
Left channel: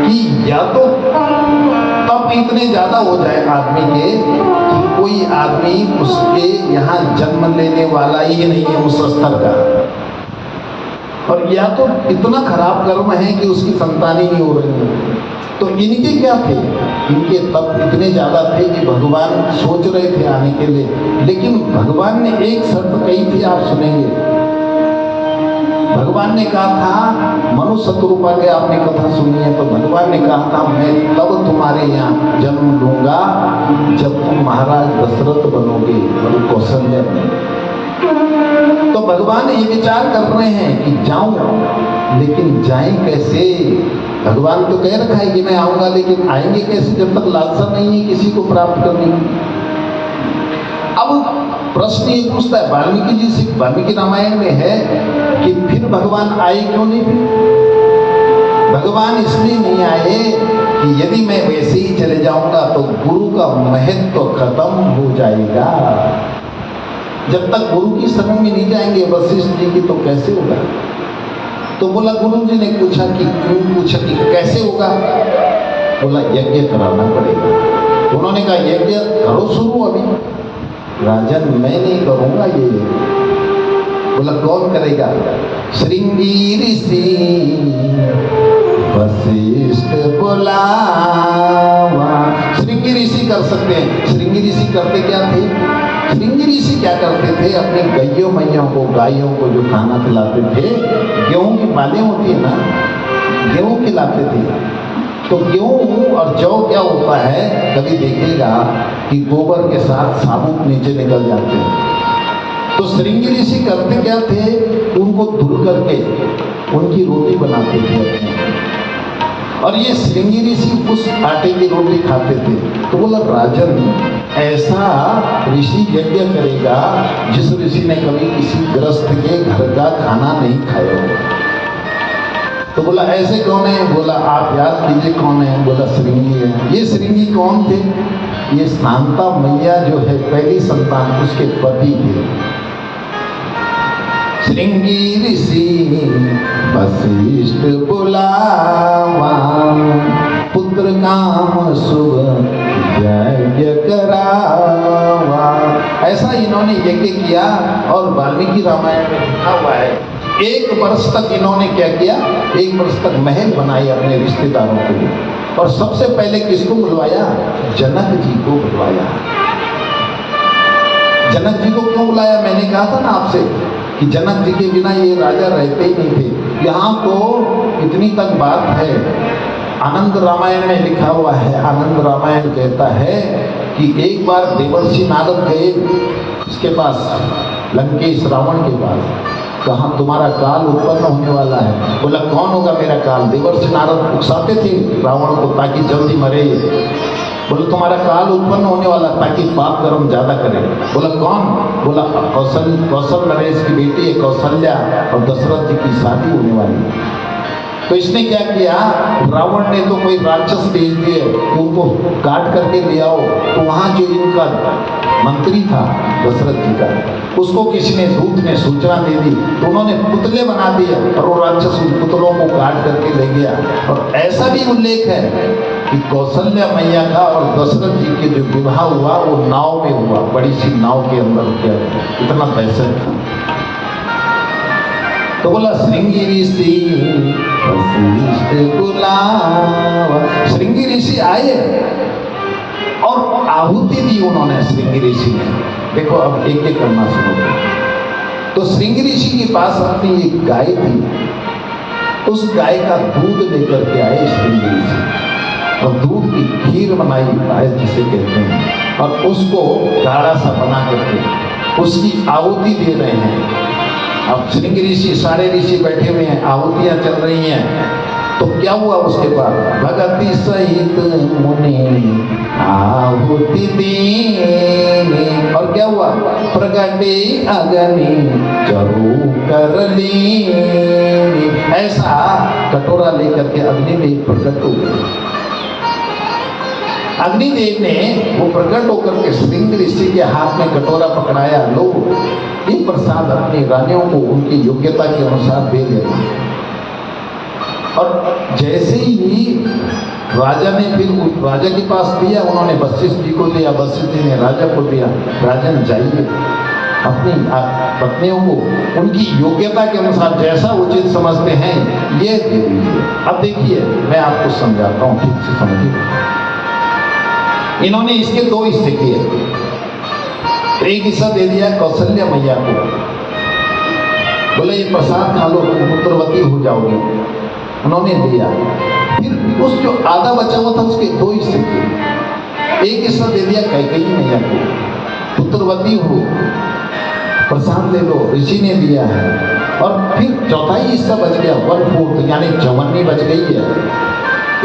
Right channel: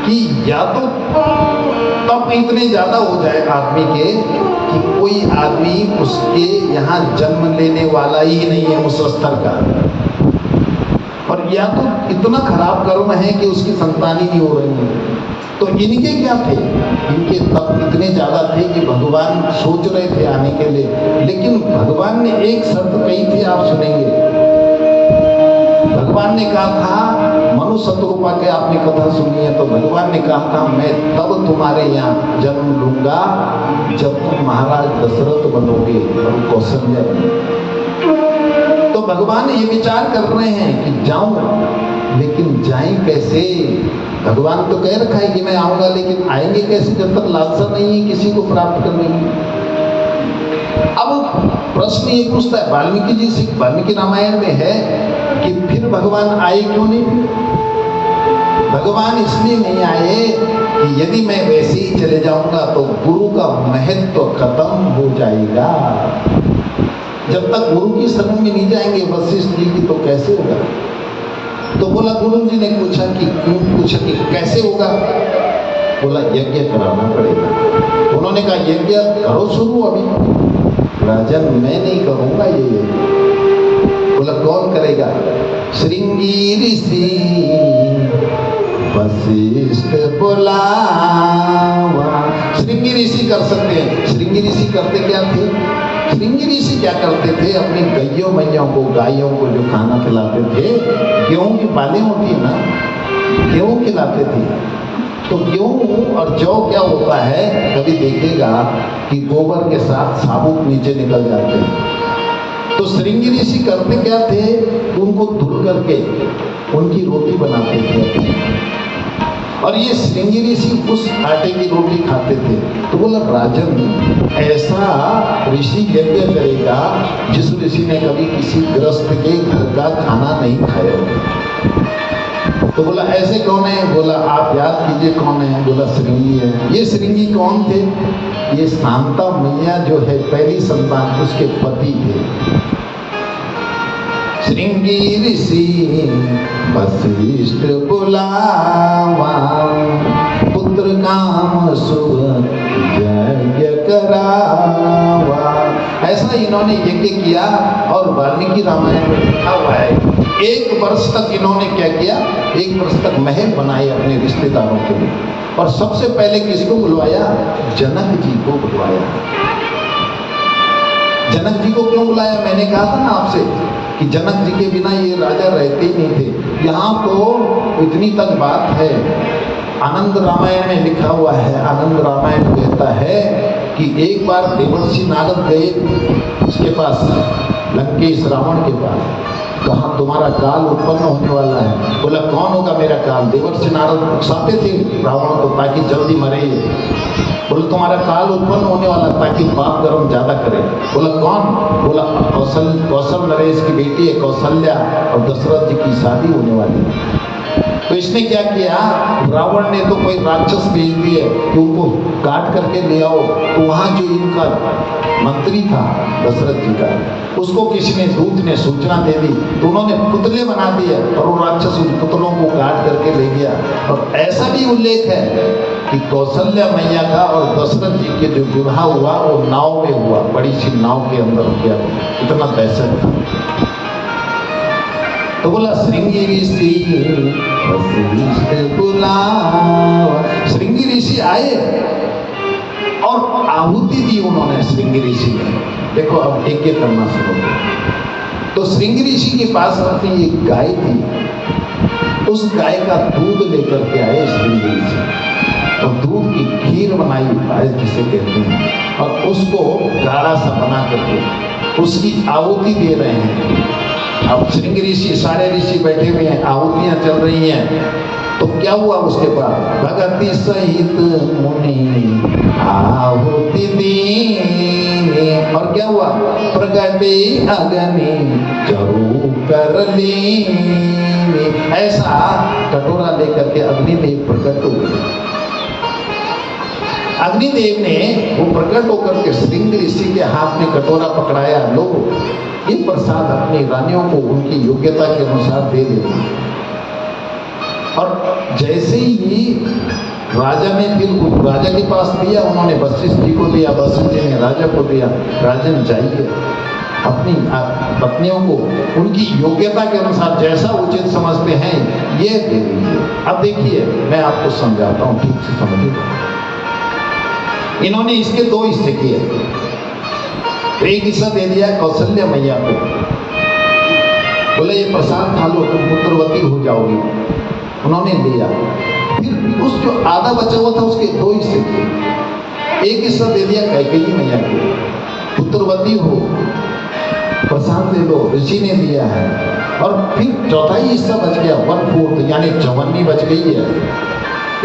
कि या तो तप इतने ज्यादा हो जाए आदमी के कि कोई आदमी उसके यहाँ जन्म लेने वाला ही नहीं है उस स्तर का, और या तो इतना खराब कर्म है कि उसकी संतान ही नहीं हो रही है। तो इनके क्या थे? इनके तप इतने ज्यादा थे कि भगवान सोच रहे थे आने के लिए, लेकिन भगवान ने एक शर्त कही थी, आप सुनेंगे। भगवान ने कहा था, मनु शतरूपा के आपने कथा सुनी है, तो भगवान ने कहा था मैं तब तुम्हारे यहाँ जन्म लूंगा जब तुम महाराज दशरथ बनोगे और कौशल्या बनोगे। तो भगवान ये विचार कर रहे हैं कि जाऊं, लेकिन जाएं कैसे? भगवान तो कह रखा है कि मैं आऊंगा, लेकिन आएंगे कैसे जब तक लालसा नहीं है किसी को प्राप्त करने की? अब प्रश्न ये पूछता है वाल्मीकि जी से, वाल्मीकि रामायण में है कि फिर भगवान आए क्यों नहीं? भगवान इसलिए नहीं आए कि यदि मैं वैसे ही चले जाऊंगा तो गुरु का महत्व तो खत्म हो जाएगा। जब तक गुरु की शरण में नहीं जाएंगे वशिष्ठ जी की, तो कैसे होगा? तो बोला गुरु जी ने पूछा कि क्यों? पूछा कि कैसे होगा? बोला यज्ञ कराना पड़ेगा। उन्होंने कहा यज्ञ करो शुरू। अभी राजन मैं नहीं करूंगा ये, बोला कौन करेगा? श्रृंगी ऋषि वशिष्ठ बुलावा। श्रृंगी ऋषि कर सकते हैं। श्रृंगी ऋषि करते क्या थे? श्रृंगी ऋषि क्या करते थे? अपनी गैयों मैयों को, गायों को जो खाना खिलाते थे, गेहूं की बालें होती है ना, गेहूं खिलाते थे। तो गेहूं और जौ क्या होता है, कभी देखेगा कि गोबर के साथ साबुत नीचे निकल जाते हैं। तो श्रृंगी ऋषि करते क्या थे? उनको धुल करके उनकी रोटी बनाते थे अपनी। और ये श्रृंगी ऋषि उस आटे की रोटी खाते थे। तो बोला राजन, ऐसा ऋषि यज्ञ करेगा जिस ऋषि ने कभी किसी गृहस्थ के घर का खाना नहीं खाया। तो बोला ऐसे कौन है? बोला आप याद कीजिए कौन है? बोला श्रृंगी है। ये श्रृंगी कौन थे? ये शांता मैया जो है पहली संतान, उसके पति थे। श्रृंगी ऋषि वशिष्ठ बुलावा, पुत्र काम शुभ यज्ञ करावा। ऐसा इन्होंने यज्ञ किया। और वाल्मीकि रामायण में लिखा हुआ है, 1 वर्ष तक इन्होंने क्या किया? 1 वर्ष तक महल बनाए अपने रिश्तेदारों के लिए। और सबसे पहले किसको बुलवाया? जनक जी को बुलवाया। जनक जी को क्यों बुलाया? मैंने कहा था ना आपसे कि जनक जी के बिना ये राजा रहते ही नहीं थे। यहाँ तो इतनी तक बात है, आनंद रामायण में लिखा हुआ है। आनंद रामायण कहता है कि एक बार देवर्षि नारद गए उसके पास, लंकेश रावण के पास। कहा तुम्हारा काल उत्पन्न होने वाला है। बोला कौन होगा मेरा काल? देवर्षि नारद उकसाते थे रावण को ताकि जल्दी मरे ये। बोले तुम्हारा काल उत्पन्न होने वाला ताकि पाप कर्म ज्यादा करे। बोला कौन? बोला कौशल नरेश की बेटी है कौशल्या, और दशरथ जी की शादी होने वाली। तो इसने क्या किया? रावण ने तो कोई राक्षस भेज दिए कि उनको काट करके ले आओ। तो वहां जो इनका मंत्री था दशरथ जी का, उसको किसी ने दूत ने सूचना दे दी। तो उन्होंने पुतले बना दिए और वो राक्षस उन पुतलों को काट करके ले गया। और ऐसा भी उल्लेख है कि कौशल्या मैया का और दशरथ जी के जो विवाह हुआ वो नाव में हुआ, बड़ी सी नाव के अंदर किया। इतना पैसा था। तो बोला श्रृंगी ऋषि वशिष्ठ बुलावा। श्रृंगी ऋषि आए और आहुति दी उन्होंने श्रृंगी ऋषि ने। देखो अब एक एक करना शुरू। तो श्रृंगी ऋषि के पास अपनी एक गाय थी। उस गाय का दूध लेकर के आए श्रृंगी ऋषि और दूध की खीर बनाई जिसे कहते हैं, और उसको गाढ़ा सा बना करके उसकी आहुति दे रहे हैं। अब श्रृंगी ऋषि सारे ऋषि बैठे हुए हैं, आहुतियां चल रही हैं। तो क्या हुआ उसके बाद? भगति सहित मुनि आहुति दीने। और क्या हुआ? प्रगटे अग्नि चरु कर लीने। ऐसा कटोरा लेकर के अग्निदेव प्रकट हो गए। अग्निदेव ने वो प्रकट होकर के श्रृंगी ऋषि के हाथ में कटोरा पकड़ाया। लो ये प्रसाद अपनी रानियों को उनकी योग्यता के अनुसार दे देना। और जैसे ही राजा ने फिर राजा के पास दिया, उन्होंने वशिष्ठ जी को दिया, वशिष्ठ जी ने राजा को दिया। राजन जाइए अपनी पत्नियों को उनकी योग्यता के अनुसार जैसा उचित समझते हैं ये दे दीजिए। अब देखिए मैं आपको समझाता हूँ, ठीक से समझिए। इन्होंने इसके 2 हिस्से किए। एक हिस्सा दे दिया कौशल्या मैया को, बोले ये प्रसाद खा लो तुम पुत्रवती हो जाओगी। उन्होंने दिया। फिर उस जो आधा बचा हुआ था उसके 2 हिस्से किए। एक हिस्सा दे दिया कैकेयी मैया को, पुत्रवती हो प्रसाद ले लो, ऋषि ने दिया है। और फिर चौथाई हिस्सा बच गया 1/4, यानी 54 बच गई है।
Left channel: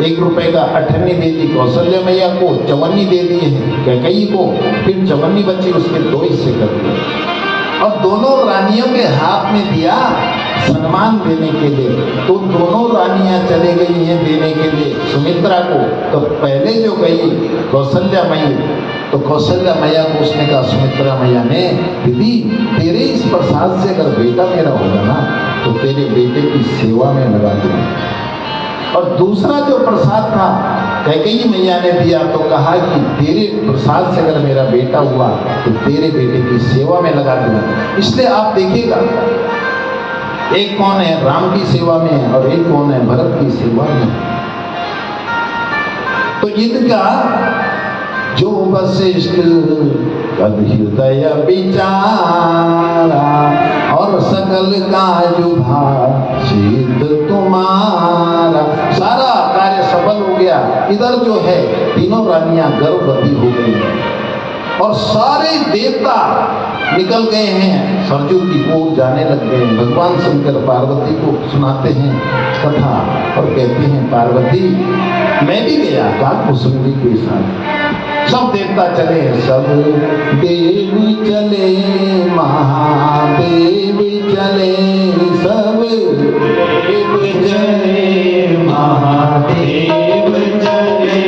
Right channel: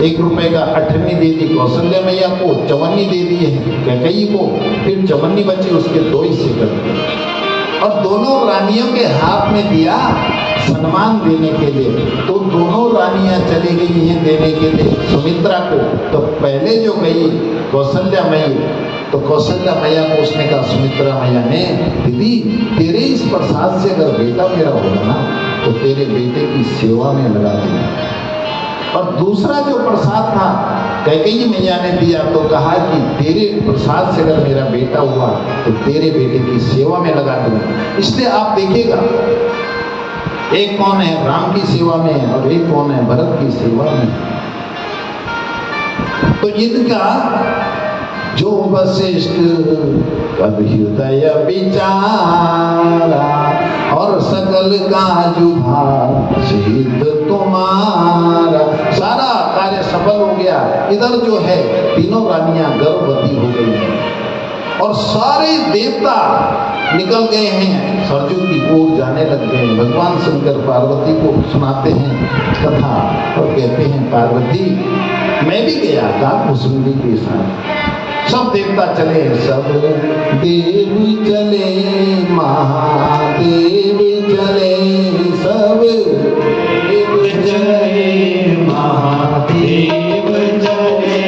1 रुपए का 8 दे दी कौशल्या मैया को, 54 दे दी है कैकेयी को, फिर 54 बचे उसके 2 हिस्से कर दिए। और दोनों रानियों के हाथ में दिया सम्मान देने के लिए। तो दोनों रानियां चली गई हैं देने के लिए सुमित्रा को। तो पहले जो गई कौशल्या मैया, तो कौशल्या मैया को उसने कहा, सुमित्रा मैया ने, दीदी तेरे इस प्रसाद से अगर बेटा मेरा होगा ना तो तेरे बेटे की सेवा में लगा दूंगा। और दूसरा जो प्रसाद था कैकेयी मैया ने दिया तो कहा कि तेरे प्रसाद से अगर मेरा बेटा हुआ तो तेरे बेटे की सेवा में लगा दूंगा। इसलिए आप देखिएगा, एक कौन है राम की सेवा में और एक कौन है भरत की सेवा में। तो इनका जो वशिष्ठ कब हृदय विचारा और सकल काजु सिद्ध तुम्हारा, सारा कार्य सफल हो गया। इधर जो है तीनों रानियां गर्भवती हो गई हैं और सारे देवता निकल गए हैं, सरजू की ओर जाने लग गए हैं। भगवान शंकर पार्वती को सुनाते हैं कथा और कहते हैं पार्वती मैं भी गया था कुसुमनी के साथ, सब देवता चले, सब देव चले, महादेव चले, सब देव चले, महादेव चले,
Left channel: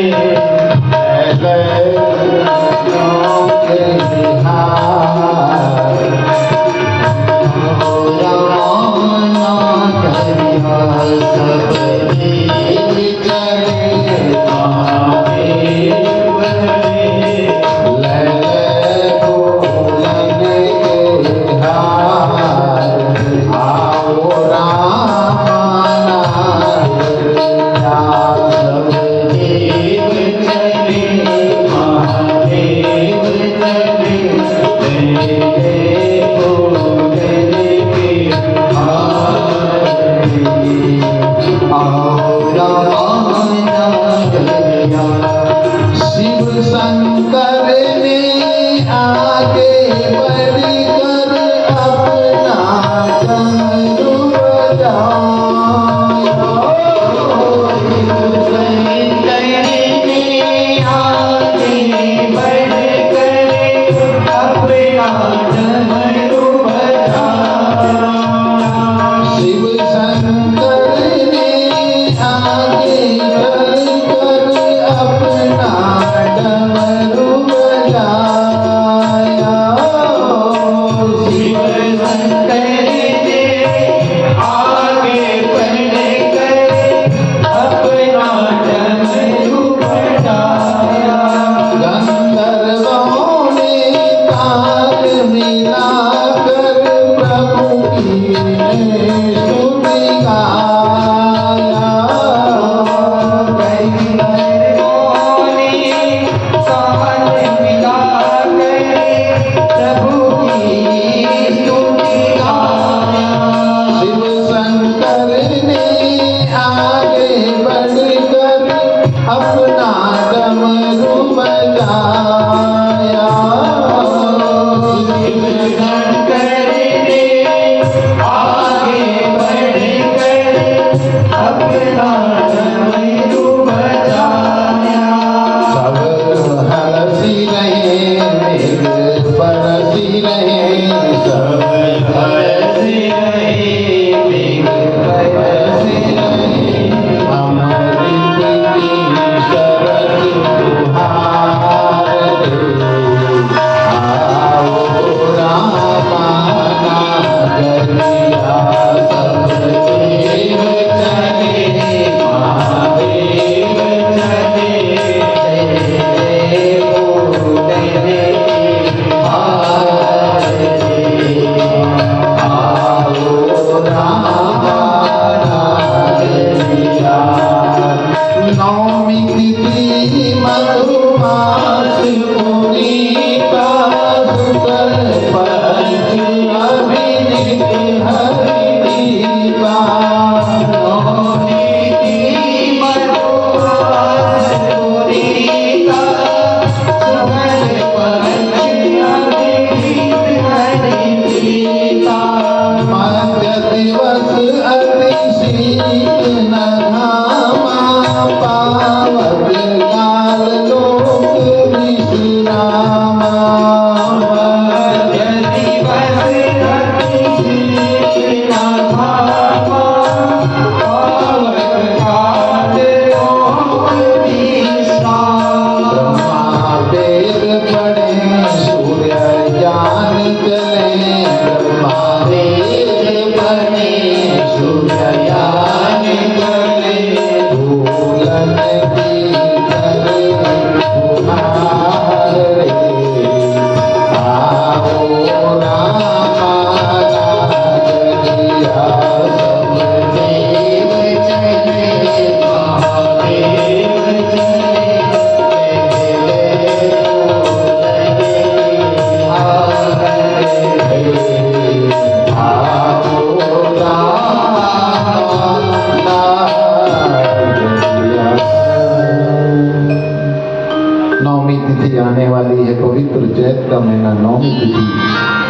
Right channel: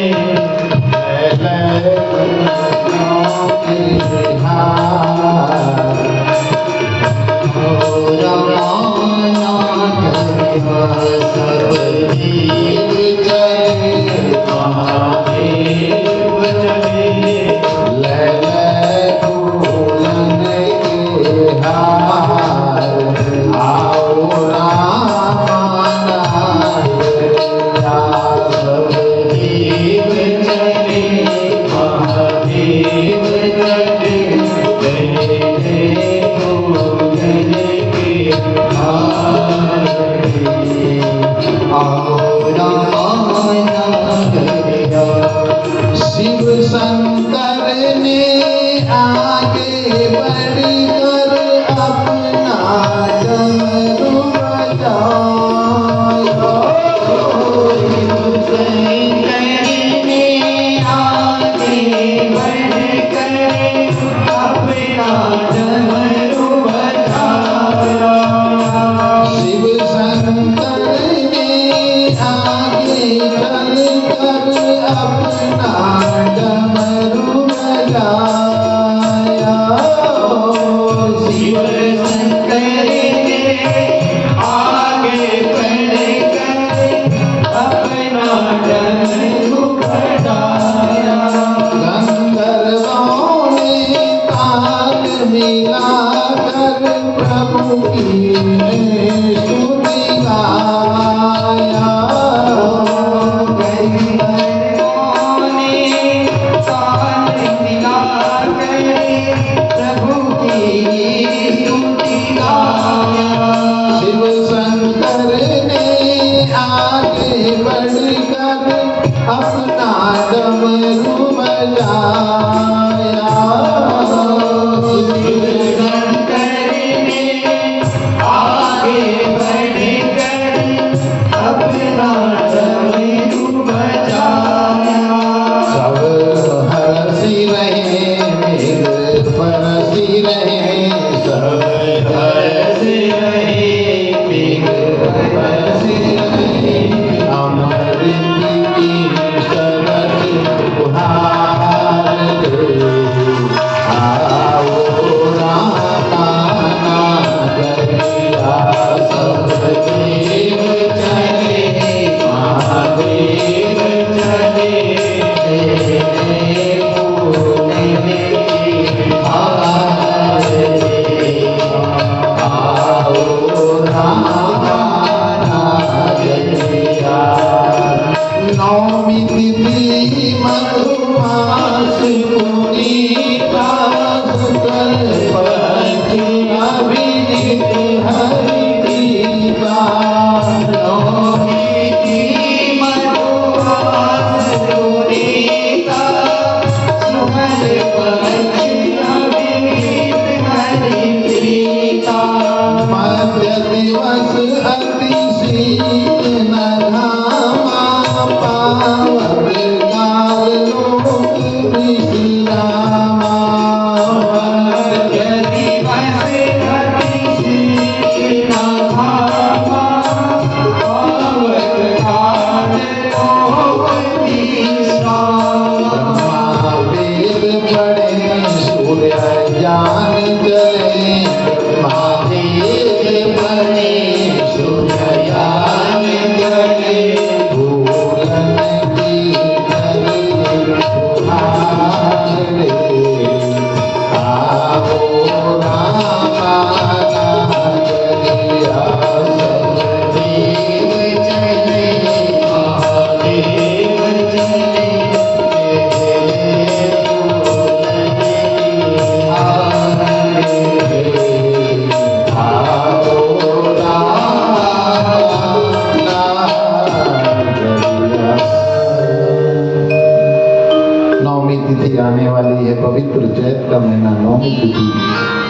पवित्र चैत का महीना, नौमी तिथि,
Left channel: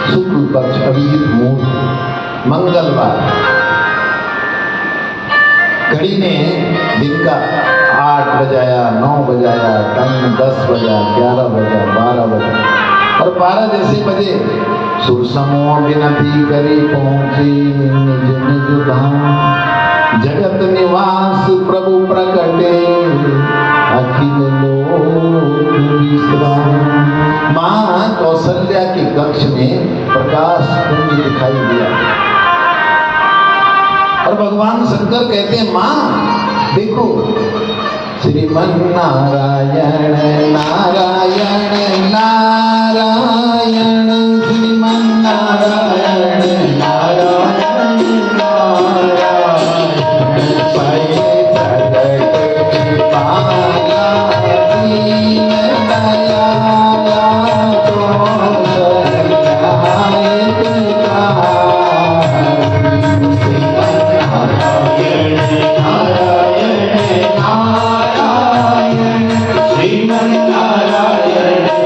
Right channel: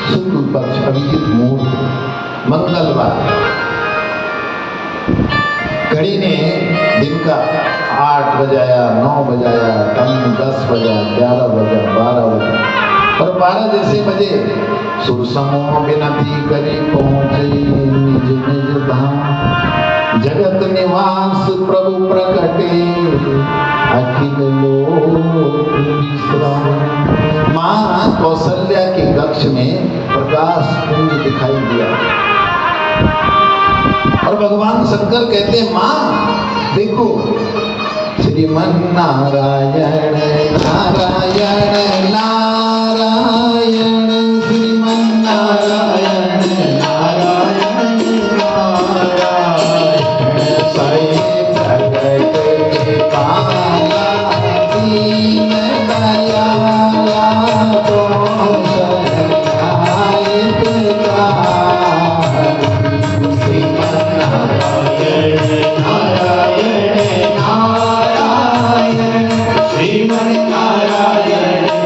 शुक्ल पक्ष, अभिजित मुहूर्त, मंगलवार। घड़ी ने दिन का 8 बजाया, 9 बजाया, टाइम 10 बजा, 11 बजा, 12 बजा, और 12 जैसे बजे सुर समूह विनती करी पहुंचे निज निज धाम। जगत निवास प्रभु प्रकटे, अखिल लोक विश्राम। माँ कौशल्या के कक्ष में प्रकाश पुंज दिखाई दिया, और भगवान शंकर कहते हैं, माँ देखो, श्रीमन नारायण नारायण नारायण, श्रीमन नारायण नारायण नारायण, स्वयं प्रकट कृपाला दीन दयाला, तो सहायक श्रीमन नारायण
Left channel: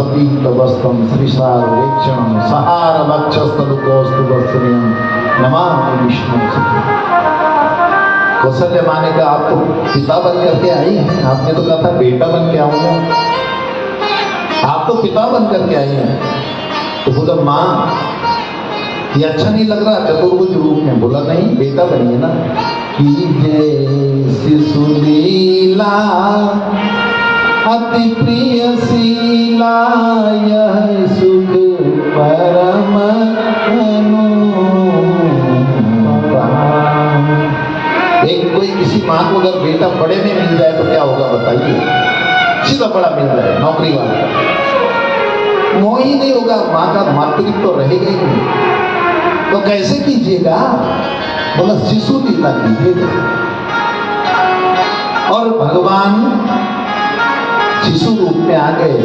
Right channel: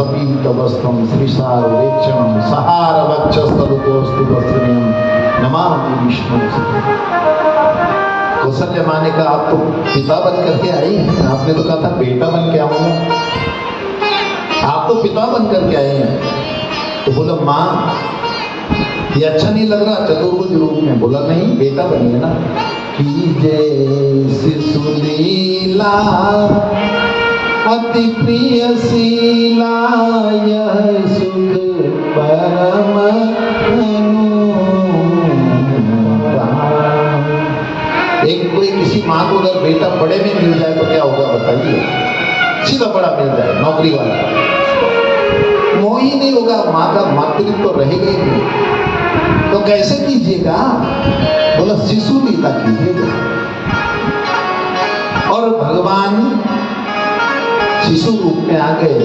सपीतवस्त्रं श्रीशारवेक्षणं सहारवक्षस्थलुतोऽस्तु दर्शनीयं नमामि विष्णु। कौशल्या माँ ने कहा आप तो पिता बन करके आई हैं, आपने तो कहा था बेटा बन के आऊंगा, आप तो पिता बन करके आई हैं। तो बोला माँ ये अच्छा नहीं लग रहा चतुर्भुज रूप में। बोला नहीं बेटा बनिए ना। कीजे शिशु लीला अति प्रिय शीला यह सुख परम अनुपम। एक कोई किसी माँ को अगर बेटा बड़े में मिल जाए तो क्या होगा बताइए? सीधा बड़ा मिल जाए नौकरी वाला, मोह ही नहीं होगा, माँ का मातृत्व तो रहेगा ही नहीं। तो कैसे कीजिएगा? बोला शिशु लीला कीजिएगा। और भगवान शिशु रूप में आ गए,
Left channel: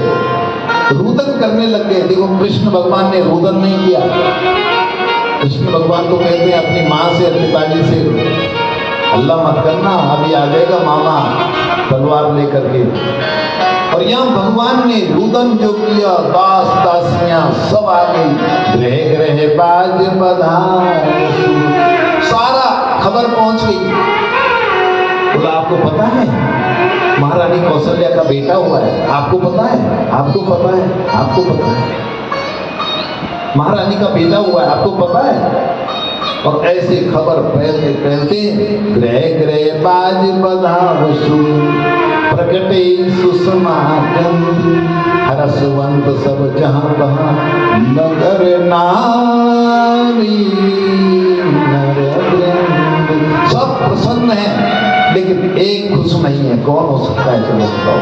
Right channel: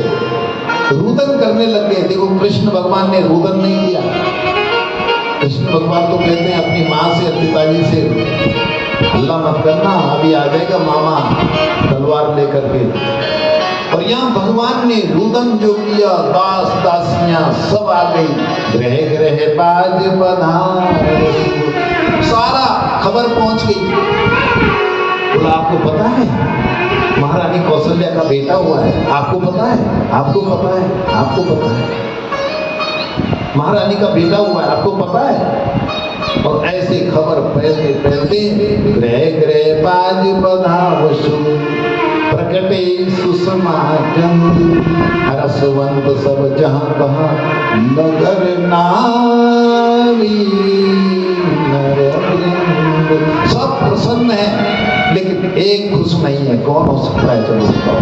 रुदन करने लग गए। देखो कृष्ण भगवान ने रुदन नहीं किया। कृष्ण भगवान तो कहते हैं अपनी माँ से पिताजी से अल्लाह मत करना, अभी आ जाएगा मामा तलवार लेकर के। और यहाँ भगवान ने रुदन जो किया, दास दासियां सब आ गई। ग्रह ग्रह बाज बधाई, सारा खबर पहुंच गई। बोला आपको पता है महारानी कौशल्या का बेटा हुआ है? आपको पता है? आपको पता है? आपको पता है? महारानी का बेटा हुआ है, आपको पता है? और ऐसे खबर फैलते फैलते ग्रह ग्रह बाज बधावसु प्रकटे सुसमागम हरसवंत सब जहां तहां नगर नारी नर वृंद। सब प्रसन्न है लेकिन एक खुश नहीं है। कौन हो सकता है? चलो बताओ।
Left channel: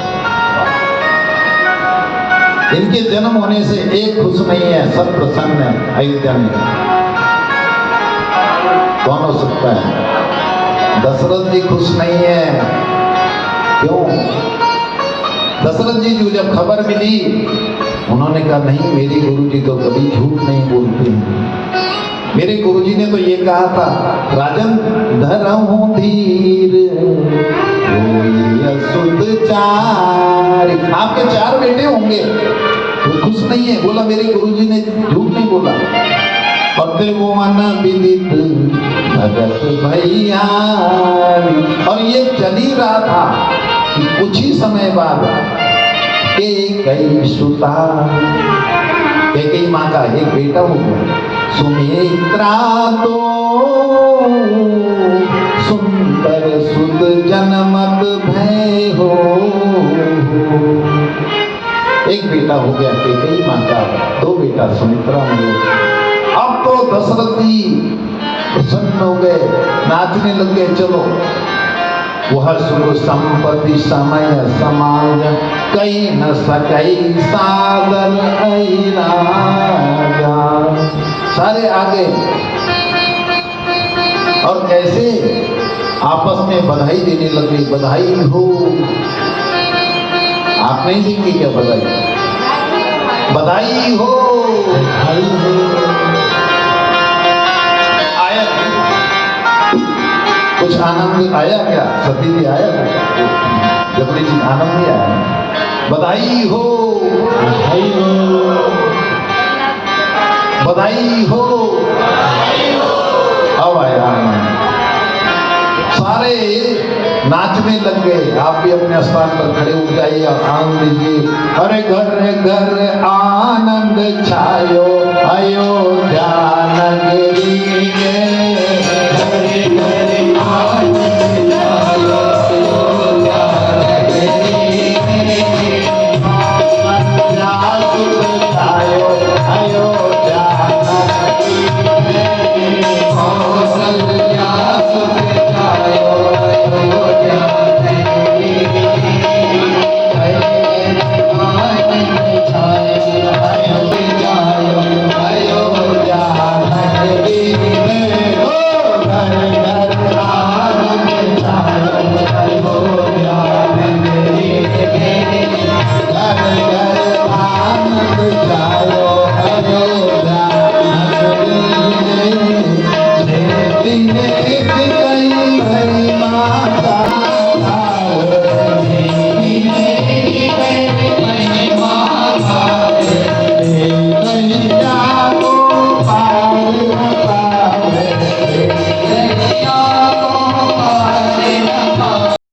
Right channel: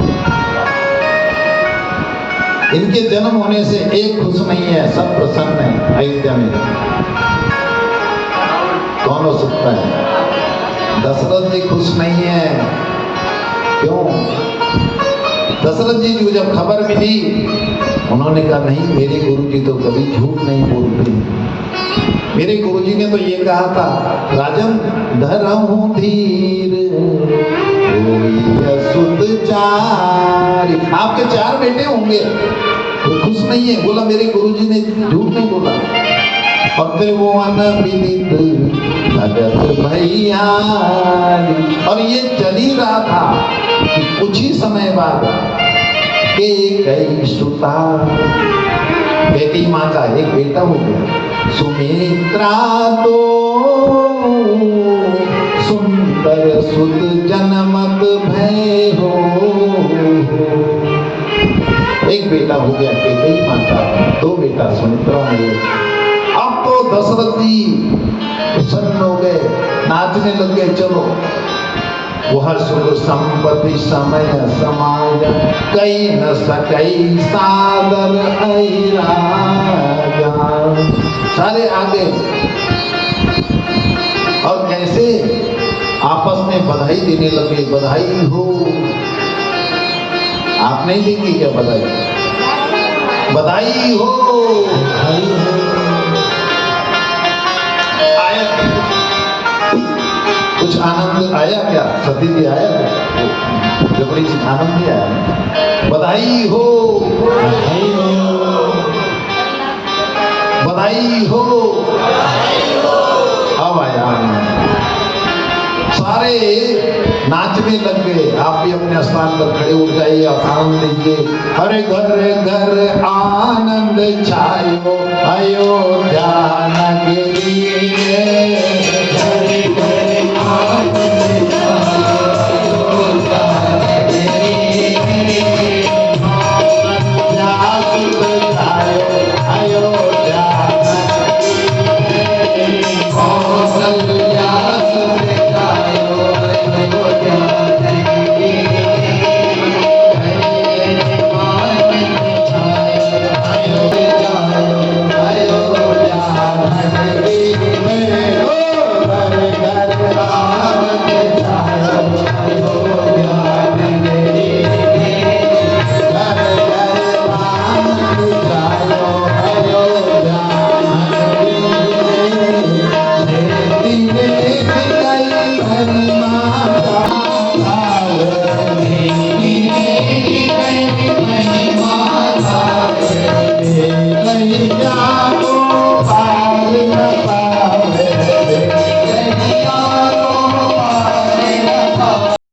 इनके जन्म होने से एक खुश नहीं है, सब प्रसन्न है अयोध्या में। कौन हो सकता है? दशरथ जी खुश नहीं है। क्यों? दशरथ जी को जब खबर मिली उन्होंने कहा नहीं मेरे गुरुजी तो कभी झूठ नहीं बोलते। मेरे गुरुजी ने तो ये कहा था राजन धरहु धीर असुध चार। आपके 4 बेटे होंगे, वो खुश नहीं है। बोला मेरे गुरुजी ने झूठ नहीं बोला। त्रिभुवन विदित भगत भैया। और ये चल ही रहा था कि कुछ ही समय बाद कई सुता कई माँ का एक बेटा हो गया। सुमित्रा तो सुंदर सुत जनमत भय हो। एक बेटा हो गया कई माँ का, 2 बेटा सुमित्रा हो। अब तो दशरथ जी प्रसन्न हो गए, नाचने लग गए। चलो वह सुख संपत्ति समय समाज कई न सकई सादर राजा। सारे आ गए और कैसे आपस में बधाई देने लगे। बधाई हो। आप नहीं देंगे क्या बधाई? बधाई हो, बधाई हो। कुछ आनंद आया क्या? सती जी आया? जबरी जी आनंद दिया? बधाई हो, बधाई हो, बधाई हो। अब आया सारे नाचने लग गए। आप भी अपने स्थान पर खड़े हो जाइए और आनंद लीजिए। हरे घर घर आनंद छायो